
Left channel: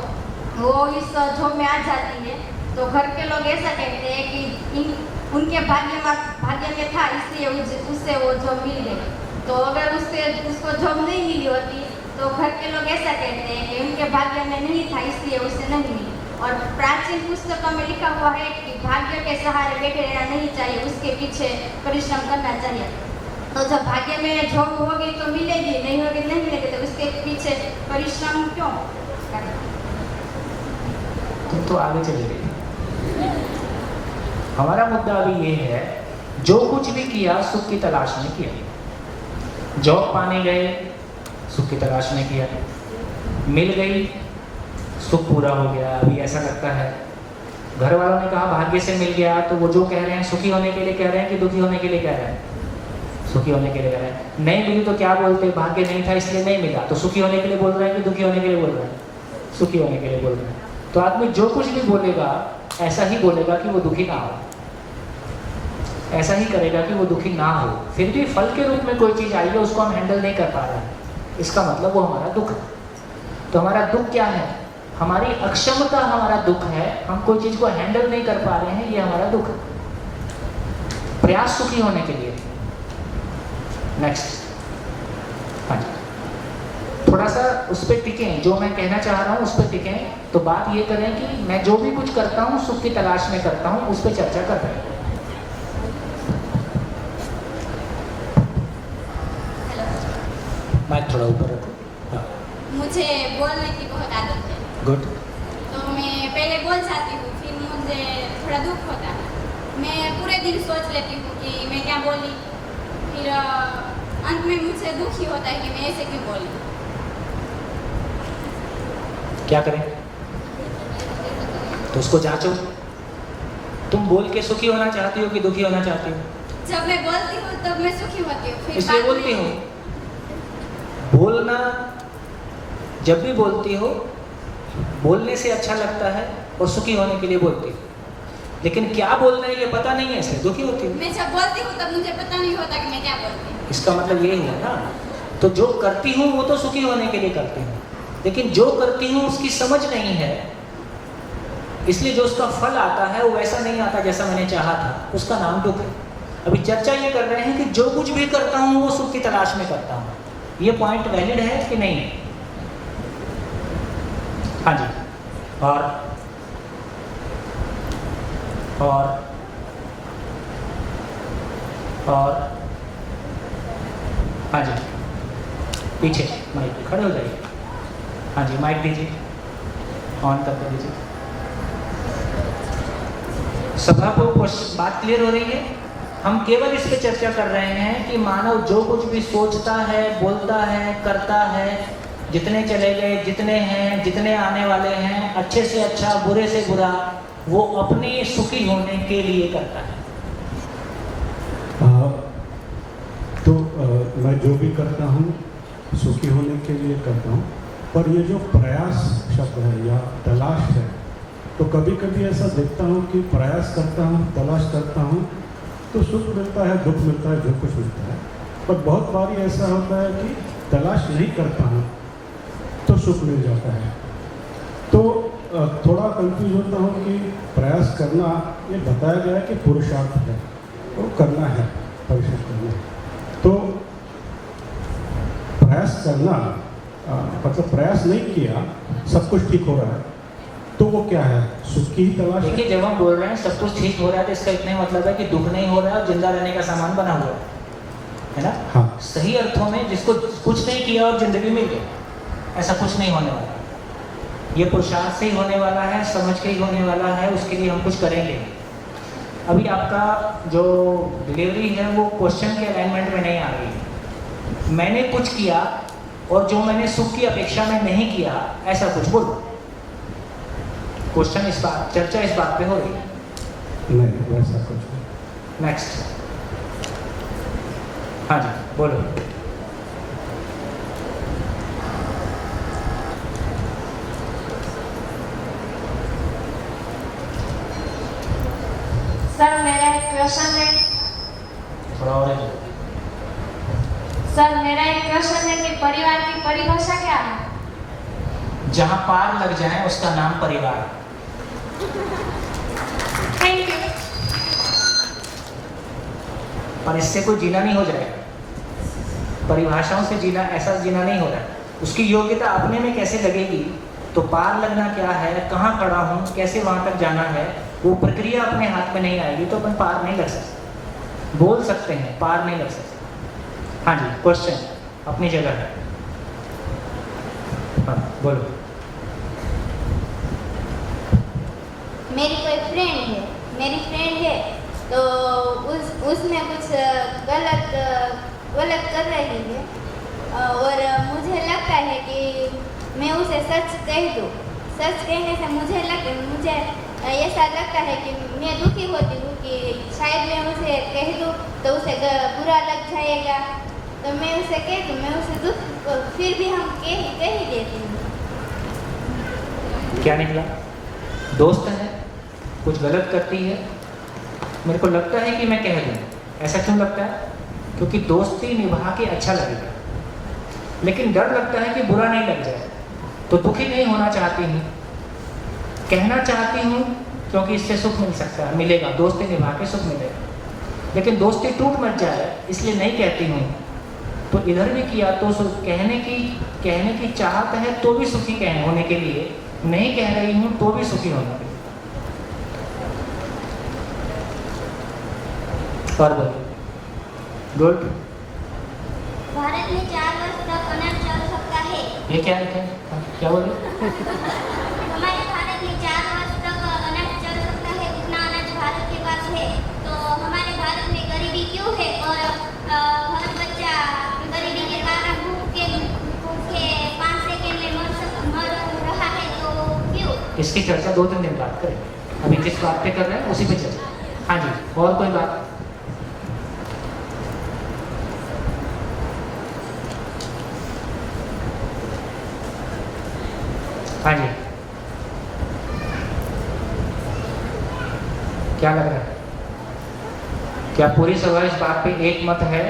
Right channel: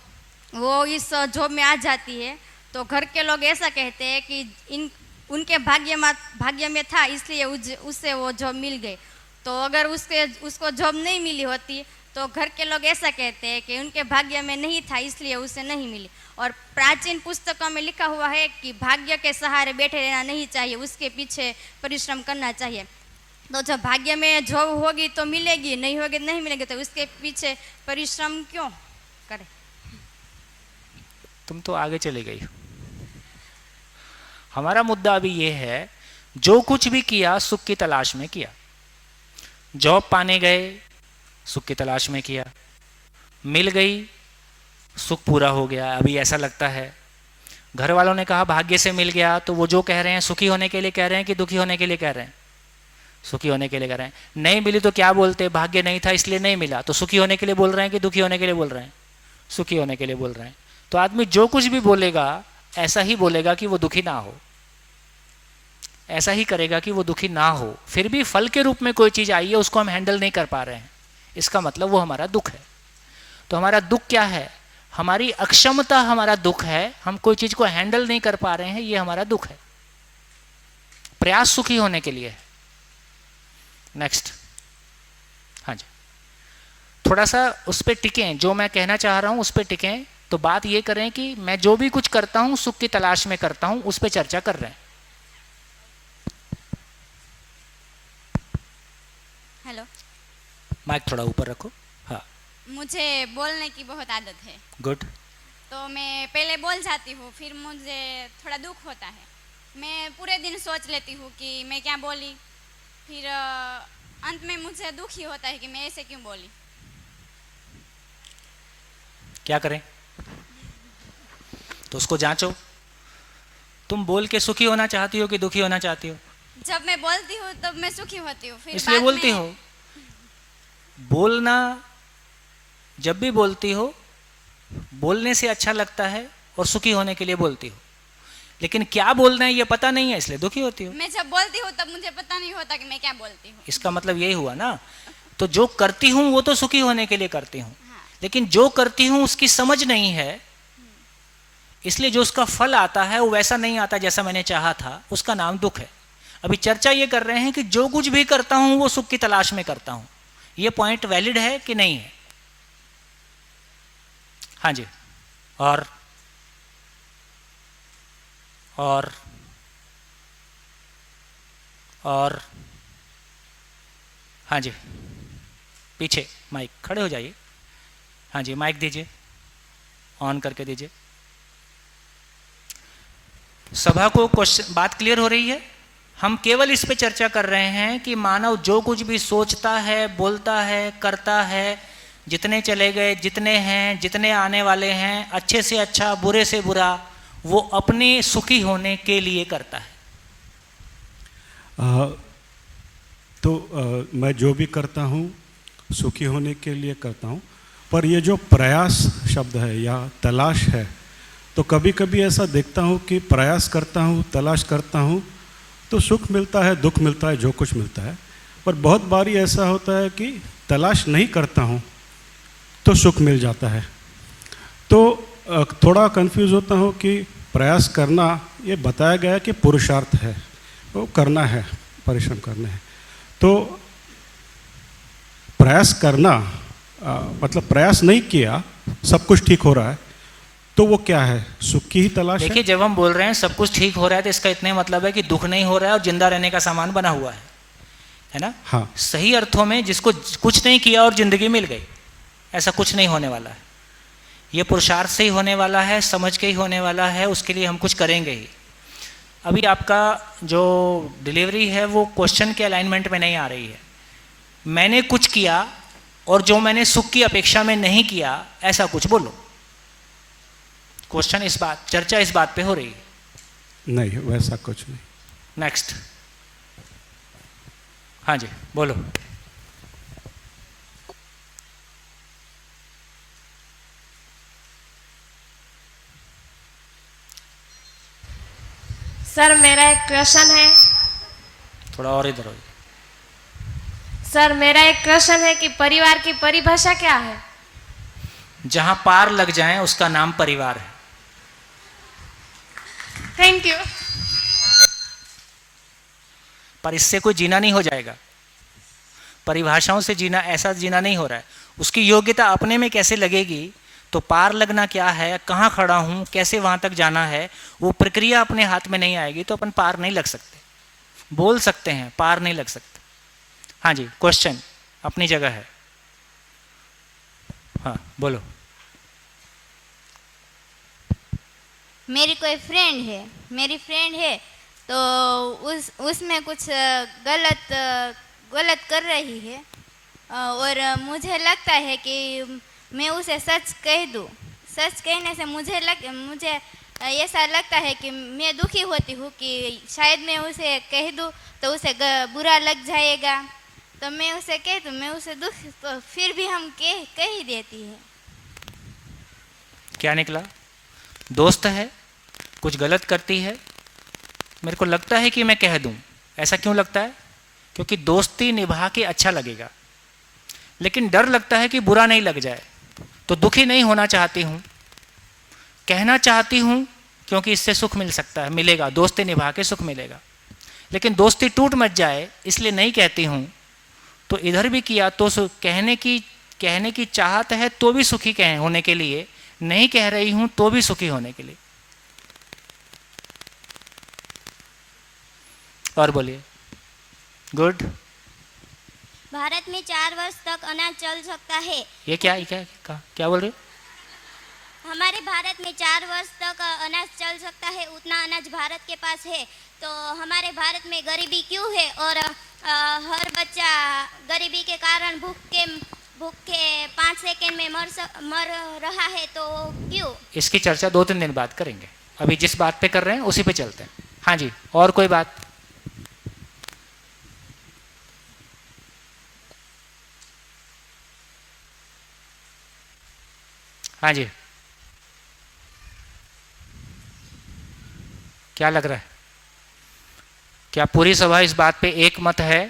वो इस जॉब में आ जाती है। तो घर के लोग ऐसा कहते हैं कि उनके भाग्य में था इसलिए उससे वो जॉब मिल गई। तो अगर उसको जॉब नहीं मिली होती तो घर के लोग ऐसा कहते हैं कि उनके भाग्य में नहीं था इसलिए उसे नहीं मिली। और प्राचीन पुस्तकों में लिखा हुआ है कि भाग्य के सहारे बैठे रहना नहीं चाहिए, उसके पीछे परिश्रम करना चाहिए। तो जब भाग्य में जॉब होगी तो मिलेगी, नहीं होगी नहीं मिलेगी, तो उसके पीछे परिश्रम क्यों करना? तुम तो आगे चले गए। हमारा मुद्दा अभी ये है, जो कुछ भी किया सुख की तलाश में किया। जॉब पाने गए, सुख की तलाश में किया, मिल गई, सुख पूरा हो गया, अभी ऐसा लगता है। घर वालों ने कहा भाग्य से मिल गया, तो वो जो कह रहे हैं सुखी होने के लिए कह रहे हैं कि दुखी होने के लिए कह रहे हैं? सुखी होने के लिए कह रहे हैं। नहीं मिली तो क्या बोलते हैं? भाग्य नहीं था इसलिए नहीं मिला। तो सुखी होने के लिए बोल रहे हैं कि दुखी होने के लिए बोल रहे हैं? सुखी होने के लिए बोल रहे हैं। तो आदमी जो कुछ भी बोलेगा ऐसा ही बोलेगा कि वो दुखी ना हो, ऐसा ही करेगा कि वो दुखी ना हो। फिर भी फल के रूप में कोई चीज़ आई है, उसको हम हैंडल नहीं कर पा रहे हैं, इसका मतलब वो हमारा दुख है। तो हमारा दुख क्या है? हमारी अक्षमता हमारा दुख है। हम कोई चीज़ को हैंडल नहीं कर पा रहे हैं, ये हमारा दुख है। प्रयास सुखी होने के लिए। नेक्स्ट। हाँ जी, थोड़ा सा उस पर टिकें, जो मैं कहना चाह रहा हूँ उस पर टिकें। तो बात ये करें कि मैं जो भी कुछ करता हूँ सुख की तलाश में करता हूँ, उस पर चर्चा कर रहे हैं। माइक थोड़ा ऊपर रखो। हाँ। मुझे बोलने की बहुत आदत है। गुड। तो मैं पहले बोल जाती हूँ, फिर मुझे थोड़ा दुख होता है। मैं पूरे दिन सोच लेती हूँ कि मैं क्या बोली, फिर अंत में मुझसे दुख ही होता है कि मैं ऐसे क्यों बोली। क्या करें? तो उसको जांचो। तुम बोल के सुखी होना चाहती हो कि दुखी होना चाहती हो? जब मैं बोलती हूँ तब मैं सुखी होती हूँ, फिर इसलिए बाद बोलती में- हूँ। बोलना, जब भी बोलती हो बोलने से अच्छा लगता है और सुखी होने के लिए बोलती हो, लेकिन क्या बोलना है ये पता नहीं है, इसलिए दुखी होती हो। मैं जब बोलती हूँ तब मुझे पता नहीं होता कि मैं क्या बोलती हूँ। इसका मतलब यही हुआ ना। तो जो करती हूँ वो तो सुखी होने के लिए करती हूँ, लेकिन जो करती हूँ उसकी समझ नहीं है, इसलिए जो उसका फल आता है वो वैसा नहीं आता जैसा मैंने चाहा था, उसका नाम दुख है। अभी चर्चा ये कर रहे हैं कि जो कुछ भी करता हूं वो सुख की तलाश में करता हूं। ये पॉइंट वैलिड है कि नहीं है? हाँ जी। और हाँ जी, पीछे माइक खड़े हो जाइए। हाँ जी, माइक दीजिए, ऑन करके दीजिए। सभा को क्वेश्चन, बात क्लियर हो रही है? हम केवल इस पे चर्चा कर रहे हैं कि मानव जो कुछ भी सोचता है, बोलता है, करता है, जितने चले गए, जितने हैं, जितने आने वाले हैं, अच्छे से अच्छा, बुरे से बुरा, वो अपने सुखी होने के लिए करता है। मैं जो भी करता हूँ सुखी होने के लिए करता हूँ, पर ये जो प्रयास शब्द है या तलाश है, तो कभी कभी ऐसा देखता हूँ कि प्रयास करता हूँ, तलाश करता हूँ तो सुख मिलता है, दुख मिलता है, जो कुछ मिलता है। पर बहुत बार ऐसा होता है कि तलाश नहीं करता हूँ तो सुख मिल जाता है। तो थोड़ा कंफ्यूज होता हूँ कि प्रयास करना, ये बताया गया है कि पुरुषार्थ है, वो करना है, परिश्रम करना है। तो प्रयास करना मतलब प्रयास नहीं किया, सब कुछ ठीक हो रहा है, तो वो क्या है? सुख की ही तलाश है? देखिए, जब हम बोल रहे हैं सब कुछ ठीक हो रहा है तो इसका इतने मतलब है कि दुख नहीं हो रहा है और जिंदा रहने का सामान बना हुआ है ना? हाँ। सही अर्थों में जिसको कुछ नहीं किया और जिंदगी मिल गई, ऐसा कुछ नहीं होने वाला है। ये पुरुषार्थ से ही होने वाला है, समझ के ही होने वाला है, उसके लिए हम कुछ करेंगे। अभी आपका जो डिलीवरी है वो क्वेश्चन के अलाइनमेंट में नहीं आ रही है। मैंने कुछ किया और जो मैंने सुख की अपेक्षा में नहीं किया, ऐसा कुछ बोलो। क्वेश्चन इस बात, चर्चा इस बात पे हो रही है। नहीं, वैसा कुछ नहीं। नेक्स्ट। हाँ जी, बोलो। सर, मेरा एक क्वेश्चन है। थोड़ा और इधर। सर, मेरा एक क्वेश्चन है कि परिवार की परिभाषा क्या है? जहां पार लग जाए उसका नाम परिवार है। Thank you. पर इससे कोई जीना नहीं हो जाएगा, परिभाषाओं से जीना, ऐसा जीना नहीं हो रहा है। उसकी योग्यता अपने में कैसे लगेगी, तो पार लगना क्या है, कहाँ खड़ा हूँ, कैसे वहाँ तक जाना है, वो प्रक्रिया अपने हाथ में नहीं आएगी तो अपन पार नहीं लग सकते। बोल सकते हैं, पार नहीं लग सकते। हाँ जी, क्वेश्चन अपनी जगह है। हाँ, बोलो। मेरी कोई मेरी फ्रेंड है तो उसमें कुछ गलत कर रही है और मुझे लगता है कि मैं उसे सच कह दूँ। सच कहने से मुझे ऐसा लगता है कि मैं दुखी होती हूँ कि शायद मैं उसे कह दूँ तो उसे बुरा लग जाएगा, तो मैं उसे कह दूँ, मैं उसे दुख, तो फिर भी हम कह ही देती हूँ। क्या निकला? दोस्त है, कुछ गलत करती है, मेरे को लगता है कि मैं कह दूँ। ऐसा क्यों लगता है? क्योंकि दोस्ती निभा के अच्छा लगेगा, लेकिन डर लगता है कि बुरा नहीं लग जाए, तो दुखी नहीं होना चाहती हूँ, कहना चाहती हूँ क्योंकि इससे सुख मिल सकता है, मिलेगा, दोस्ती निभा के सुख मिलेगा। लेकिन दोस्ती टूट मत जाए इसलिए नहीं कहती हूँ। तो इधर भी किया तो कहने की चाहत है तो भी सुखी होने के लिए, नहीं कह रही हूँ तो भी सुखी होने के लिए। और बोलिए। गुड। भारत में 4 वर्ष तक अनाज चल सकता है। ये क्या बोल रही? हमारे भारत में 4 वर्ष तक अनाज चल सकता है, उतना अनाज भारत के पास है। तो हमारे भारत में गरीबी क्यों है और हर बच्चा गरीबी के कारण भूख के 5 सेकंड में मर रहा है, तो क्यों? इसकी चर्चा 2-3 दिन बाद करेंगे। अभी जिस बात पे कर रहे हैं उसी पे चलते हैं। हाँ जी, और कोई बात? हाँ जी, क्या लग रहा है? क्या पूरी सभा इस बात पे एक मत है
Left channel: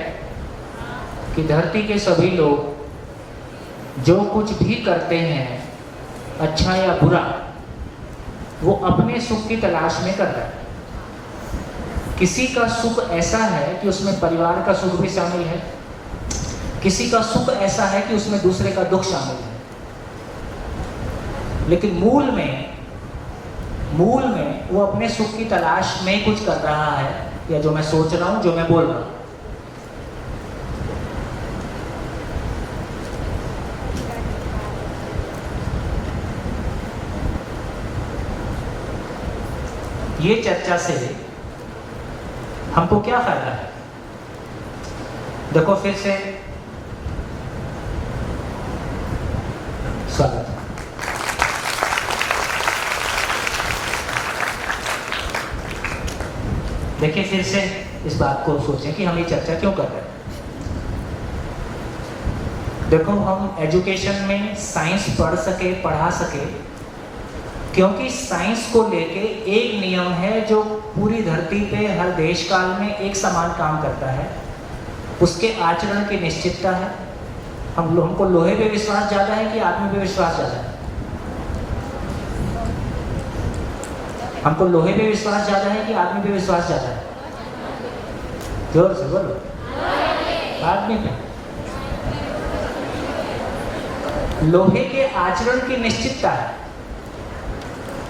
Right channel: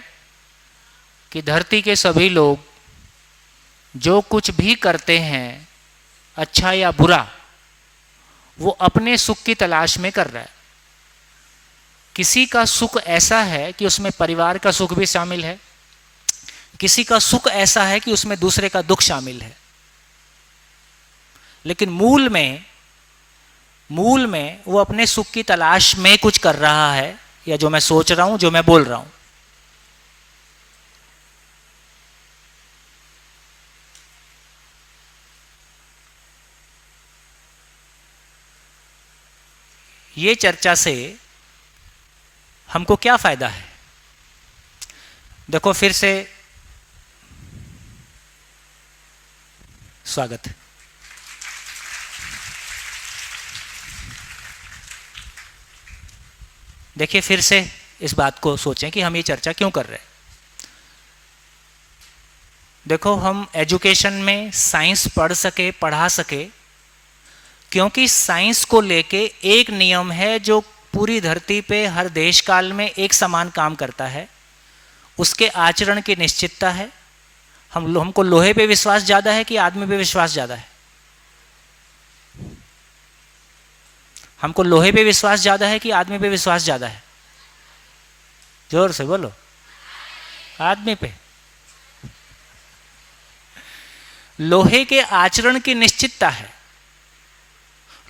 कि धरती के सभी लोग जो कुछ भी करते हैं, अच्छा या बुरा, वो अपने सुख की तलाश में कर रहे हैं? किसी का सुख ऐसा है कि उसमें परिवार का सुख भी शामिल है, किसी का सुख ऐसा है कि उसमें दूसरे का दुख शामिल है, लेकिन मूल में वो अपने सुख की तलाश में कुछ कर रहा है, या जो मैं सोच रहा हूं, जो मैं बोल रहा हूं। ये चर्चा से हमको क्या फायदा है? देखो, फिर से स्वागत है। देखिए, फिर से इस बात को सोचें कि हम ये चर्चा क्यों कर रहे हैं। देखो, हम एजुकेशन में साइंस पढ़ा सके क्योंकि साइंस को लेके एक नियम है जो पूरी धरती पे हर देश काल में एक समान काम करता है, उसके आचरण की निश्चितता है। हमको लोहे पे विश्वास ज़्यादा है कि आदमी पे विश्वास ज़्यादा है? हमको लोहे पे विश्वास ज़्यादा है कि आदमी पे विश्वास ज़्यादा है? जोर से बोलो। आदमी पे। लोहे के आचरण की निश्चितता है।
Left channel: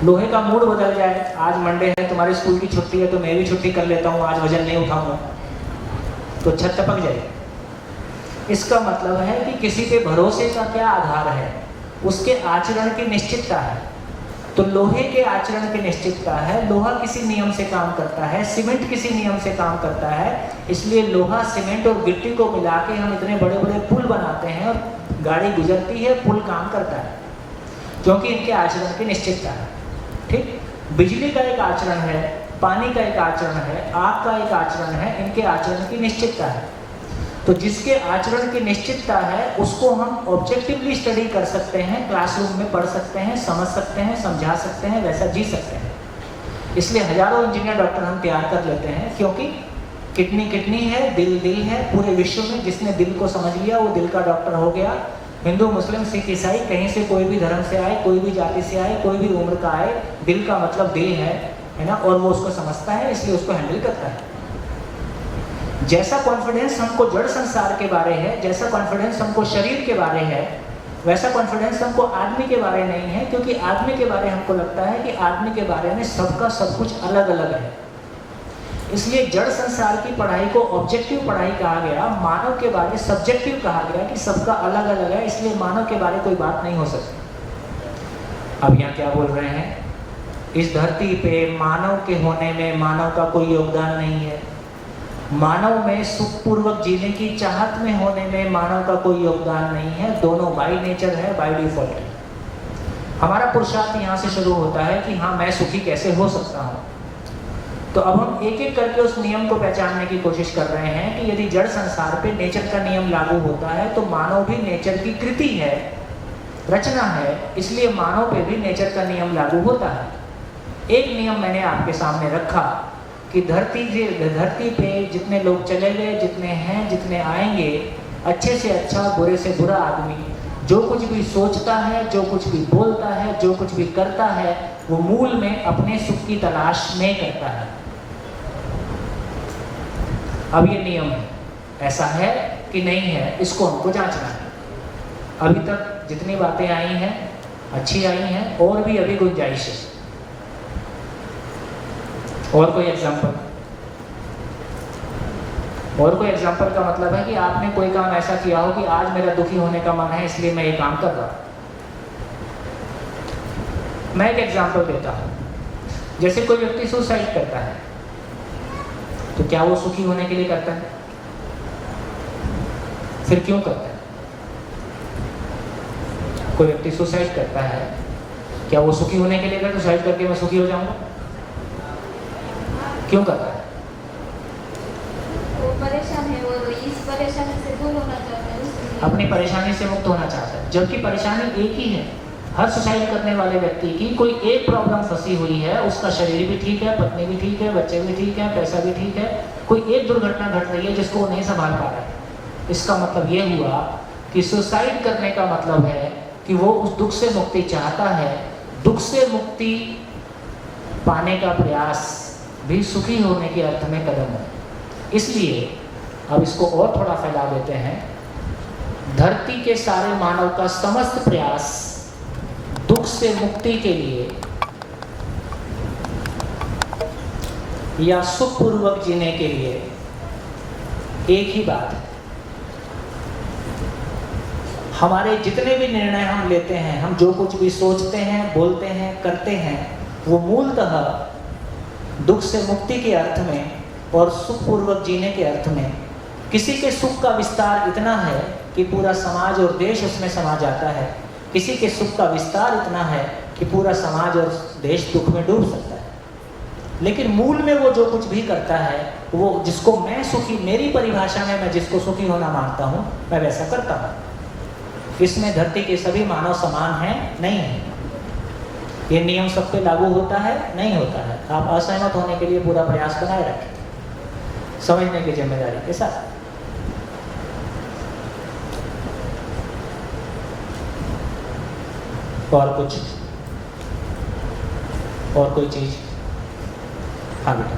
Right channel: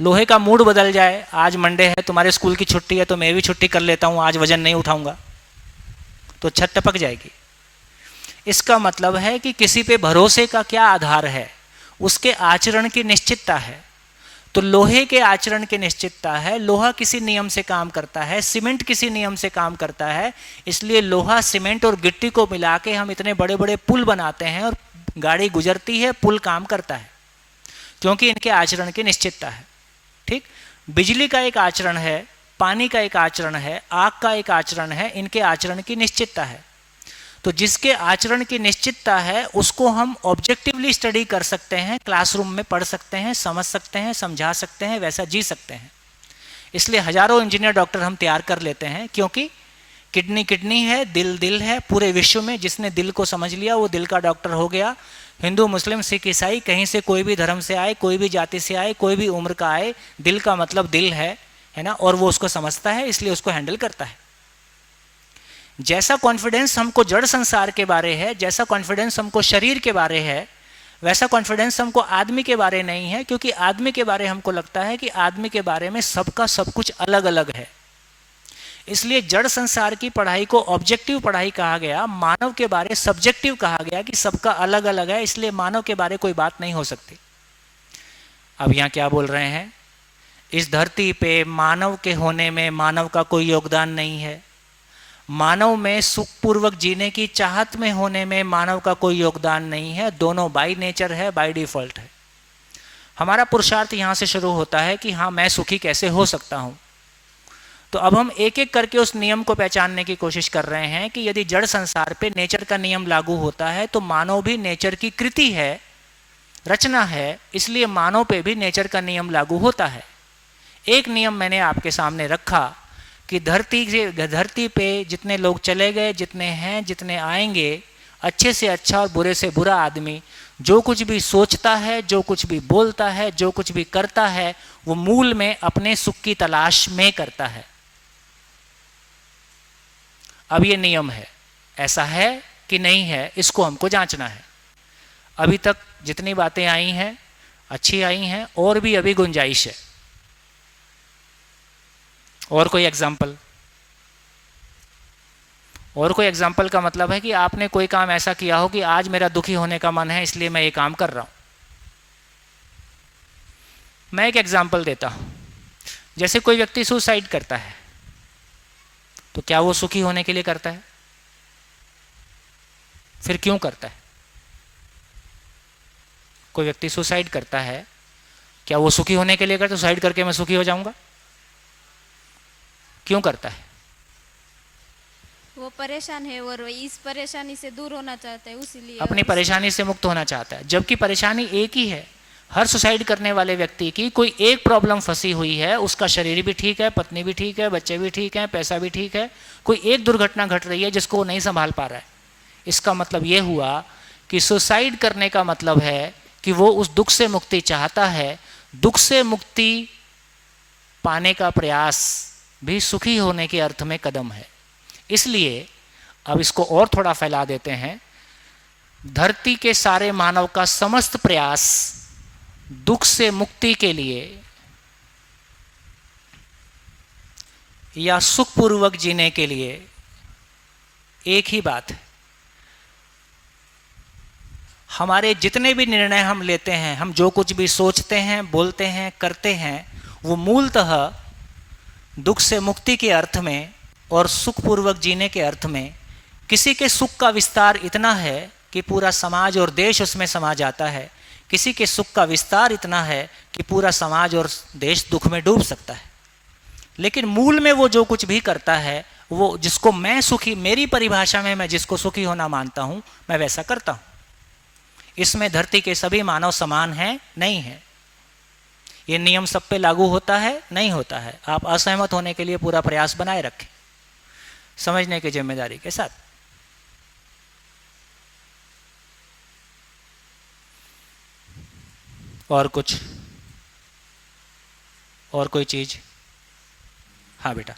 लोहे का मूड बदल जाए, आज मंडे है, तुम्हारे स्कूल की छुट्टी है तो मैं भी छुट्टी कर लेता हूँ, आज वजन नहीं उठाऊंगा, तो छत टपक जाएगी। इसका मतलब है कि किसी पे भरोसे का क्या आधार है? उसके आचरण की निश्चितता है। तो लोहे के आचरण की निश्चितता है। लोहा किसी नियम से काम करता है, सीमेंट किसी नियम से काम करता है, इसलिए लोहा, सीमेंट और गिट्टी को मिला के हम इतने बड़े बड़े पुल बनाते हैं और गाड़ी गुजरती है, पुल काम करता है, क्योंकि इनके आचरण की निश्चितता है। ठीक, बिजली का एक आचरण है, पानी का एक आचरण है, आग का एक आचरण है, इनके आचरण की निश्चितता है। तो जिसके आचरण की निश्चितता है उसको हम ऑब्जेक्टिवली स्टडी कर सकते हैं, क्लासरूम में पढ़ सकते हैं, समझ सकते हैं, समझा सकते हैं, वैसा जी सकते हैं। इसलिए हजारों इंजीनियर, डॉक्टर हम तैयार कर लेते हैं, क्योंकि किडनी है, दिल है। पूरे विश्व में जिसने दिल को समझ लिया वो दिल का डॉक्टर हो गया। हिंदू, मुस्लिम, सिख, ईसाई, कहीं से कोई भी धर्म से आए, कोई भी जाति से आए, कोई भी उम्र का आए, दिल का मतलब दिल है ना, और वो उसको समझता है, इसलिए उसको हैंडल करता है। जैसा कॉन्फिडेंस हमको जड़ संसार के बारे है, जैसा कॉन्फिडेंस हमको शरीर के बारे है, वैसा कॉन्फिडेंस हमको आदमी के बारे नहीं है, क्योंकि आदमी के बारे हमको लगता है कि आदमी के बारे में सबका सब कुछ अलग अलग है। इसलिए जड़ संसार की पढ़ाई को ऑब्जेक्टिव पढ़ाई कहा गया, मानव के बारे सब्जेक्टिव कहा गया कि सबका अलग अलग है, इसलिए मानव के बारे कोई बात नहीं हो सकती। अब यहाँ क्या बोल रहे हैं? इस धरती पे मानव के होने में मानव का कोई योगदान नहीं है, मानव में सुखपूर्वक जीने की चाहत में होने में मानव का कोई योगदान नहीं है। दोनों बाय नेचर है, बाय डिफॉल्ट है। हमारा पुरुषार्थ यहाँ से शुरू होता है कि हाँ, मैं सुखी कैसे हो सकता हूँ। तो अब हम एक एक करके उस नियम को पहचानने की कोशिश कर रहे हैं कि यदि जड़ संसार पे नेचर का नियम लागू होता है तो मानव भी नेचर की कृति है, रचना है, इसलिए मानव पे भी नेचर का नियम लागू होता है। एक नियम मैंने आपके सामने रखा कि धरती पे जितने लोग चले गए, जितने हैं, जितने आएंगे, अच्छे से अच्छा और बुरे से बुरा आदमी जो कुछ भी सोचता है, जो कुछ भी बोलता है, जो कुछ भी करता है, वो मूल में अपने सुख की तलाश में करता है। अब ये नियम है, ऐसा है कि नहीं है, इसको हमको जांचना है। अभी तक जितनी बातें आई हैं अच्छी आई हैं, और भी अभी गुंजाइश है। और कोई एग्जाम्पल? और कोई एग्जाम्पल का मतलब है कि आपने कोई काम ऐसा किया हो कि आज मेरा दुखी होने का मन है, इसलिए मैं ये काम कर रहा हूँ। मैं एक एग्जाम्पल देता हूँ। जैसे कोई व्यक्ति सुसाइड करता है, तो क्या वो सुखी होने के लिए करता है? फिर क्यों करता है? कोई व्यक्ति सुसाइड करता है, क्या वो सुखी होने के लिए करता है? सुसाइड करके मैं सुखी हो जाऊंगा? क्यों करता है? वो परेशान है और इस परेशानी से दूर होना चाहता है, उसलिए अपनी परेशानी से मुक्त होना चाहता है। जबकि परेशानी एक ही है। हर सुसाइड करने वाले व्यक्ति की कोई एक प्रॉब्लम फंसी हुई है। उसका शरीर भी ठीक है, पत्नी भी ठीक है, बच्चे भी ठीक हैं, पैसा भी ठीक है, कोई एक दुर्घटना घट रही है जिसको वो नहीं संभाल पा रहा है। इसका मतलब ये हुआ कि सुसाइड करने का मतलब है कि वो उस दुख से मुक्ति चाहता है। दुख से मुक्ति पाने का प्रयास भी सुखी होने के अर्थ में कदम है। इसलिए अब इसको और थोड़ा फैला देते हैं। धरती के सारे मानव का समस्त प्रयास दुख से मुक्ति के लिए या सुखपूर्वक जीने के लिए एक ही बात है। हमारे जितने भी निर्णय हम लेते हैं, हम जो कुछ भी सोचते हैं, बोलते हैं, करते हैं, वो मूलतः दुख से मुक्ति के अर्थ में और सुखपूर्वक जीने के अर्थ में। किसी के सुख का विस्तार इतना है कि पूरा समाज और देश उसमें समा जाता है, किसी के सुख का विस्तार इतना है कि पूरा समाज और देश दुख में डूब सकता है। लेकिन मूल में वो जो कुछ भी करता है, वो जिसको मैं सुखी, मेरी परिभाषा में मैं जिसको सुखी होना मानता हूँ, मैं वैसा करता हूँ। इसमें धरती के सभी मानव समान हैं? नहीं है। ये नियम सब पे लागू होता है? नहीं होता है। आप असहमत होने के लिए पूरा प्रयास बनाए रखें, समझने की जिम्मेदारी के साथ। और कुछ, और कोई चीज? हाँ बेटा।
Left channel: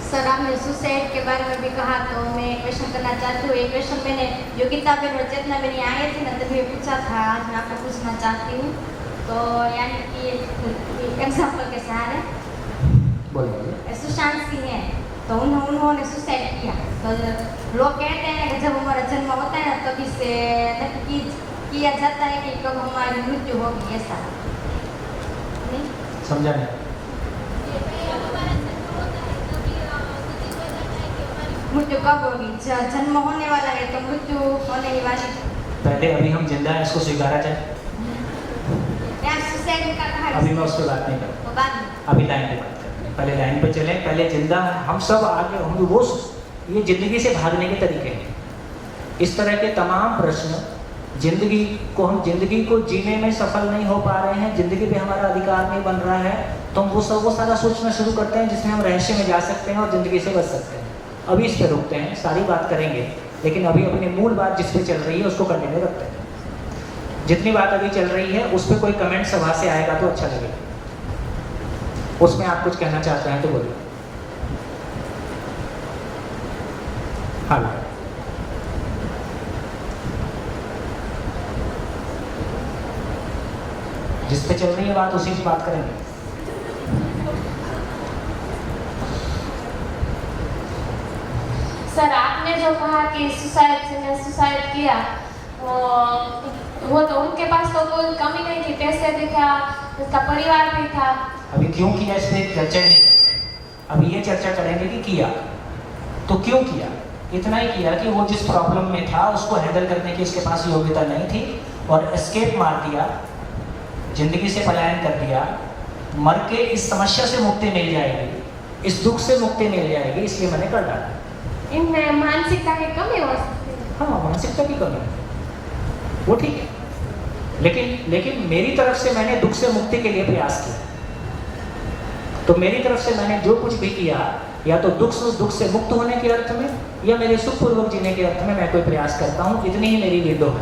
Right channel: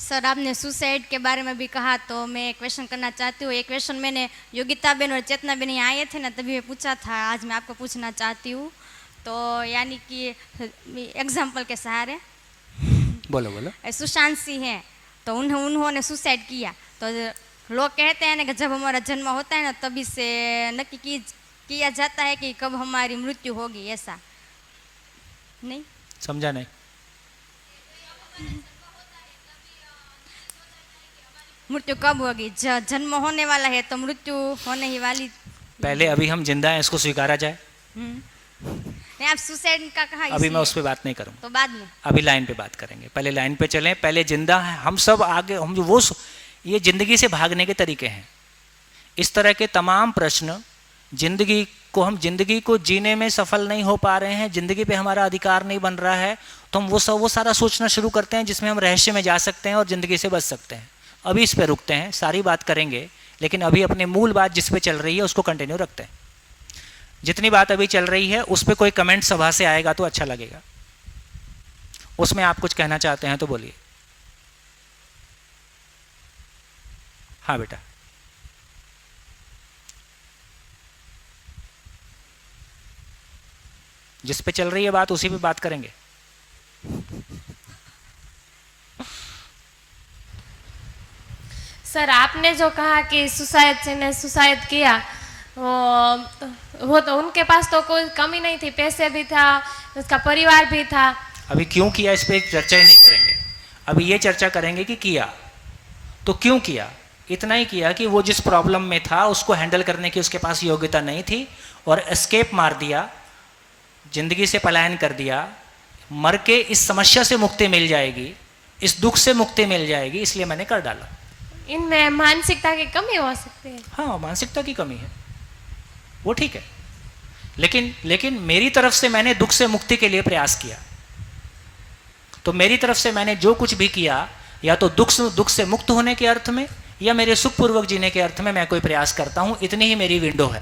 सर, आपने सुसाइड के बारे में भी कहा, तो मैं एक क्वेश्चन करना चाहती हूँ। एक क्वेश्चन मैंने योगिता बहन और चेतना बहन यहाँ आए थे ना, तभी मैं पूछा था, आज मैं आपको पूछना चाहती हूँ। तो यानी कि एग्जाम्पल के सहारे बोलो। सुशांत सिंह है, तो उन्होंने सुसाइड किया। तो लोग कहते हैं ना कि जब हमारा जन्म होता है ना, तभी से नक्की किया जाता है कि कब हमारी मृत्यु होगी, ऐसा नहीं? समझा नहीं? मृत्यु कब होगी? जन्म होने वाला है तो मृत्यु होने ही वाली। पहले अभी हम जिंदा हैं, इसको स्वीकारा जाए। आप सुसाइड का कहा, अभी मैं उस पर बात नहीं करूँ, तो बाद में अभी लाइन पे बात करेंगे। पहले लाइन पे चलें, पहले जिंदा हैं हम सब, आगे हम जो वो ये जिंदगी से भागने के तरीके हैं। इस तरह के तमाम प्रश्न, हम जिंदगी को जीने में सफल नहीं हो पा रहे हैं, जिंदगी पे हमारा अधिकार नहीं बन रहा है, तो हम वो सारा सोचना शुरू करते हैं जिसमें हम रहस्य में जा सकते हैं और ज़िंदगी से बच सकते हैं। अभी इस पे रुकते हैं, सारी बात करेंगे, लेकिन अभी अपनी मूल बात जिस पे चल रही है उसको कंटिन्यू रखते हैं। जितनी बात अभी चल रही है उस पर कोई कमेंट सभा से आएगा तो अच्छा लगेगा, उसमें आप कुछ कहना चाहते हैं तो बोलिए। हाँ बेटा। जिस पे चल रही है बात उसी पे बात करेंगे। सर, आपने जो कहा कि सुसाइड किया, वो तो उनके पास तो कोई कमी नहीं थी, पैसे भी था, उसका परिवार भी था। अभी क्यों किया इस पे चर्चा ही नहीं करेंगे, अभी ये चर्चा करेंगे कि किया तो क्यों किया। इतना ही किया कि वो जिस प्रॉब्लम में था उसको हैंडल करने की उसके पास योग्यता नहीं थी और एस्केप मार दिया, जिंदगी से पलायन कर दिया। मर के इस समस्या से मुक्ति मिल जाएगी, इस दुख से मुक्ति मिल जाएगी, इसलिए मैंने कर डाला। इनमें मानसिकता की कमी हो सकती है। हाँ, मानसिकता की कमी है, वो ठीक है, लेकिन मेरी तरफ से मैंने दुख से मुक्ति के लिए प्रयास किया। तो मेरी तरफ से मैंने जो कुछ भी किया, या तो दुख से मुक्त होने के अर्थ में या मेरे सुखपूर्वक जीने के अर्थ में मैं कोई प्रयास करता हूँ। इतनी ही मेरी विंडो है।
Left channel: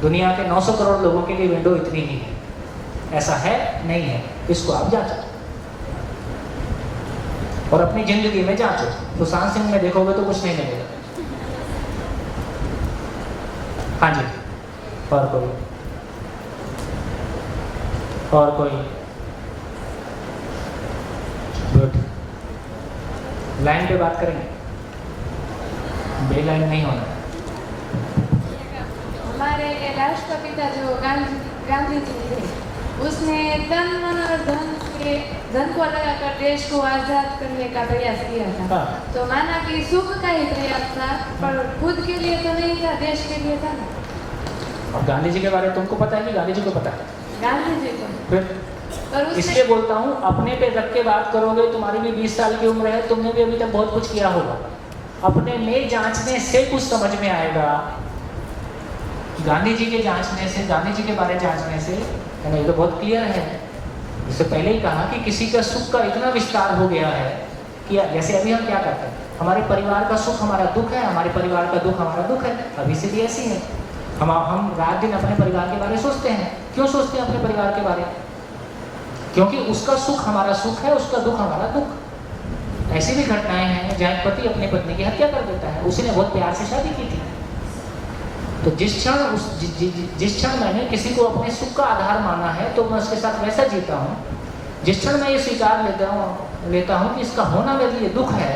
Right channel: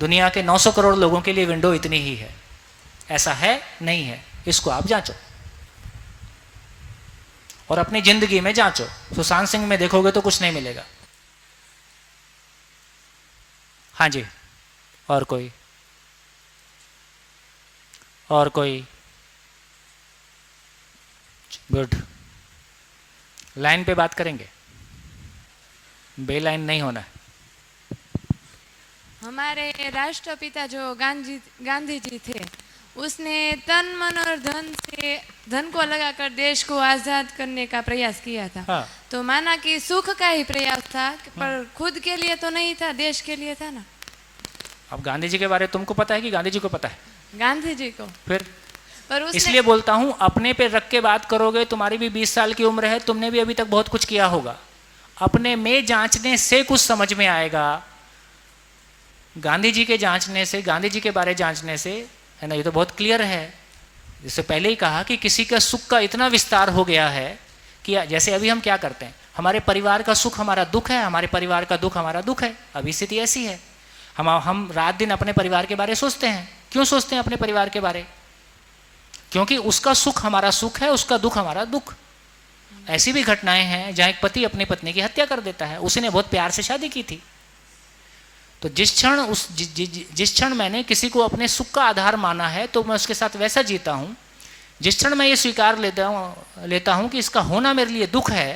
दुनिया के 900 करोड़ लोगों के लिए विंडो इतनी ही है। ऐसा है नहीं है, इसको आप जांचो और अपनी जिंदगी में जांचो। सुशांत सिंह में देखोगे तो कुछ नहीं मिलेगा। हाँ जी, और कोई गुड। लाइन पे बात करेंगे, बेलाइन नहीं होना। हमारे राष्ट्रपिता जो गांधी जी थे, उसने तन मन और धन को लगाकर देश को आजाद करने का प्रयास किया था। हाँ। तो माना कि सुख का ही प्रयास था, पर खुद के लिए तो नहीं था, देश के लिए था ना। और गांधी जी के बारे में तुमको पता है कि गांधी जी को पता है? गांधी जी को फिर पर उससे इसलिए बोलता हूँ, अपने पे रख के बात करोगे। तुम्हारी भी 20 साल की उम्र है, तुमने भी अभी तक बहुत कुछ किया होगा। अपने में जांचने से कुछ समझ में आएगा। गांधी जी के जांचने से, गांधी जी के बारे जांचने से, ये तो बहुत क्लियर है। इससे पहले ही कहा कि किसी का सुख का इतना विस्तार हो गया है कि जैसे अभी हम क्या करते हैं, हमारे परिवार का सुख हमारा दुख है, हमारे परिवार का दुख हमारा दुख है। अभी स्थिति ऐसी है, हम रात दिन अपने परिवार के बारे में सोचते हैं। क्यों सोचते हैं अपने परिवार के बारे? क्योंकि उसका सुख हमारा सुख है, उसका दुख हमारा दुख। ऐसी भी घटनाएं हैं जहाँ एक पति अपनी पत्नी की हत्या कर देता है, उसने बहुत प्यार से शादी की थी। तो जिस क्षण मैंने किसी को अपने सुख का आधार माना है तो मैं उसके साथ वैसा जीता हूँ। जिस क्षण मैं ये स्वीकार लेता हूँ कि इसका होना मेरे लिए दुख है,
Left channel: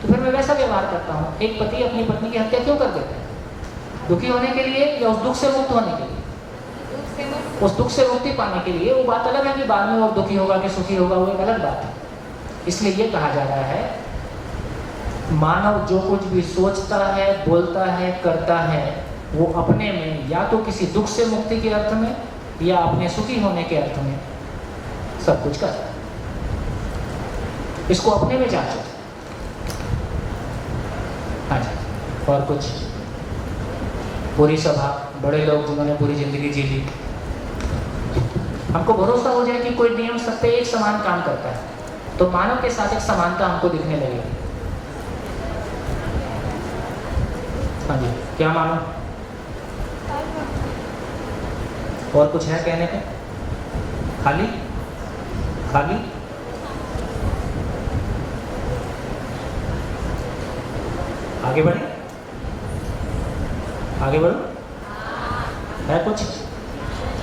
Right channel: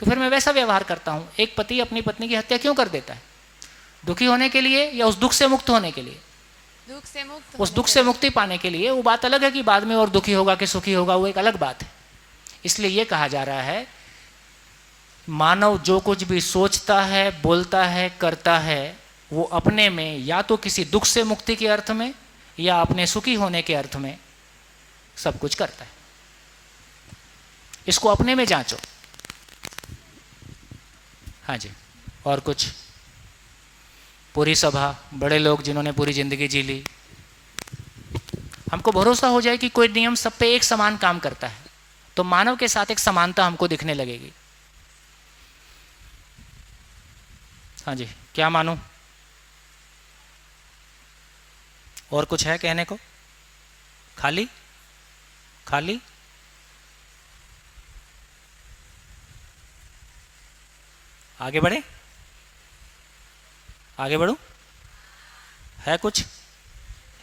तो फिर मैं वैसा व्यवहार करता हूँ। एक पति अपनी पत्नी की हत्या क्यों कर देता है? दुखी होने के लिए या उस दुख से मुक्त होने के लिए? उस दुख से मुक्ति पाने के लिए। वो बात अलग है कि बाद में और दुखी होगा कि सुखी होगा, वो एक अलग बात है। इसलिए ये कहा जा रहा है, मानव जो कुछ भी सोचता है, बोलता है, करता है, वो अपने में या तो किसी दुख से मुक्ति के अर्थ में या अपने सुखी होने के अर्थ में सब कुछ करता है। इसको अपने में जांचो। अच्छा, और कुछ? पूरी सभा, बड़े लोग जिन्होंने पूरी जिंदगी जी ली, हमको भरोसा हो जाए कि कोई नियम सब पे एक समान काम करता है, तो मानव के साथ एक समानता हमको दिखने लगेगी। हाँ जी, क्या मानो? और कुछ है कहने को? खाली खाली? आगे बढ़े? आगे बढ़ो? है कुछ?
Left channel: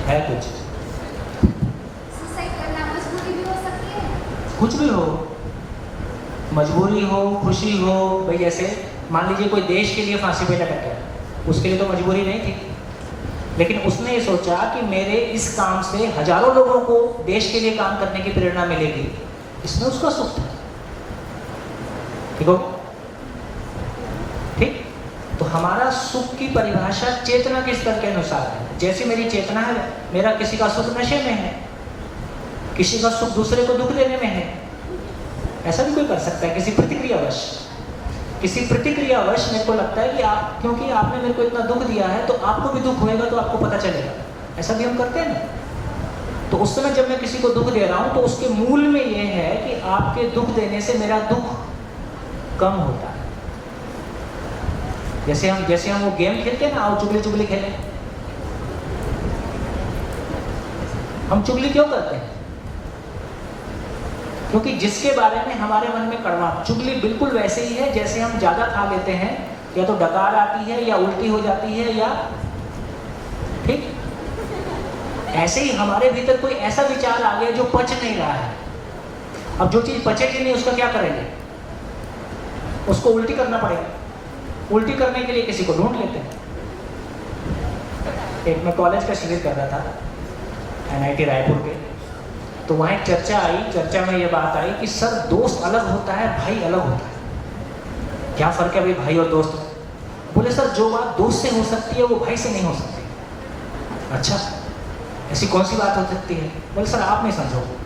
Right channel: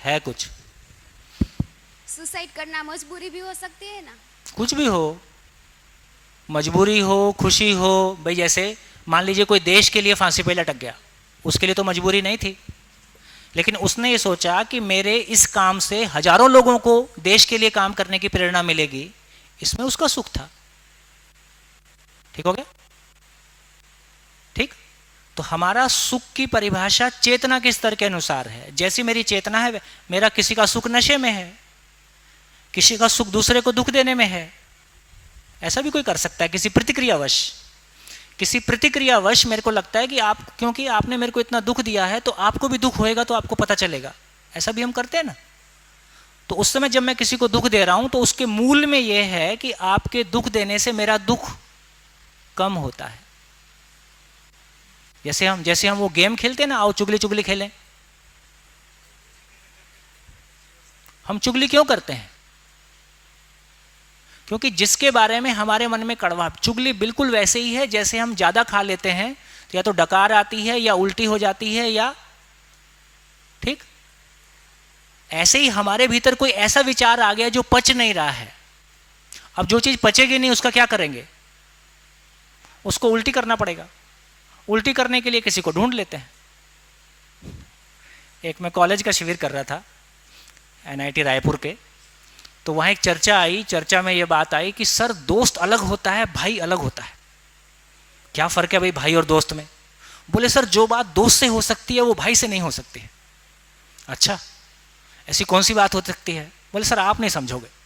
है कुछ? सुसाइड करना मजबूरी भी हो सकती है? कुछ भी हो, मजबूरी हो, खुशी हो। भाई जैसे मान लीजिए कोई देश के लिए फांसी पे लटक गया, उसके लिए तो मजबूरी नहीं थी, लेकिन उसने ये सोचा कि मेरे इस काम से हजारों लोगों को देश के लिए काम करने की प्रेरणा मिलेगी, इसमें उसका सुख था। ठीक हो गया? ठीक। तो हमारा सुख की परिभाषा चेतना के स्तर के अनुसार है। जैसी मेरी चेतना है, मेरा किसी का सुख नशे में है, किसी का सुख दूसरे को दुख देने में है। ऐसा भी कोई कर सकता है, किसी प्रतिक्रियावश मेरे को लगता है कि आप, क्योंकि आपने मेरे को इतना दुख दिया है तो आपको भी दुख होएगा, तो आपको पता चलेगा। ऐसा भी हम करते हैं ना। तो उस समय जब मैं किसी को दुख दे रहा हूं तो उसके मूल में ये है कि आपके दुख देने से मेरा दुख कम होता है। जैसे हम वो गेम खेलते हैं ना, आओ चुगली चुगली खेलें। हम चुगली क्यों करते हैं? क्योंकि जिसके बारे में हमारे मन में कड़वाहट। चुगली बिल्कुल वैसे ही है जैसे हम ज़्यादा खा लेते हैं, या तो डकार आती है या उल्टी हो जाती है, या ठीक ऐसे ही हमारे भीतर कोई ऐसा विचार आ गया जो पच नहीं रहा है। अब जो चीज़ पचेगी नहीं उसका क्या करेंगे? उसको उल्टी करना पड़ेगा। उल्टी करने के लिए किसी को ढूंढ लेते हैं। एक मैं कॉलेज का शिविर कर रहा था NIT रायपुर के, तो वहाँ एक चर्चा आई। चर्चा में ये बात आई कि सर दोस्त अलग होता है, भाई अलग होता है। क्या फ़र्क है भाई भाई और दोस्त में? बोले सर जो बात दोस्त से हो सकती है वो भाई से नहीं हो सकती। अच्छा, ऐसी कौन सी बात हो सकती है? बोले सर आप नहीं समझोगे।